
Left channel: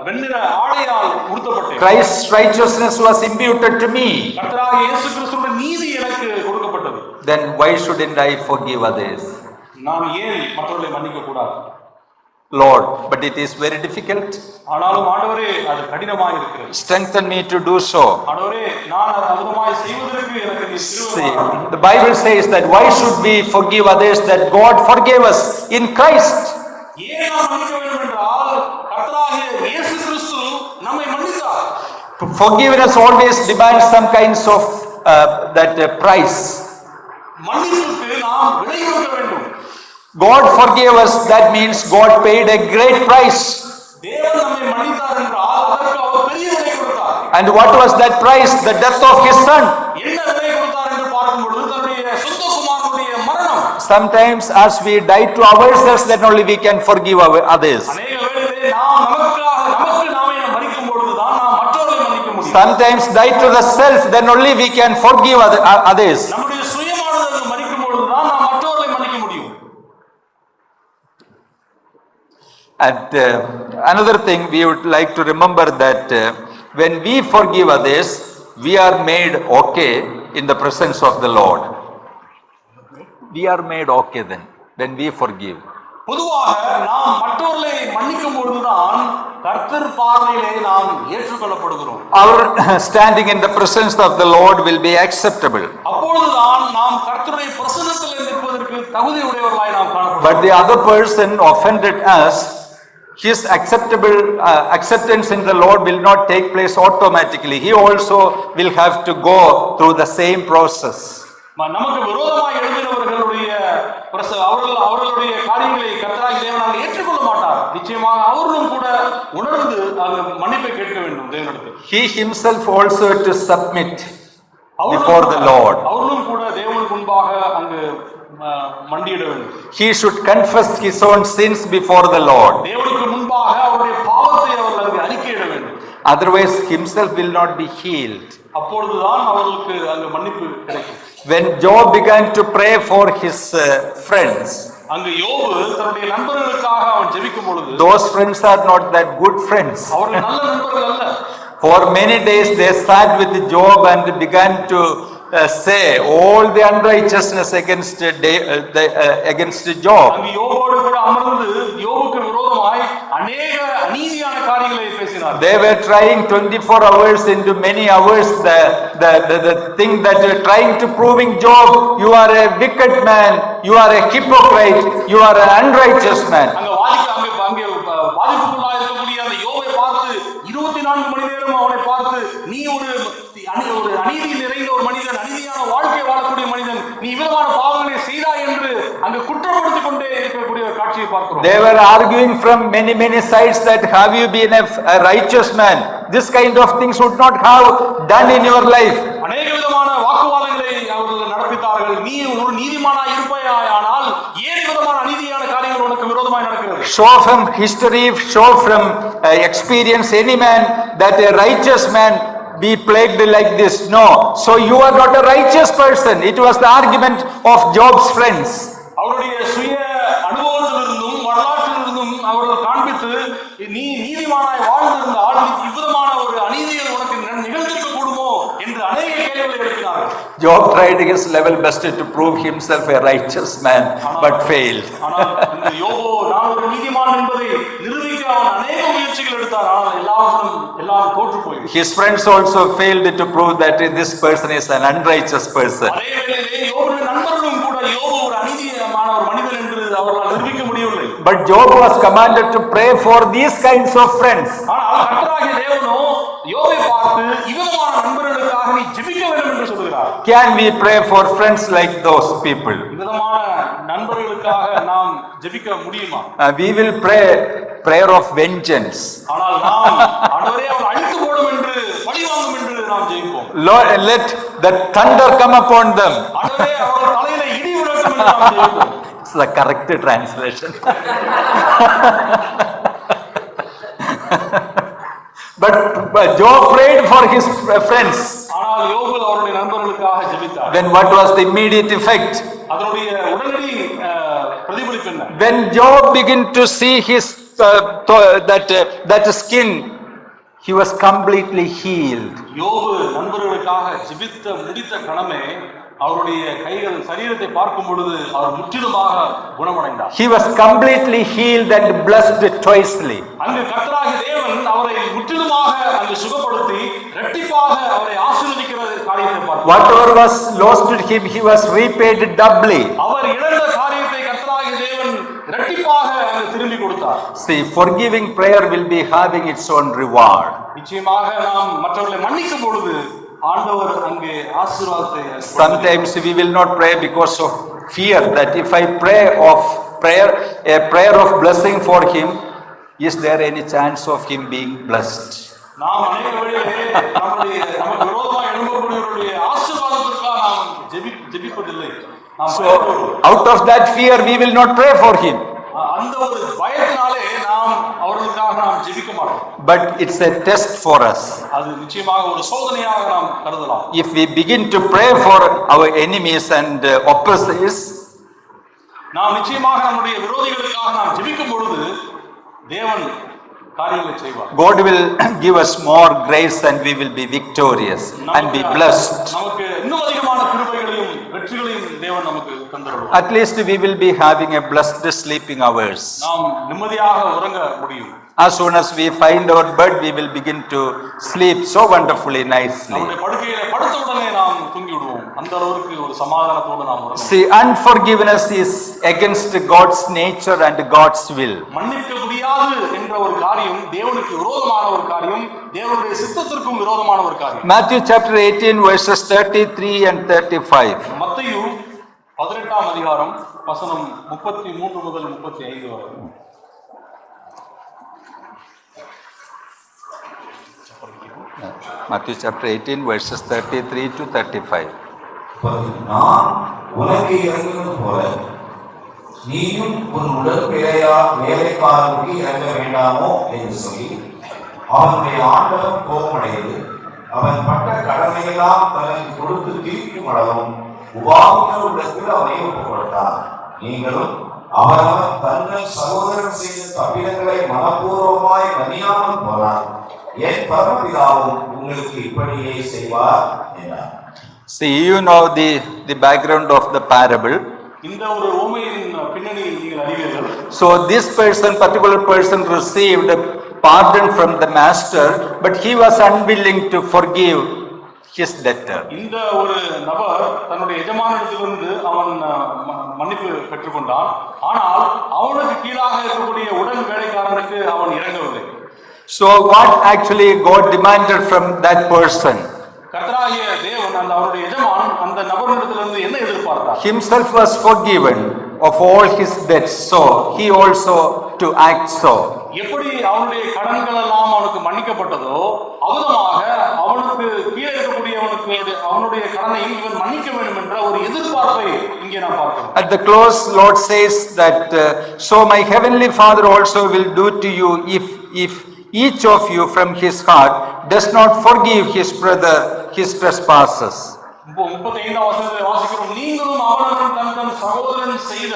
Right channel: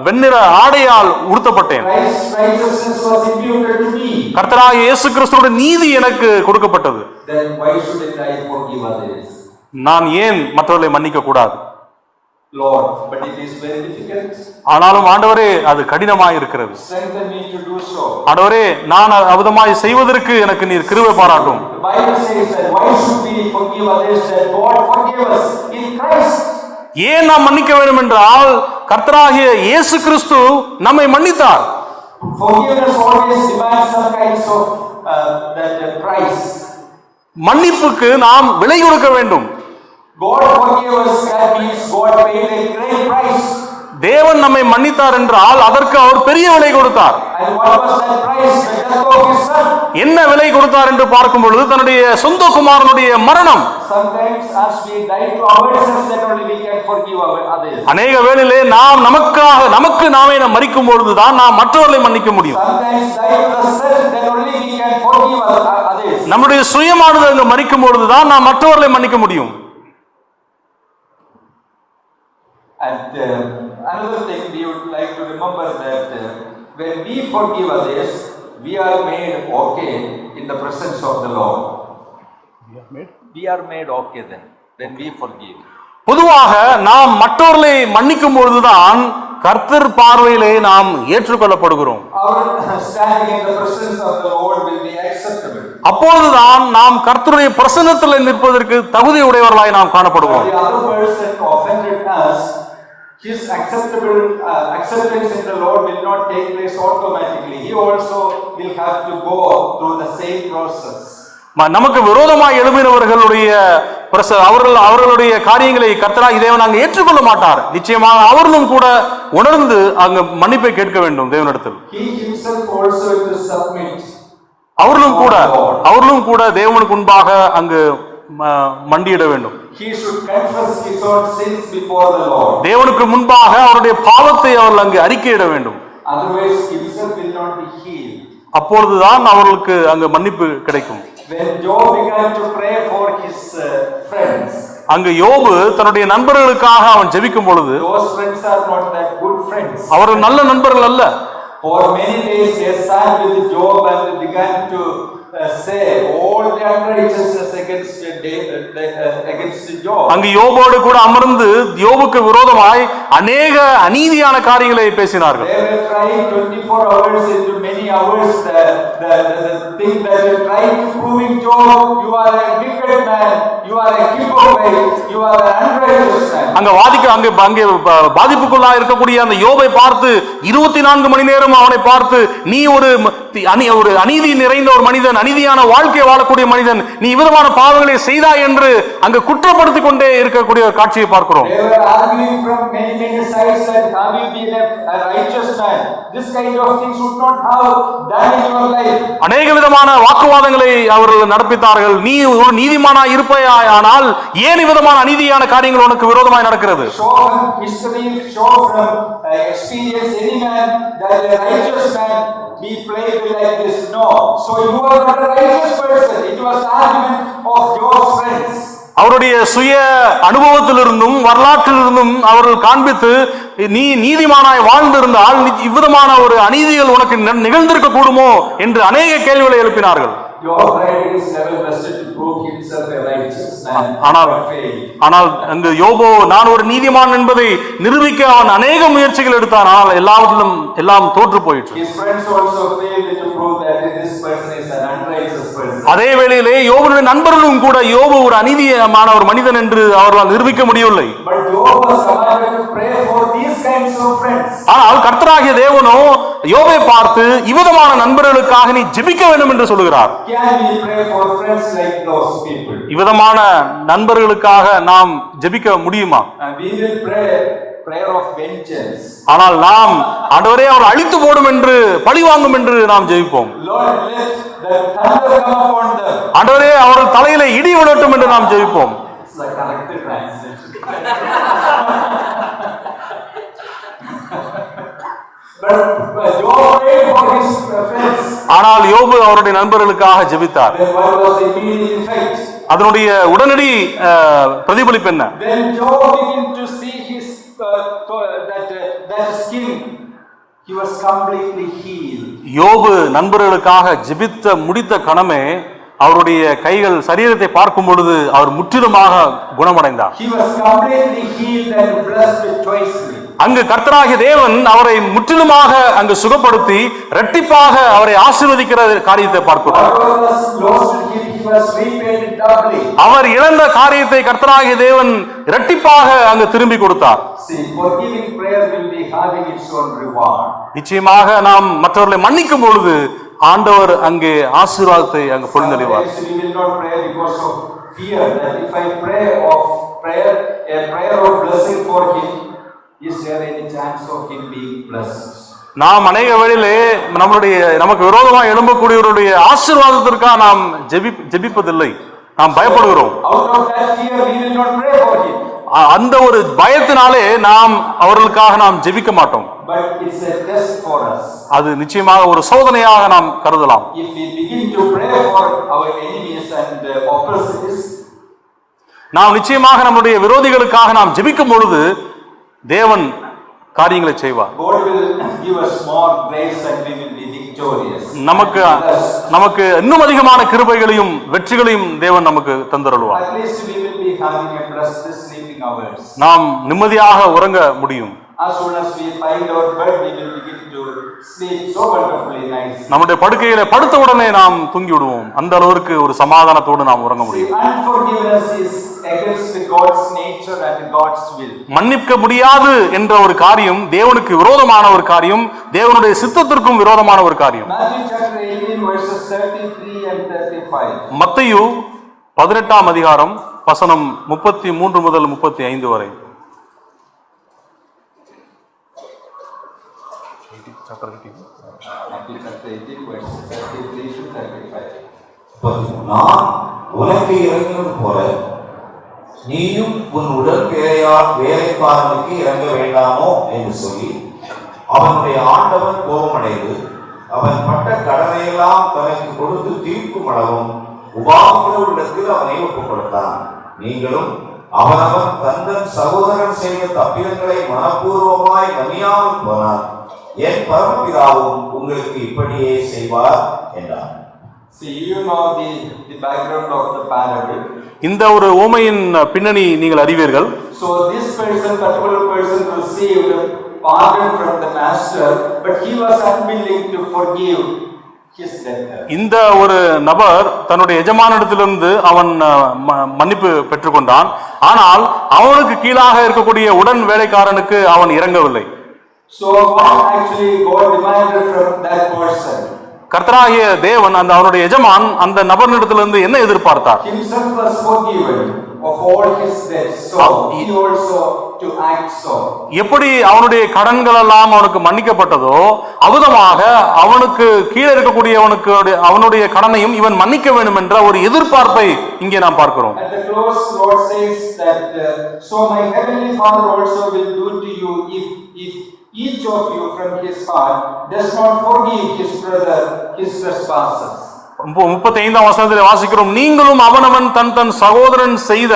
வெண்ணிற ஆடையால் உடுத்தப்பட்டேன். Christ's righteousness was imputed to me. கர்த்தராகிய இயேசு கிறிஸ்துவின் நீதி எனக்கு கொடுக்கப்பட்டது. Then why shouldn't I forgive others? நான் ஏன் மற்றவர்களை மன்னிக்க கூடாது? Lord, but it is very difficult. ஆனாலும் ஆண்டவரே அது கடினமாய் இருக்கிறது. Strengthen me to do so. ஆண்டவரே நான் அவ்விதமாய் செய்வதற்கு எனக்கு நீர் கிருபை பாராட்டும். The Bible says that why should we forgive others that God forgave us in Christ? ஏன் நாம் மன்னிக்க வேண்டும் என்றால் கர்த்தராகிய இயேசு கிறிஸ்து நம்மை மன்னித்தார். Forgiveness always demands some kinds of that price. மன்னிப்புக்கு நாம் விலை கொடுக்க வேண்டும். God forgave us, that means God paid a great price. தேவன் நம்மை மன்னித்தார் என்றால் அதற்கு அவர் பெரிய விலை கொடுத்தார். And what was that price? The death of his son. என்ன விலை கொடுத்தார் என்று பார்க்கும் பொழுது தன்னுடைய சொந்த குமாரனுடைய மரணம். Sometimes as we die to ourselves, then only we can forgive others. அநேக வேளையிலே நாம் நமக்கு நாமே மரிக்கும் பொழுதுதான் நாம் மற்றவர்களை மன்னிக்க முடியும். Sometimes die to the self, then only we can forgive others. நம்முடைய சுயமானது அங்கு மரிக்கும் பொழுதுதான் நாம் மற்றவர்களை மன்னிக்க முடியும். And another thing we would like to remember that when we forgive others, we are made okay in the presence of the Lord. We are made okay then when we forgive. பொதுவாக நாம் மற்றவர்களை மன்னிக்கும் பொழுதுதான் கர்த்தர் பார்வையிலே நாம் ஏற்றுக்கொள்ளப்படுகிறோம். Our standing in the presence of the Lord will be acceptable. அப்பொழுதுதான் நாம் கர்த்தருடைய பிரசன்னத்தில் நிற்பதற்கு தகுதி உடையவர்களாய் நாம் காணப்படுவோம். But the other person offended us, his acceptance in the Lord will not take place automatically. He also will have to go through the same process. நமக்கு விரோதமாக எழும்பினவர்களுடைய அவர்களுடைய காரியங்களை கர்த்தராகிய தேவன் அங்கு ஏற்றுக்கொள்ள மாட்டார். நிச்சயமாக அவர்களும் கூட உணர்ந்து அங்கு மன்னிப்பை கேட்க வேண்டும் தேவனிடத்தில். He himself also to submit. அவர்களும் கூட தேவனுக்கு முன்பாக அங்கு மண்டியிட வேண்டும். He should confess his own sins before the Lord. தேவனுக்கு முன்பாக அவருடைய பாவத்தை அவர்கள் அங்கு அறிக்கையிட வேண்டும். Otherwise himself will not be healed. அப்பொழுதுதான் அவர்களுக்கு அங்கு மன்னிப்பு கிடைக்கும். When Job began to pray for his friends, அங்கு யோபு தன்னுடைய நண்பர்களுக்காக அவன் ஜெபிக்கும் பொழுது, those friends are not that good friends. அவர்கள் நல்ல நண்பர்கள் அல்ல. For many days they sat with Job and began to say all the unrighteousness against Job. அங்கு யோபோடு கூட அமர்ந்து யோபுக்கு விரோதமாய் அநேக அநீதியான காரியங்களை பேசினார்கள். They were trying 24 hours into many hours the thing that you're trying to proving Job, you are a wicked man, you are a hypocrite, you are an unrighteous man. அங்கே பாதிப்புக்குள்ளா இருக்கக்கூடிய அந்த யோபை பார்த்து 24 மணி நேரம் அவனை பார்த்து நீ ஒரு ஒரு அநீதி நிறைந்த ஒரு மனிதன், அநீதியான வாழ்க்கை வாழக்கூடிய மனிதன், நீ விதமான பாவங்களை செய்தாய் என்று அங்கு குற்றப்படுத்திக் கொண்டே இருக்கக்கூடிய காட்சியை பார்க்கிறோம். They were arguing from many sides that have you been a righteous man? This kind of things would not have done in your life. அநேக விதமான வாக்குவாதங்களை அவர்கள் நடப்பித்தார்கள். நீ ஒரு நீதிமானா இருப்பாயானால் ஏன் விதமான அநீதியான காரியங்கள் உனக்கு விரோதமாய் நடக்கிறது? Show from history, show from experience any man that a righteous man be plagued like this. No. So you are not a righteous person. It was the argument of Job's friends. அவருடைய சுய அனுபவத்திலிருந்தும் வரலாற்றிலிருந்தும் அவர்கள் காண்பித்து, நீ நீதிமானாய் வாழ்ந்திருந்தால் இவ்விதமான ஒரு அநீதிகள் உனக்கு நிகழ்ந்திருக்க கூடுமோ என்று அநேக கேள்விகளை எழுப்பினார்கள். Job tried his level best to prove himself a righteous man, but failed. ஆனால் அந்த யோபு நான் ஒரு நீதிமான் என்பதை நிரூபிக்க அவன் அநேக முயற்சிகள் எடுத்தான். ஆனால் எல்லாவற்றிலும் எல்லாம் தோற்று போயிற்று. His friends also failed to prove that this person is an unrighteous person. அதே வேளையிலே யோபுடைய நண்பர்களும் கூட யோபு ஒரு அநீதியான ஒரு மனிதன் என்று அவர்களால் நிரூபிக்க முடியவில்லை. But Job was commanded to pray for these kinds of friends. ஆனால் கர்த்தராகிய தேவனோ யோபை பார்த்து இவ்விதமான நண்பர்களுக்காக நீ ஜெபிக்க வேண்டும் என்று சொல்கிறார். Can we pray for friends like those people? இவ்விதமான நண்பர்களுக்காக நாம் ஜெபிக்க முடியுமா? We will pray prayer of vengeance. ஆனால் நாம் ஆண்டவரே அவர் அழித்து போடும் என்று பழி வாங்கும் என்று நாம் ஜெபிப்போம். Lord, let the thunder come upon them. ஆண்டவரே அவர்கள் தலையிலே இடி விழட்டும் என்று நாம் ஜெபிப்போம். It's the correct translation. But Job prayed for his friends. ஆனால் யோபு அவருடைய நண்பர்களுக்காக ஜெபித்தார். Then what was the immediate effect? அதனுடைய உடனடி பிரதிபலிப்பு என்ன? When Job began to see his that skin, he was completely healed. யோபு நண்பர்களுக்காக ஜெபித்த முடித்த கணமே அவருடைய கைகள் சரீரத்தை பார்க்கும் பொழுது அவர் முற்றிலுமாக குணமடைந்தார். He was completely healed and blessed twicely. அங்கு கர்த்தராகிய தேவன் அவரை முற்றிலுமாக அங்கு சுகப்படுத்தி இரட்டிப்பாக அவரை ஆசீர்வதிக்கிற காரியத்தை பார்க்கிறோம். Whatever was lost to him, he was repaid doubly. அவர் இழந்த காரியத்தை கர்த்தராகிய தேவன் இரட்டிப்பாக அங்கு திரும்பி கொடுத்தார். See, forgiving prayer will be having its own reward. நிச்சயமாக நாம் மற்றவர்களை மன்னிக்கும் பொழுது ஆண்டவர் அங்கே ஆசீர்வாதத்தை அங்கு பொழிந்திருக்கிறார். Sometimes we will not pray because of fear that if I pray a prayer of blessing for him, is there any chance of him being blessed? நாம் அநேக வேளையிலே நமக்கு விரோதமாக எழும்பக்கூடியவருடைய ஆசீர்வாதத்திற்காக நாம் ஜெபிப்பதில்லை, நாம் பயப்படுகிறோம். Out of that fear we will not pray for him. அந்த ஒரு பயத்தினாலே நாம் அவர்களுக்காக நாம் ஜெபிக்க மாட்டோம். But it's a test for us. அது நிச்சயமாக ஒரு சோதனையாக நாம் கருதலாம். If we begin to pray for our enemies and oppressors, நாம் நிச்சயமாக நம்முடைய விரோதிகளுக்காக நாம் ஜெபிக்கும் பொழுது தேவன் காரியங்களை செய்வார். God will give us more grace and we will be victorious and be blessed. நமக்கு இன்னும் அதிகமான கிருபைகளையும் வெற்றிகளையும் தேவன் நமக்கு தந்தருள்வார். At least we will be having a blessed sleeping hours. நாம் நிம்மதியாக உறங்க முடியும். As soon as we find our bed, we will begin to sleep so wonderfully nice. நம்முடைய படுக்கையிலே படுத்த உடனே நாம் தூங்கி விடுவோம். அந்த அளவுக்கு ஒரு சமாதானத்தோடு நாம் உறங்க முடியும். See, unforgiveness is against God's nature and God's will. மன்னிக்க முடியாது என்ற ஒரு காரியம் தேவனுக்கு விரோதமான ஒரு காரியம், தேவனுடைய சித்தத்திற்கும் விரோதமான ஒரு காரியம். Matthew chapter 18 verses 33 and 35. மத்தேயு 18ஆம் அதிகாரம் வசனம் 33 முதல் 35 வரை. Matthew chapter 18 verses 33 to 35. நான் உனக்கு இறங்கினது போல நீயும் உன் உடல் வேலைக்காரனுக்கு இறங்க வேண்டாமோ என்று சொல்லி அவனுடைய ஆண்டவன் கோபமடைந்து அவன் பட்ட கடனையெல்லாம் தனக்கு கொடுத்து தீர்க்கும் அளவும் உபாதிகளுக்கு அவனை ஒப்புக் கொடுத்தான். நீங்களும் அவனவன் தந்தன் சகோதரன் செய்த தப்பிதங்களை மனப்பூர்வமாய் மன்னியாமல் போனான். என் பரமபிதாவும் உங்களுக்கு இப்படியே செய்வார் என்றார். See, you know the background of the parable. இந்த ஒரு ஓமையின் பின்னணி நீங்கள் அறிவீர்கள். So this particular person received pardon from the master, but he was unwilling to forgive his debtor. இந்த ஒரு நபர் தன்னுடைய எஜமானிடத்திலிருந்து அவன் மன்னிப்பு பெற்றுக்கொண்டான். ஆனால் அவனுக்கு கீழாக இருக்கக்கூடிய உடன் வேலைக்காரனுக்கு அவன் இறங்கவில்லை. So what actually God demanded from that person? கர்த்தராகிய தேவன் அந்த அவருடைய எஜமான் அந்த நபரிடத்திலிருந்து என்ன எதிர்பார்த்தார்? Himself was forgiven of all his debts, so he also to act so. எப்படி அவனுடைய கடன்கள் எல்லாம் அவனுக்கு மன்னிக்கப்பட்டதோ அவ்விதமாக அவனுக்கு கீழே இருக்கக்கூடியவனுக்கு அவனுடைய கடனையும் இவன் மன்னிக்க வேண்டும் என்ற ஒரு எதிர்பார்ப்பை இங்கே நாம் பார்க்கிறோம். At the close, Lord says that so my heavenly Father also will do to you if each of you from his heart does not forgive his brother his trespasses. 35ஆம் வசனத்தில் வாசிக்கிறோம், நீங்களும் அவனவன் தன் தன் சகோதரன் செய்த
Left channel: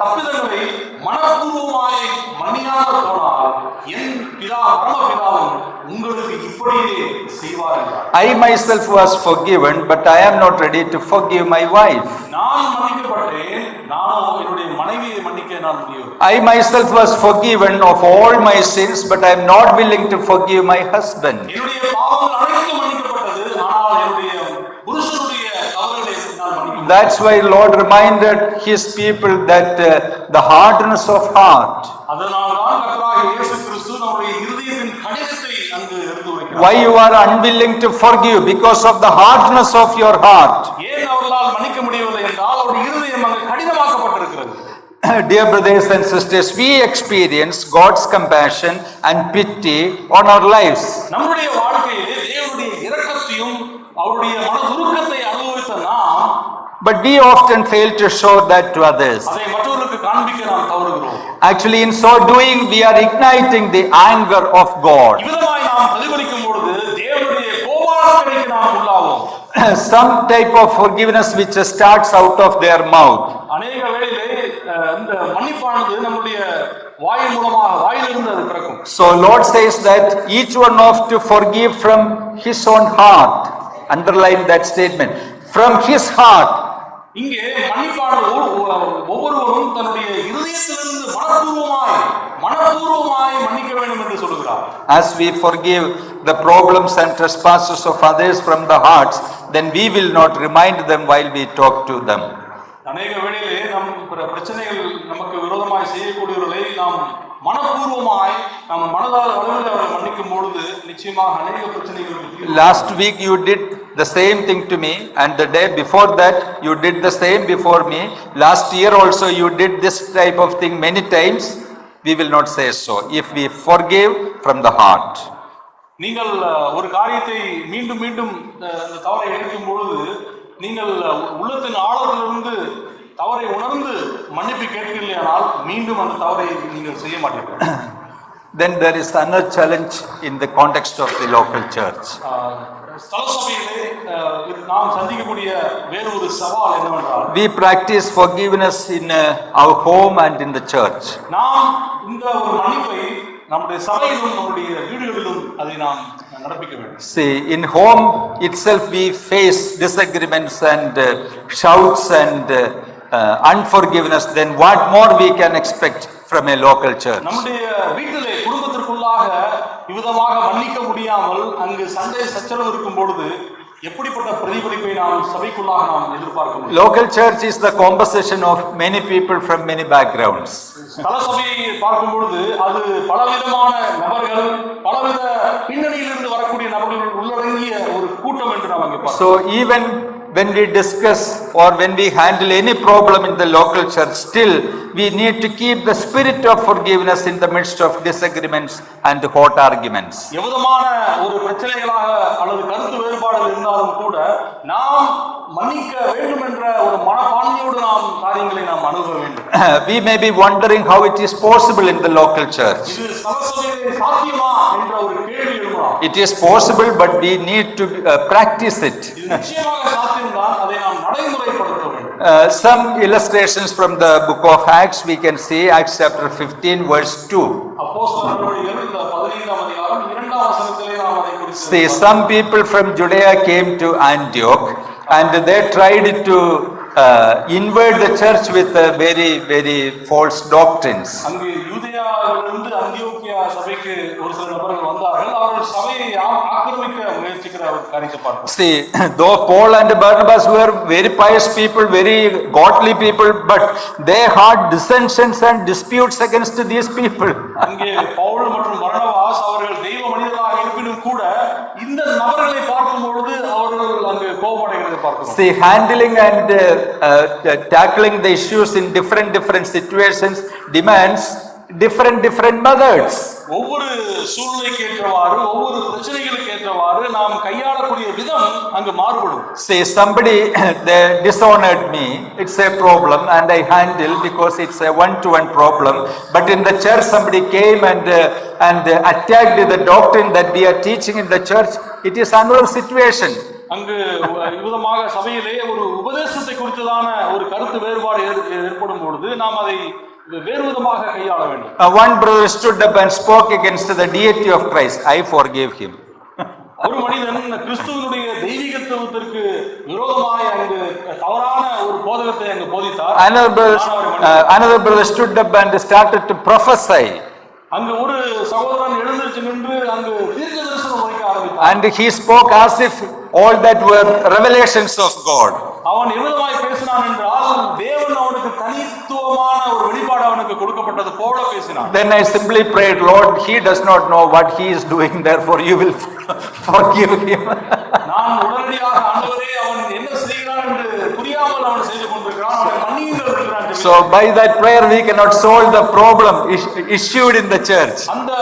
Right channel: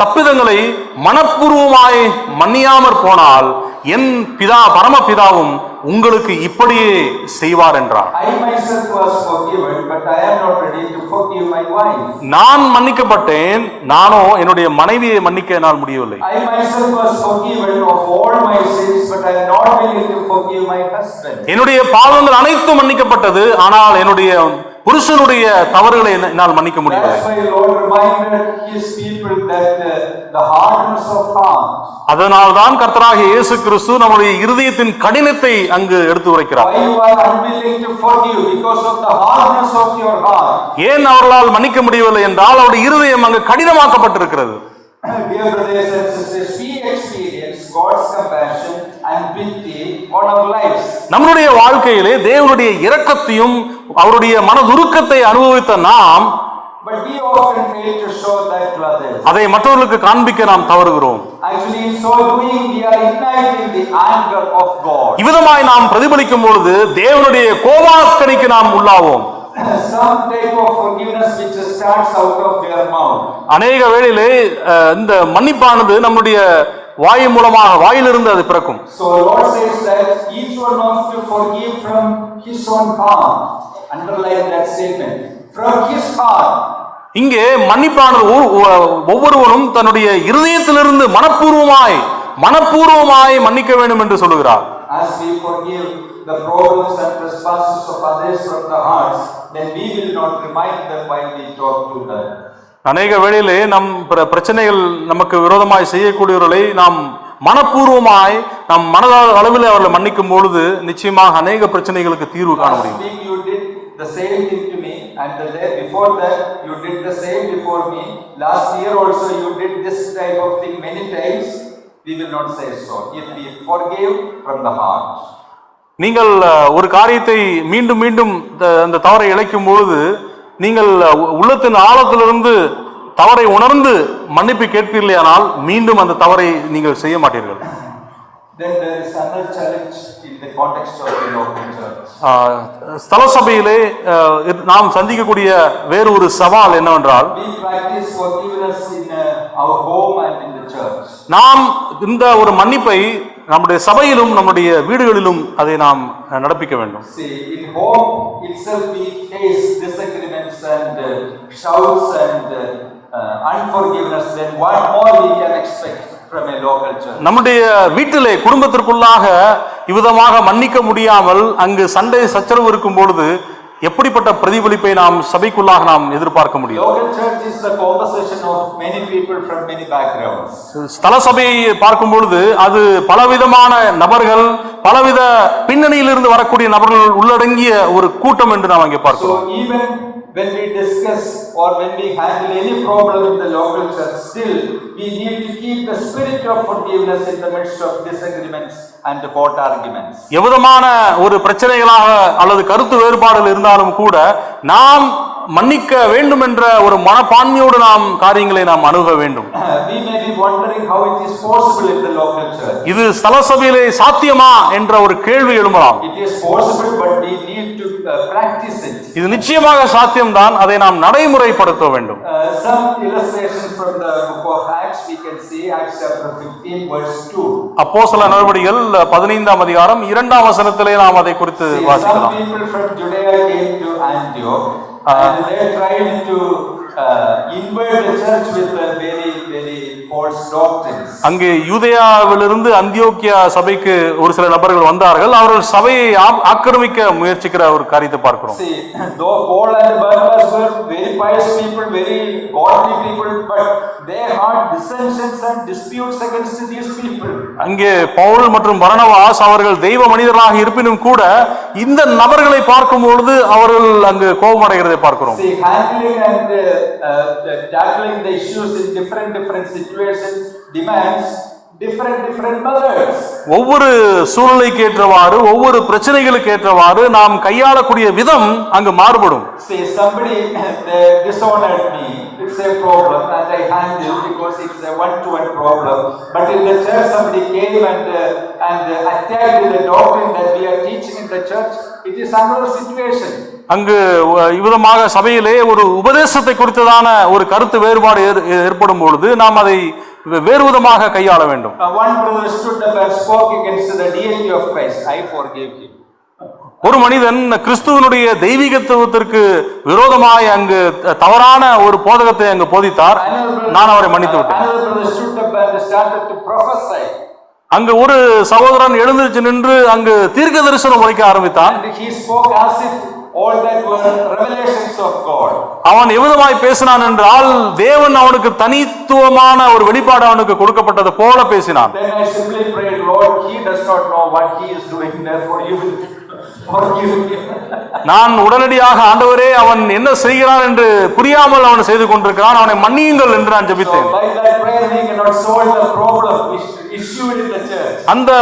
தப்பிதங்களை மனப்பூர்வமாய் மன்னியாமற் போனால் என் பிதா பரமபிதாவும் உங்களுக்கு இப்படியே செய்வார் என்றார். I myself was forgiven, but I am not ready to forgive my wife. நான் மன்னிக்கப்பட்டேன், நானோ என்னுடைய மனைவியை மன்னிக்க என்னால் முடியவில்லை. I myself was forgiven of all my sins, but I am not willing to forgive my husband. என்னுடைய பாவங்கள் அனைத்தும் மன்னிக்கப்பட்டது, ஆனால் என்னுடைய புருஷனுடைய தவறுகளை என்னால் மன்னிக்க முடியல. That's why Lord reminded his people that the hardness of heart. அதனால்தான் கர்த்தராகிய இயேசு கிறிஸ்து நம்முடைய இருதயத்தின் கடினத்தை அங்கு எடுத்து உரைக்கிறார். Why you are unwilling to forgive? Because of the hardness of your heart. ஏன் அவர்களால் மன்னிக்க முடியவில்லை என்றால் அவருடைய இருதயம் அங்கு கடினமாக்கப்பட்டிருக்கிறது. Dear brothers and sisters, we experience God's compassion and pity on our lives. நம்முடைய வாழ்க்கையிலே தேவனுடைய இரக்கத்தையும் அவருடைய மனதுருக்கத்தை அனுபவித்த நாம், but we often fail to show that to others. அதை மற்றவர்களுக்கு காண்பிக்க நாம் தவறுகிறோம். Actually, in so doing, we are igniting the anger of God. இவ்விதமாய் நாம் பிரதிபலிக்கும் பொழுது தேவனுடைய கோபாக்கினைக்கு நாம் உள்ளாவோம். Some type of forgiveness which starts out of their mouth. அநேக வேளையிலே இந்த மன்னிப்பானது நம்முடைய வாய் மூலமாக வாயிலிருந்து அது பிறக்கும். So Lord says that each one of to forgive from his own heart. Underline that statement. From his heart. இங்கே மன்னிப்பானது ஒவ்வொருவரும் தன்னுடைய இருதயத்திலிருந்து மனப்பூர்வமாய் மன்னிக்க வேண்டும் என்று சொல்லுகிறார். As we forgive the problems and trespasses of others from the hearts, then we will not remind them while we talk to them. அநேக வேளையிலே நம் பிரச்சனைகள் நமக்கு விரோதமாய் செய்யக்கூடியவர்களை நாம் மனப்பூர்வமாய் நம் மனதளவில் அவர்களை மன்னிக்கும் பொழுது நிச்சயமாக அநேக பிரச்சனைகளுக்கு தீர்வு. Last week you did the same thing to me, and the day before that you did the same before me. Last year also you did this type of thing many times. We will not say so if we forgive from the heart. நீங்கள் ஒரு காரியத்தை மீண்டும் மீண்டும் அந்த தவறை இழைக்கும் பொழுது நீங்கள் உள்ளத்தின் ஆழத்திலிருந்து தவறை உணர்ந்து மன்னிப்பு கேட்பீர்களானால் மீண்டும் அந்த தவறை நீங்கள் செய்ய மாட்டீர்கள். Then there is another challenge in the context of the local church. ஸ்தல சபையிலே நாம் சந்திக்கக்கூடிய வேறு ஒரு சவால் என்னவென்றால், we practice forgiveness in our home and in the church. நாம் இந்த ஒரு மன்னிப்பை நம்முடைய சபையிலும் நம்முடைய வீடுகளிலும் அதை நாம் நடப்பிக்க வேண்டும். See, in home itself we face disagreements and shouts and unforgiveness. Then what more we can expect from a local church? நம்முடைய வீட்டிலே குடும்பத்திற்குள்ளாக இவ்விதமாக மன்னிக்க முடியாமல் அங்கு சண்டை சச்சரவு இருக்கும் பொழுது எப்படிப்பட்ட பிரதிபலிப்பை நாம் சபைக்குள்ளாக நாம் எதிர்பார்க்க முடியும்? Local church is the composition of many people from many backgrounds. ஸ்தல சபையை பார்க்கும் பொழுது அது பலவிதமான நபர்கள், பலவித பின்னணியிலிருந்து வரக்கூடிய நபர்கள் உள்ளடங்கிய ஒரு கூட்டம் என்று நாம் அங்கே பார்க்கிறோம். So even when we discuss or when we handle any problem in the local church, still we need to keep the spirit of forgiveness in the midst of disagreements and hot arguments. எவ்விதமான ஒரு பிரச்சனைகளாக அல்லது கருத்து வேறுபாடுகள் இருந்தாலும் கூட நாம் மன்னிக்க வேண்டும் என்ற ஒரு மனப்பான்மையோடு நாம் காரியங்களை நாம் அணுக வேண்டும். We may be wondering how it is possible in the local church. இது ஸ்தல சபையிலே சாத்தியமா என்ற ஒரு கேள்வி எழும்பலாம். It is possible, but we need to practice it. இது நிச்சயமாக சாத்தியம்தான், அதை நாம் நடைமுறைப்படுத்த வேண்டும். Some illustrations from the book of Acts we can see. Acts chapter 15 verse 2. அப்போஸ்தல நடவடிக்கைகள் 15ஆம் அதிகாரம் 2ஆம் வசனத்திலே நாம் அதை குறித்து See, some people from Judea came to Antioch and they tried to invade the church with very false doctrines. அங்கே யூதேயாவிலிருந்து அந்தியோக்கியா சபைக்கு ஒரு சில நபர்கள் வந்தார்கள். அவர்கள் சபையை ஆக்கிரமிக்க முயற்சிக்கிற ஒரு காரியத்தை பார்க்கிறோம். See, though Paul and Barnabas were very pious people, very godly people, but they had dissensions and disputes against these people. அங்கே பவுல் மற்றும் பர்னபாஸ் அவர்கள் தெய்வ மனிதர்களாக இருப்பினும் கூட இந்த நபர்களை பார்க்கும் பொழுது அவர்கள் அங்கு கோபமடைகிறதை பார்க்கிறோம். See, handling and tackling the issues in different situations demands different methods. ஒவ்வொரு சூழ்நிலைக்கு ஏற்றவாறு ஒவ்வொரு பிரச்சனைகளுக்கு ஏற்றவாறு நாம் கையாளக்கூடிய விதம் அங்கு மாறுபடும். Say somebody they dishonored me, it's a problem and I handle because it's a one-to-one problem. But in the church somebody came and attacked the doctrine that we are teaching in the church, it is another situation. அங்கு இவ்விதமாக சபையிலே ஒரு உபதேசத்தை குறித்ததான ஒரு கருத்து வேறுபாடு ஏற்படும் பொழுது நாம் அதை வேறு விதமாக கையாள வேண்டும். One brother stood up and spoke against the deity of Christ. I forgave him. ஒரு மனிதன் கிறிஸ்துவனுடைய தெய்வீகத்துவத்திற்கு விரோதமாய் அங்கு தவறான ஒரு போதகத்தை அங்கு போதித்தார். நான் அவரை மன்னித்தேன். Another brother stood up and started to prophesy. அங்கு ஒரு சகோதரன் எழுந்திருச்சு நின்று அங்கு தீர்க்க தரிசனம் உரைக்க ஆரம்பித்தான். And he spoke as if all that were revelations of God. அவன் எவ்வளவாய் பேசினான் என்றால் தேவன் அவனுக்கு தனித்துவமான ஒரு வெளிப்பாடு அவனுக்கு கொடுக்கப்பட்டது போல பேசினான். Then I simply prayed, Lord, he does not know what he is doing, therefore you will forgive him. நான் உடனடியாக ஆண்டவரே அவன் என்ன செய்கிறான் என்று புரியாமல் அவன் செய்து கொண்டிருக்கிறான், அவனை மன்னியுங்கள் என்று நான் ஜெபித்தேன். So by that prayer we cannot solve the problem issued in the church. அந்த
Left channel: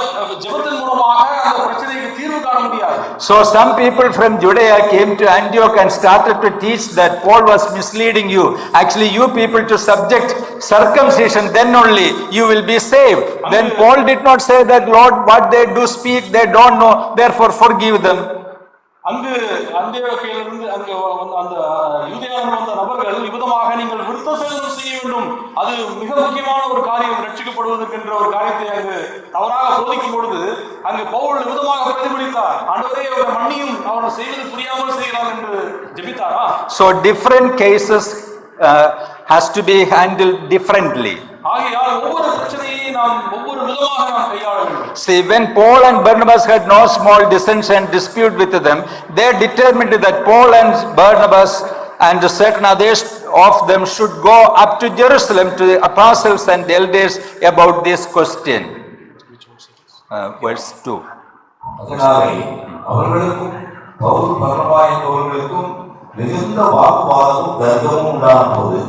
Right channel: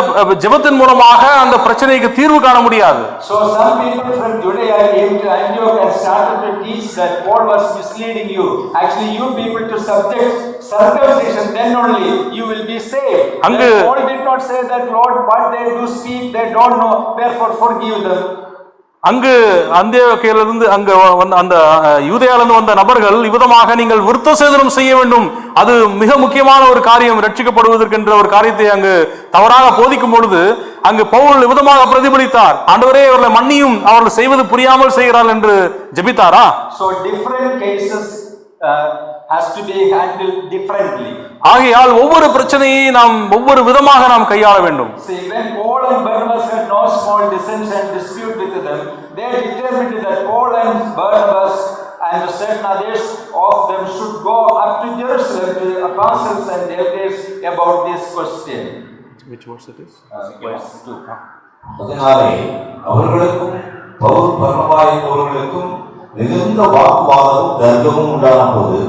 ஜெபத்தின் மூலமாக அந்த பிரச்சனைக்கு தீர்வு காண முடியாது. So some people from Judea came to Antioch and started to teach that Paul was misleading you. Actually you people to subject circumcision, then only you will be saved. And then Paul did not say that, Lord, what they do speak they don't know, therefore forgive them. அங்கு அந்தியோக்கியாவிலிருந்து அங்கு அந்த யூதேயாவிலிருந்து வந்த நபர்கள் இவ்விதமாக நீங்கள் விருத்த சேதனம் செய்ய வேண்டும், அது மிக முக்கியமான ஒரு காரியம், ரட்சிக்கப்படுவதற்கென்ற ஒரு காரியத்தை அங்கு தவறாக போதிக்கும் பொழுது அங்கு பவுல் விதமாக பிரதிபலித்தார். ஆண்டவரே அவர்களை மன்னியும், அவர்கள் செய்வது புரியாமல் செய்கிறார்கள் என்று ஜெபித்தாரா? So different cases has to be handled differently. ஆகையால் ஒவ்வொரு பிரச்சனையை நாம் ஒவ்வொரு விதமாக நாம் கையாள வேண்டும். See, when Paul and Barnabas had no small dissension and dispute with them, they determined that Paul and Barnabas and certain others of them should go up to Jerusalem to the apostles and elders about this question. Which verse it is? Verse 2. அதனாலே அவர்களுக்கும் பவுல் பர்னபா என்பவர்களுக்கும் மிகுந்த வாக்குவாதமும் தர்க்கமும் உண்டான போது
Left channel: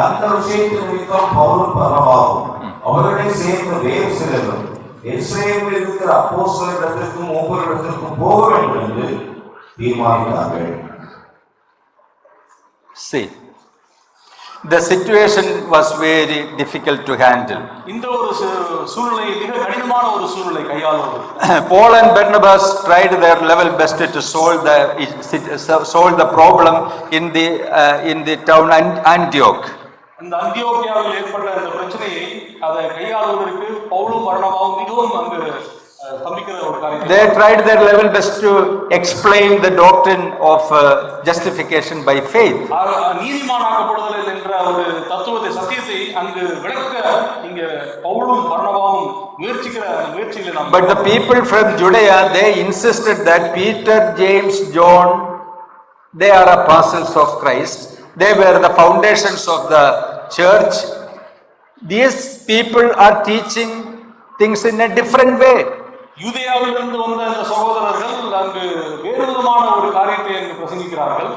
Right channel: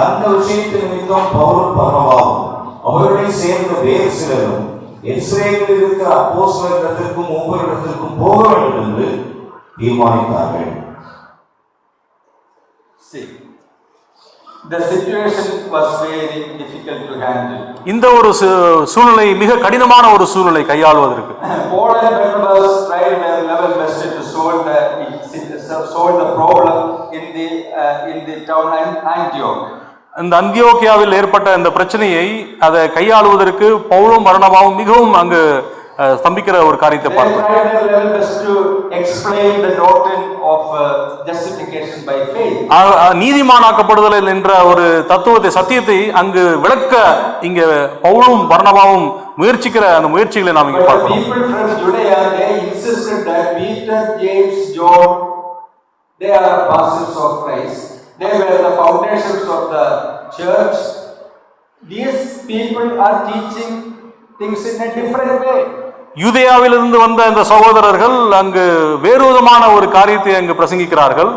அந்த விஷயத்தின் நிமித்தம் பவுலும் பர்னபாவும் அவர்களை சேர்ந்த வேறு சிலரும் எருசலேமில் இருக்கிற அப்போஸ்தலரிடத்திற்கும் மூப்பரிடத்திற்கும் போக வேண்டும் என்று தீர்மானித்தார்கள். See, the situation was very difficult to handle. இந்த ஒரு சூழ்நிலை மிக கடினமான ஒரு சூழ்நிலை கையாளுவதற்கு. Paul and Barnabas tried their level best to solve the problem in the town Antioch. இந்த அந்தியோக்கியாவில் ஏற்பட்ட இந்த பிரச்சனையை அதை கையாளுவதற்கு பவுலும் பர்னபாவும் மிகவும் அங்கு ஸ்தம்பிக்கிற ஒரு காரியத்தை They tried their level best to explain the doctrine of justification by faith. நீதிமானாக்கப்படுதல் என்ற ஒரு தத்துவத்தை, சத்தியத்தை அங்கு விளக்க இங்க பவுலும் பர்னபாவும் முயற்சிக்கிற அந்த முயற்சிகளை நாம் But the people from Judea, they insisted that Peter, James, John, they are apostles of Christ. They were the foundations of the church. These people are teaching things in a different way. யூதேயாவிலிருந்து வந்த இந்த சகோதரர்கள் அங்கு வேறு விதமான ஒரு காரியத்தை அங்கு பிரசங்கிக்கிறார்கள்.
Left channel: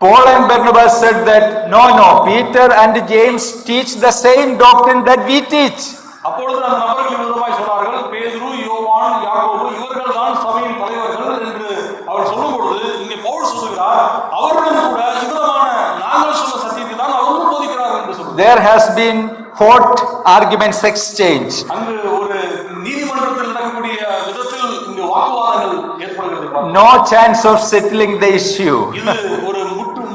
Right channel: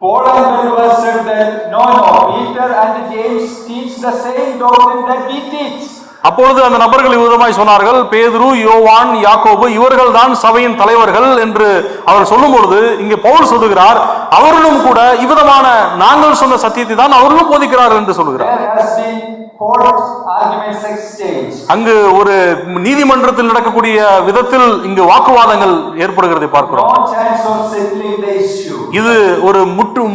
Paul and Barnabas said that no, Peter and James teach the same doctrine that we teach. அப்பொழுது அந்த நபர்கள் விதமாய் சொன்னார்கள், பேதுரு, யோவான், யாக்கோபு இவர்கள் தான் சபையின் தலைவர்கள் என்று அவர் சொல்லும் பொழுது இங்கு பவுல் சொல்லுகிறார், அவர்களும் கூட இவ்விதமான நாங்கள் சொன்ன சத்தியத்தை தான் அவர்களும் போதிக்கிறார்கள் என்று சொல்லுகிறார். There has been court arguments exchange. அங்கு ஒரு நீதிமன்றத்தில் நடக்கக்கூடிய விதத்தில் இங்கு வாக்குவாதங்கள் ஏற்படுகிறதை பார்க்கிறோம். No chance of settling the issue. இது ஒரு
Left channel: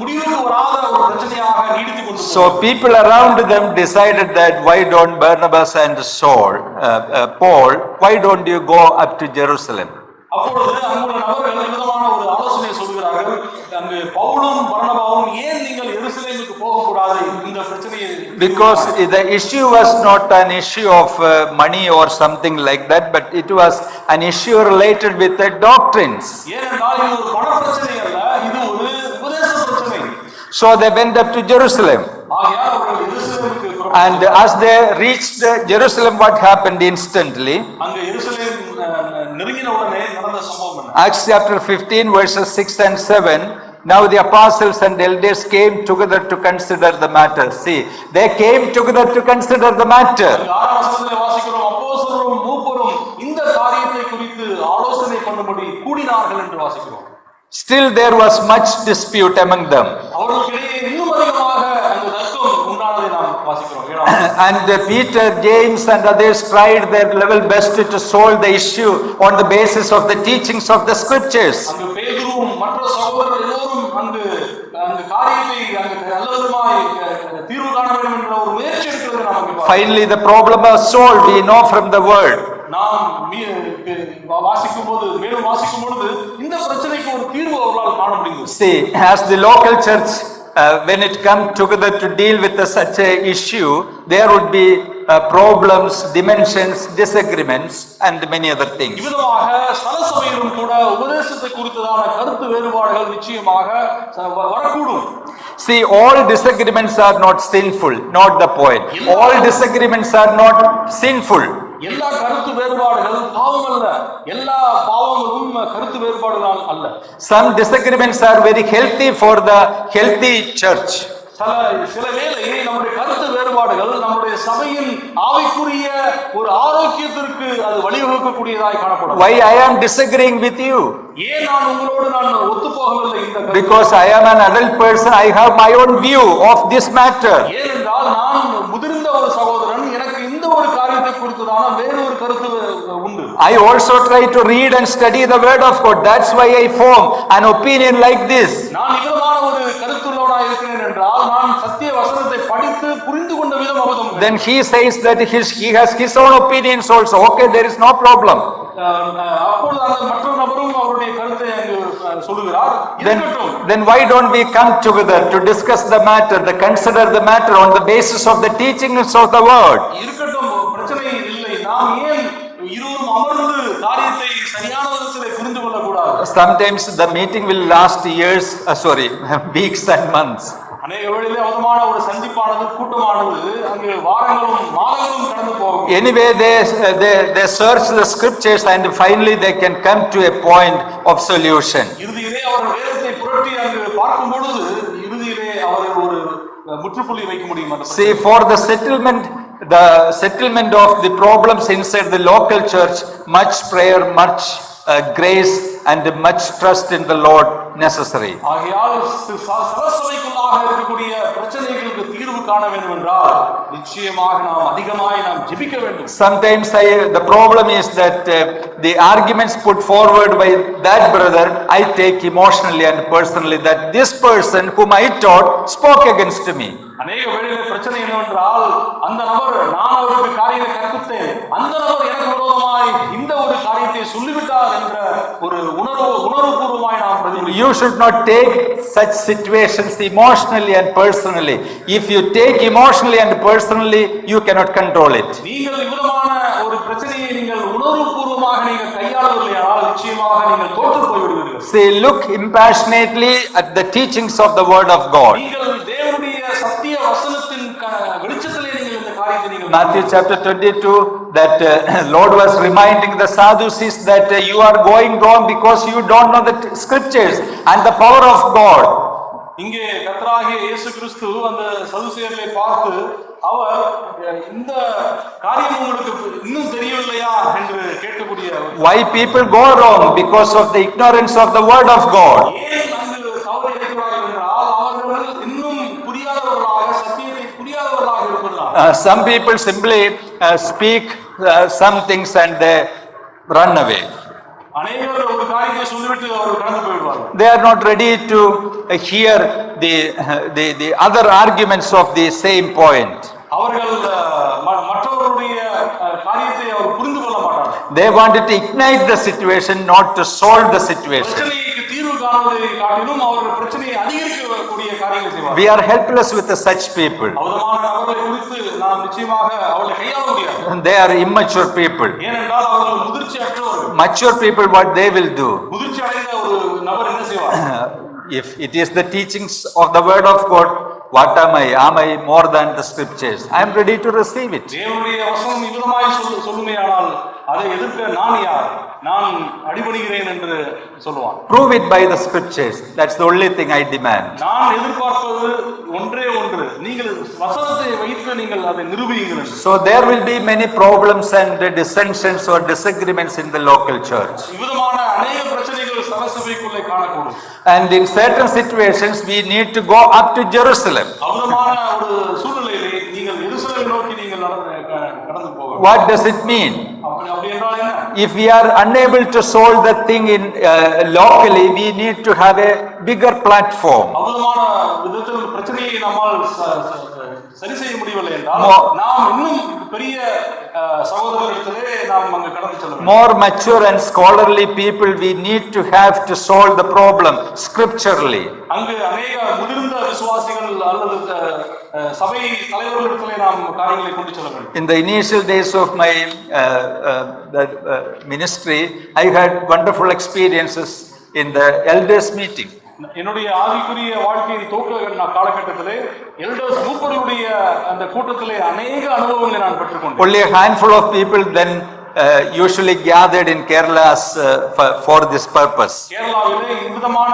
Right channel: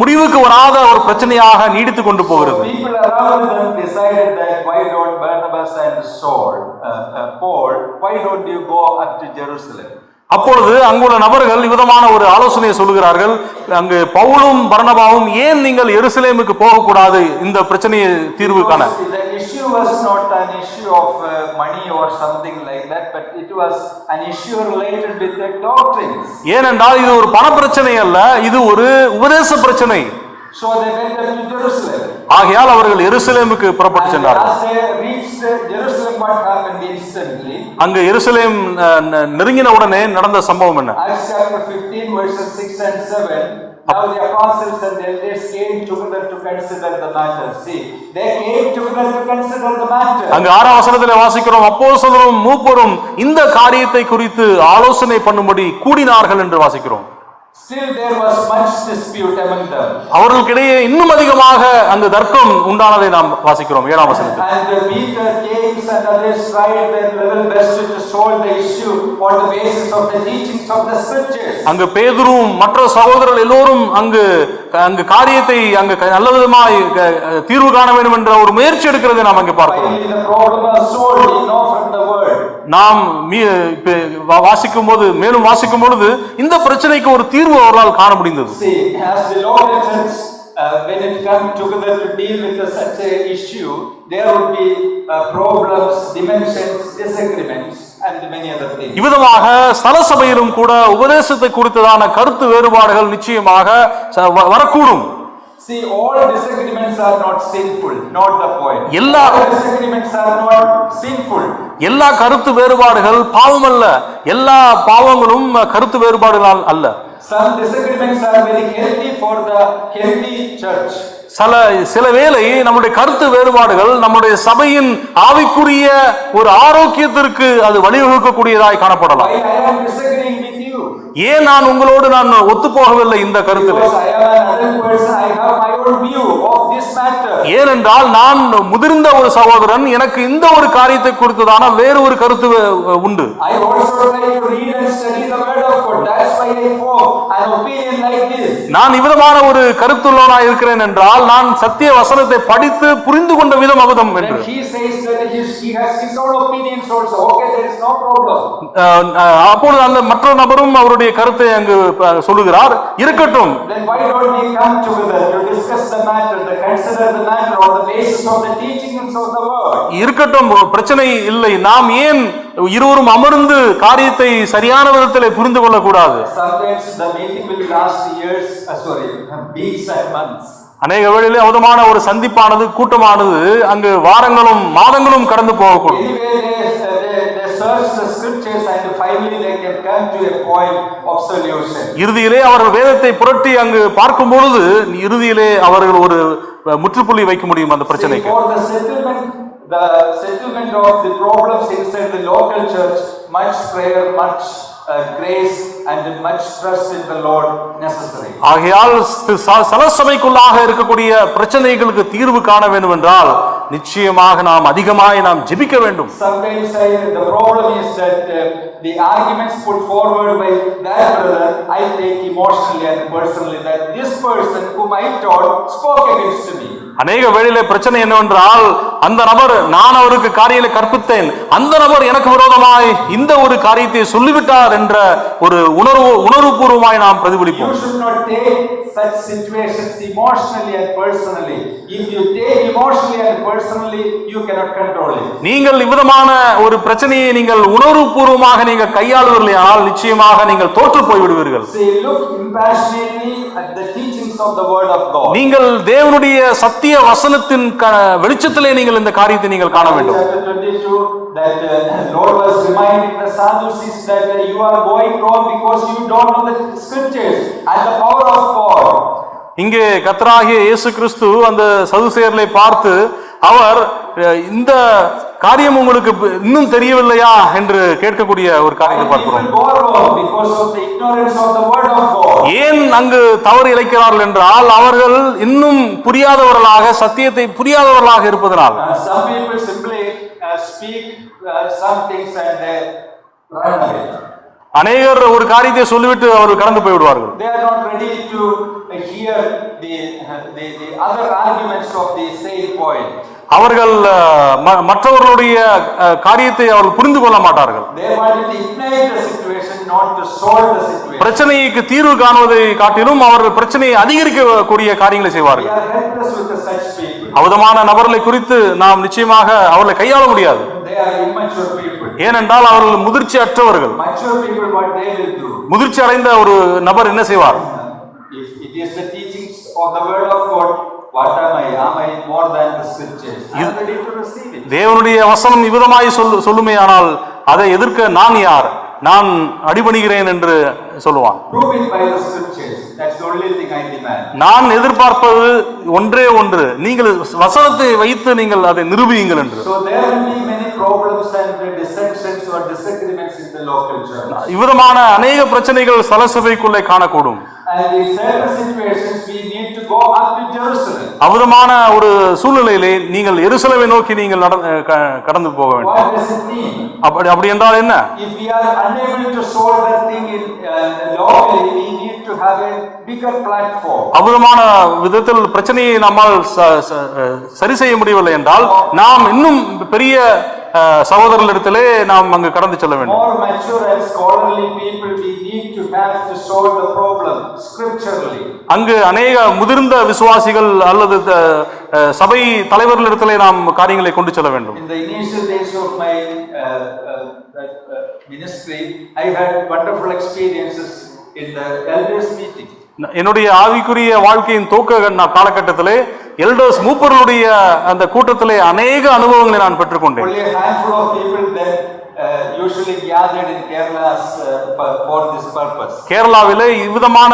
முடிவுக்கு வராத ஒரு பிரச்சனையாக நீடித்துக் கொண்டு போகிறது. So people around them decided that why don't Barnabas and Paul, why don't you go up to Jerusalem? அப்பொழுது அங்குள்ள நபர்கள் விதமான ஒரு ஆலோசனையை சொல்லுகிறார்கள். அங்கு பவுலும் பர்னபாவும் ஏன் நீங்கள் எருசலேமுக்கு போகக்கூடாது இந்த பிரச்சனையை தீர்வு காண? Because the issue was not an issue of money or something like that, but it was an issue related with the doctrines. ஏனென்றால் இது ஒரு பண பிரச்சனை அல்ல, இது ஒரு உபதேச பிரச்சனை. So they went up to Jerusalem. ஆகையால் அவர்கள் எருசலேமுக்கு புறப்பட்டு And சென்றார்கள். as they reached Jerusalem, what happened instantly? அங்கு எருசலேம் நெருங்கின உடனே நடந்த சம்பவம் என்ன? Acts chapter 15 verses 6 and 7. Now the apostles and elders came together to consider the matter. See, they came together to consider the matter. அங்கு 6ஆம் வசனத்திலே வாசிக்கிறோம், அப்போஸ்தலரும் மூப்பரும் இந்த காரியத்தை குறித்து ஆலோசனை பண்ணும்படி கூடினார்கள் என்று வாசிக்கிறோம். Still there was much dispute among them. அவர்களுக்கிடையே இன்னும் அதிகமாக அந்த தர்க்கம் உண்டானதை நாம் வாசிக்கிறோம். 7ஆம் வசனம். And Peter, James and others tried their level best to solve the issue on the basis of the teachings of the scriptures. அங்கு பேதுருவும் மற்ற சகோதரர்கள் எல்லோரும் அங்கு காரியத்தை அங்கு நல்ல விதமாய் தீர்வு காண வேண்டும் என்ற ஒரு முயற்சி எடுக்கிறதை நாம் அங்கு பார்க்கிறோம். Finally the problem was solved, we know from the word. நாம் வாசிக்கும் போது மேலும் வாசிக்கும் பொழுது இந்த பிரச்சனைக்கு ஒரு தீர்வு அவர்களால் காண முடிந்தது. See, as the local church when it come together to deal with such a issue, there would be problems, dimensions, disagreements and many other things. இவ்விதமாக ஸ்தல சபையிலும் கூட உபதேசத்தை குறித்ததான கருத்து வேறுபாடுகள் நிச்சயமாக வரக்கூடும். See, all disagreements are not sinful, not the point. All disagreements are not sinful. எல்லா கருத்து வேறுபாடுகள் பாவம் அல்ல, எல்லா பாவங்களும் கருத்து வேறுபாடுகள் அல்ல. Some disagreements are very healthy for the healthy church. சில வேளை நம்முடைய கருத்து வேறுபாடுகள் நம்முடைய சபையின் ஆவிக்குரிய ஒரு ஆரோக்கியத்திற்கு அது வழிவகுக்கக்கூடியதாய் காணப்படும். Why I am disagreeing with you? ஏன் நான் உங்களோடு நான் ஒத்து போகவில்லை இந்த கருத்து? Because I am an adult person, I have my own view of this matter. ஏனென்றால் நான் முதிர்ந்த ஒரு சகோதரன், எனக்கு இந்த ஒரு காரியத்தை குறித்துதான வேறு ஒரு கருத்து உண்டு. I also try to read and study the word of God. That's why I form an opinion like this. நான் இவ்விதமான ஒரு கருத்துள்ளவனாய் இருக்கிறேன் என்றால் நான் சத்திய வசனத்தை படித்து புரிந்து கொண்ட விதம் அபதம். Then he says that he has his own opinions also. Okay, there is no problem. அப்பொழுது அந்த மற்ற நபரும் அவருடைய கருத்தை அங்கு சொல்லுகிறார், இருக்கட்டும். Then why don't we come together to discuss the matter, to consider the matter on the basis of the teachings of the word? இருக்கட்டும், பிரச்சனை இல்லை. நாம் ஏன் இருவரும் அமர்ந்து காரியத்தை சரியான விதத்தில் புரிந்து கொள்ள கூடாது? Sometimes the meeting will last years, weeks and months. அநேக வேளையிலே அவதமான ஒரு சந்திப்பானது கூட்டமானது அங்கு வாரங்களும் மாதங்களும் கடந்து போகும். Anyway, they search the scriptures and finally they can come to a point of solution. இறுதியிலே அவர்கள் வேதத்தை புரட்டி அங்கு பார்க்கும் பொழுது இறுதியிலே அவர்கள் ஒரு முற்றுப்புள்ளி வைக்க முடியும் அந்த பிரச்சனை. See, for the settlement of the problems inside the local church, much prayer, much grace and much trust in the Lord necessary. ஆகையால் சலசபைக்குள்ளாக இருக்கக்கூடிய பிரச்சனைகளுக்கு தீர்வு காண வேண்டும் என்றால் நிச்சயமாக நாம் அதிகமாய் நாம் ஜெபிக்க வேண்டும். Sometimes the problem is that the arguments put forward by that brother, I take emotionally and personally that this person whom I taught spoke against me. அநேக வேளையிலே பிரச்சனை என்னவென்றால் அந்த நபர், நான் அவருக்கு காரியங்களை கற்பித்தேன், அந்த நபர் எனக்கு விரோதமாய் இந்த ஒரு காரியத்தை சொல்லிவிட்டார் என்ற ஒரு உணர்வுபூர்வமாய் நாம் பிரதிபலிப்போம். You should not take such situations emotionally and personally. If you take emotionally and personally, you cannot control it. நீங்கள் இவ்விதமான ஒரு பிரச்சனையை நீங்கள் உணர்வுபூர்வமாக நீங்கள் கையாளுவீர்களானால் நிச்சயமாக நீங்கள் தோற்று போய் விடுவீர்கள். Say, look impassionately at the teachings of the word of God. நீங்கள் தேவனுடைய சத்திய வசனத்தின் வெளிச்சத்திலே நீங்கள் இந்த காரியத்தை நீங்கள் காண வேண்டும். Chapter 22, that Lord was reminding the Sadducees that you are going wrong because you don't know the scriptures and the power of God. இங்கே கர்த்தராகிய இயேசு கிறிஸ்து அந்த சதுசேயர்களை பார்த்து அவர் இந்த காரியம் உங்களுக்கு இன்னும் தெரியவில்லையா என்று கேட்கக்கூடிய ஒரு காரியம். Why people go wrong? Because of the ignorance of the word of God. ஏன் அங்கு தவறு இழைக்கிறார்கள் என்றால் அவர்கள் இன்னும் புரியாதவர்களாக, சத்தியத்தை புரியாதவர்களாக இருப்பதனால். Some people simply speak some things and they run away. அநேகர் ஒரு காரியத்தை சொல்லிவிட்டு அவர் கடந்து போய் விடுவார்கள். They are not ready to hear the other arguments of the same point. அவர்கள் மற்றவர்களுடைய காரியத்தை அவர்கள் புரிந்து கொள்ள மாட்டார்கள். They wanted to ignite the situation, not to solve the situation. பிரச்சனைக்கு தீர்வு காணுவதை காட்டிலும் அவர்கள் பிரச்சனையை அதிகரிக்கக்கூடிய காரியங்களை செய்வார்கள். We are helpless with such people. அவதமான நபர்களை குறித்து நாம் நிச்சயமாக அவர்களை கையாள முடியாது. They are immature people. ஏனென்றால் அவர்கள் முதிர்ச்சி அற்றவர்கள். Mature people, what they will do? முதிர்ச்சி அடைந்த ஒரு நபர் என்ன செய்வார்? If it is the teachings of the word of God, what am I? Am I more than the scriptures? I am ready to receive it. தேவனுடைய வசனம் இவ்விதமாய் சொல்லுமேயானால் அதை எதிர்க்க நான் யார்? நான் அடிபணிகிறேன் என்று சொல்லுவான். Prove it by the scriptures. That's the only thing I demand. நான் எதிர்பார்ப்பது ஒன்றே ஒன்று, நீங்கள் வசனத்தை வைத்து நீங்கள் அதை நிரூபியுங்கள் என்று. So there will be many problems and dissensions or disagreements in the local church. இவ்விதமான அநேக பிரச்சனைகள் சலசபைக்குள்ளே காணக்கூடும். And in certain situations we need to go up to Jerusalem. அவ்விதமான ஒரு சூழ்நிலையிலே நீங்கள் எருசலேமை நோக்கி நீங்கள் கடந்து போக வேண்டும். What does it mean? அப்படி என்றால் என்ன? If we are unable to solve that thing in locally, we need to have a bigger platform. அவ்விதமான விதத்தில் பிரச்சனையை நம்மால் சரி செய்ய முடியவில்லை என்றால் நாம் இன்னும் பெரிய சகோதரர்களிடத்திலே நாம் அங்கு கடந்து செல்ல வேண்டும். More mature and scholarly people we need to have to solve the problem scripturally. அங்கு அநேக முதிர்ந்த விசுவாசிகள் அல்லது சபை தலைவர்களிடத்திலே நாம் காரியங்களை கொண்டு செல்ல வேண்டும். In the initial days of my ministry, I had wonderful experiences in the elders meeting. என்னுடைய ஆவிக்குரிய வாழ்க்கையின் துவக்க காலகட்டத்திலே எல்டர்ஸ் மூப்பர்களுடைய அந்த கூட்டத்திலே அநேக அனுபவங்களை நான் பெற்றுக்கொண்டேன். Only a handful of people then usually gathered in Kerala for this purpose. கேரளாவிலே இவ்விதமான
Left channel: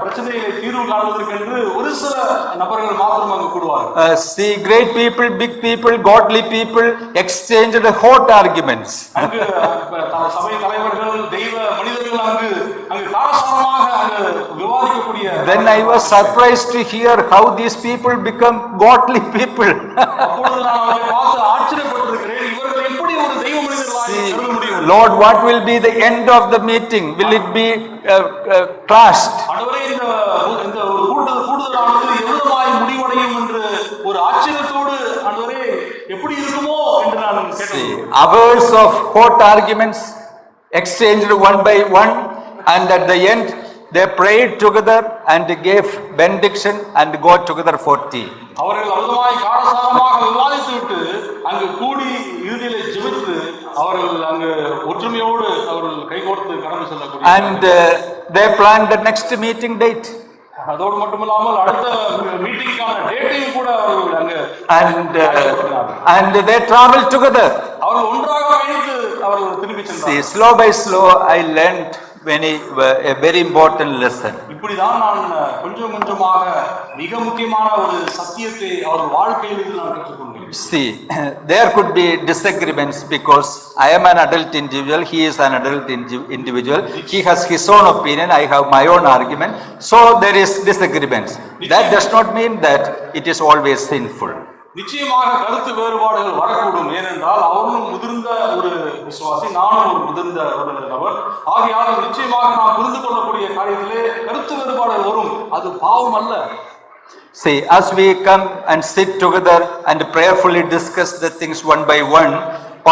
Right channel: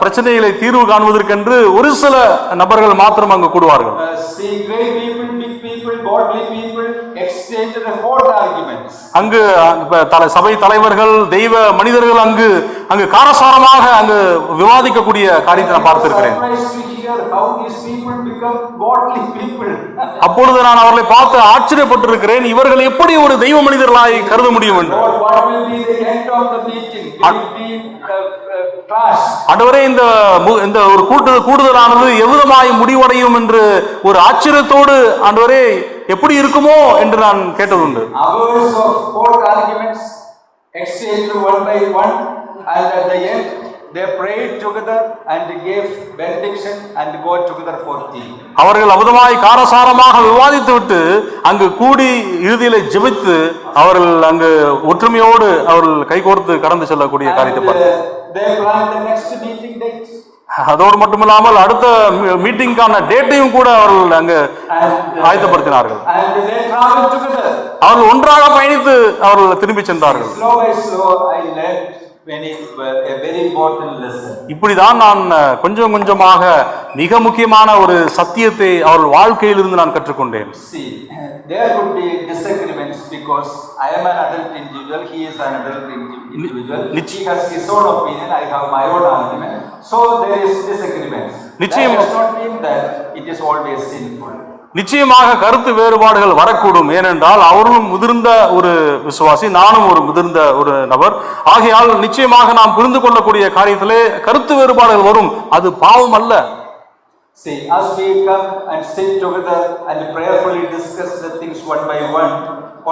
பிரச்சனைகளை தீர்வு காண்பதற்கென்று ஒரு சில நபர்கள் மாத்திரம் அங்கு கூடுவார்கள். See, great people, big people, godly people exchanged hot arguments. அங்கு சபை தலைவர்கள், தெய்வ மனிதர்கள் அங்கு காரசாரமாக அங்கு விவாதிக்கக்கூடிய காரியங்களை I was பார்க்கிறேன். surprised to hear how these people become godly people. அப்பொழுது நான் அவர்களை பார்த்து ஆச்சரியப்பட்டிருக்கிறேன். இவர்கள் எப்படி ஒரு தெய்வ மனிதர்களாய் கருத முடியும்? Lord, what will be the end of the meeting? Will it be clashed? ஆண்டவரே, இந்த ஒரு கூடுதலானது எவ்விதமாய் முடிவடையும் என்று ஒரு ஆச்சரியத்தோடு ஆண்டவரே எப்படி இருக்குமோ என்று நான் கேட்டதுண்டு. Hours of hot arguments exchanged one by one, and at the end they prayed together and gave benediction and go together for tea. அவர்கள் அமுதமாய் காரசாரமாக விவாதித்து விட்டு அங்கு கூடி இறுதியிலே ஜெபித்து அவர்கள் அங்கு ஒற்றுமையோடு அவர்கள் கைகோர்த்து கடந்து செல்லக்கூடிய And they planned the next meeting date. அதோடு மட்டுமில்லாமல் அடுத்த மீட்டிங்கான டேட்டையும் கூட அவர்கள் அங்கு ஆயத்தப்படுத்தினார்கள். And they traveled together. அவர்கள் ஒன்றாக பயணித்து அவர்கள் திரும்பி சென்றார்கள். Slow by slow I learned a very important lesson. இப்படிதான் நான் கொஞ்சம் கொஞ்சமாக மிக முக்கியமான ஒரு சத்தியத்தை அவர்கள் வாழ்க்கையிலிருந்து நான் கற்றுக்கொண்டேன். See, there could be disagreements because I am an adult individual, he is an adult individual, he has his own opinion, I have my own argument, so there is disagreements. That does not mean that it is always sinful. நிச்சயமாக கருத்து வேறுபாடுகள் வரக்கூடும். ஏனென்றால் அவர்களும் முதிர்ந்த ஒரு விசுவாசி, நானும் ஒரு முதிர்ந்த ஒரு நபர். ஆகையால் நிச்சயமாக நாம் புரிந்து கொள்ளக்கூடிய காரியத்திலே கருத்து வேறுபாடுகள் வரும். அது பாவம் அல்ல. See, as we come and sit together and prayerfully discuss the things one by one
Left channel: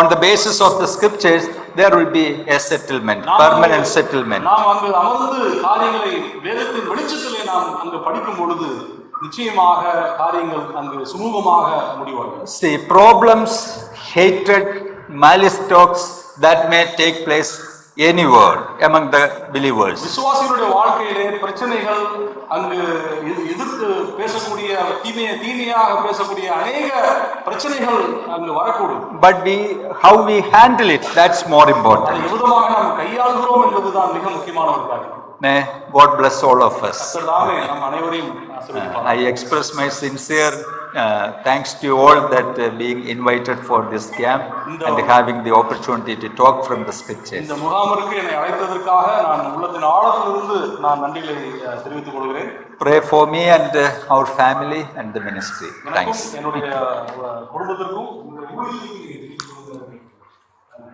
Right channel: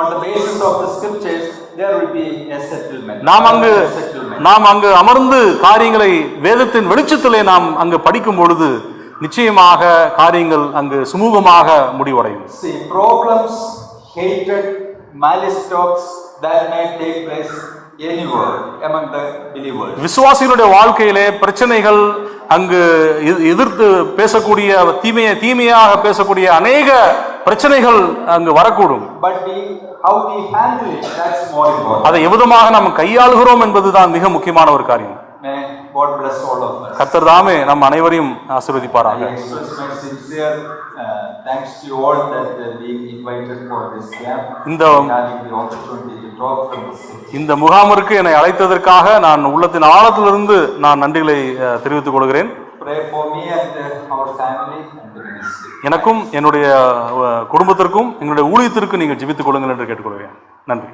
on the basis of the scriptures, there will be a settlement, permanent settlement. நாம் அங்கு அமர்ந்து காரியங்களை வேதத்தின் வெளிச்சத்திலே நாம் அங்கு படிக்கும் பொழுது நிச்சயமாக காரியங்கள் அங்கு சுமூகமாக முடிவடையும். See, problems, hatred, malice talks that may take place anywhere among the believers. விசுவாசிகளுடைய வாழ்க்கையிலே பிரச்சனைகள், அங்கு எதிர்த்து பேசக்கூடிய தீமையாக பேசக்கூடிய அநேக பிரச்சனைகள் அங்கு வரக்கூடும். But how we handle it, that's more important. அதை எவ்விதமாக நாம் கையாளுகிறோம் என்பதுதான் மிக முக்கியமான ஒரு காரியம். May God bless all of us. கர்த்தர் தாமே நம் அனைவரையும் ஆசீர்வதிப்பாராக. I express my sincere thanks to you all that being invited for this camp and having the opportunity to talk from the scripture. இந்த முகாமிற்கு என்னை அழைத்ததற்காக நான் உள்ளத்தின் ஆழத்திலிருந்து நான் நன்றிகளை தெரிவித்துக் கொள்கிறேன். Pray for me and our family and the ministry. எனக்கும் என்னுடைய குடும்பத்திற்கும் எங்களுடைய ஊழியத்திற்கும் நீங்கள் ஜெபித்துக் கொள்ளுங்கள் என்று கேட்டுக்கொள்கிறேன். நன்றி.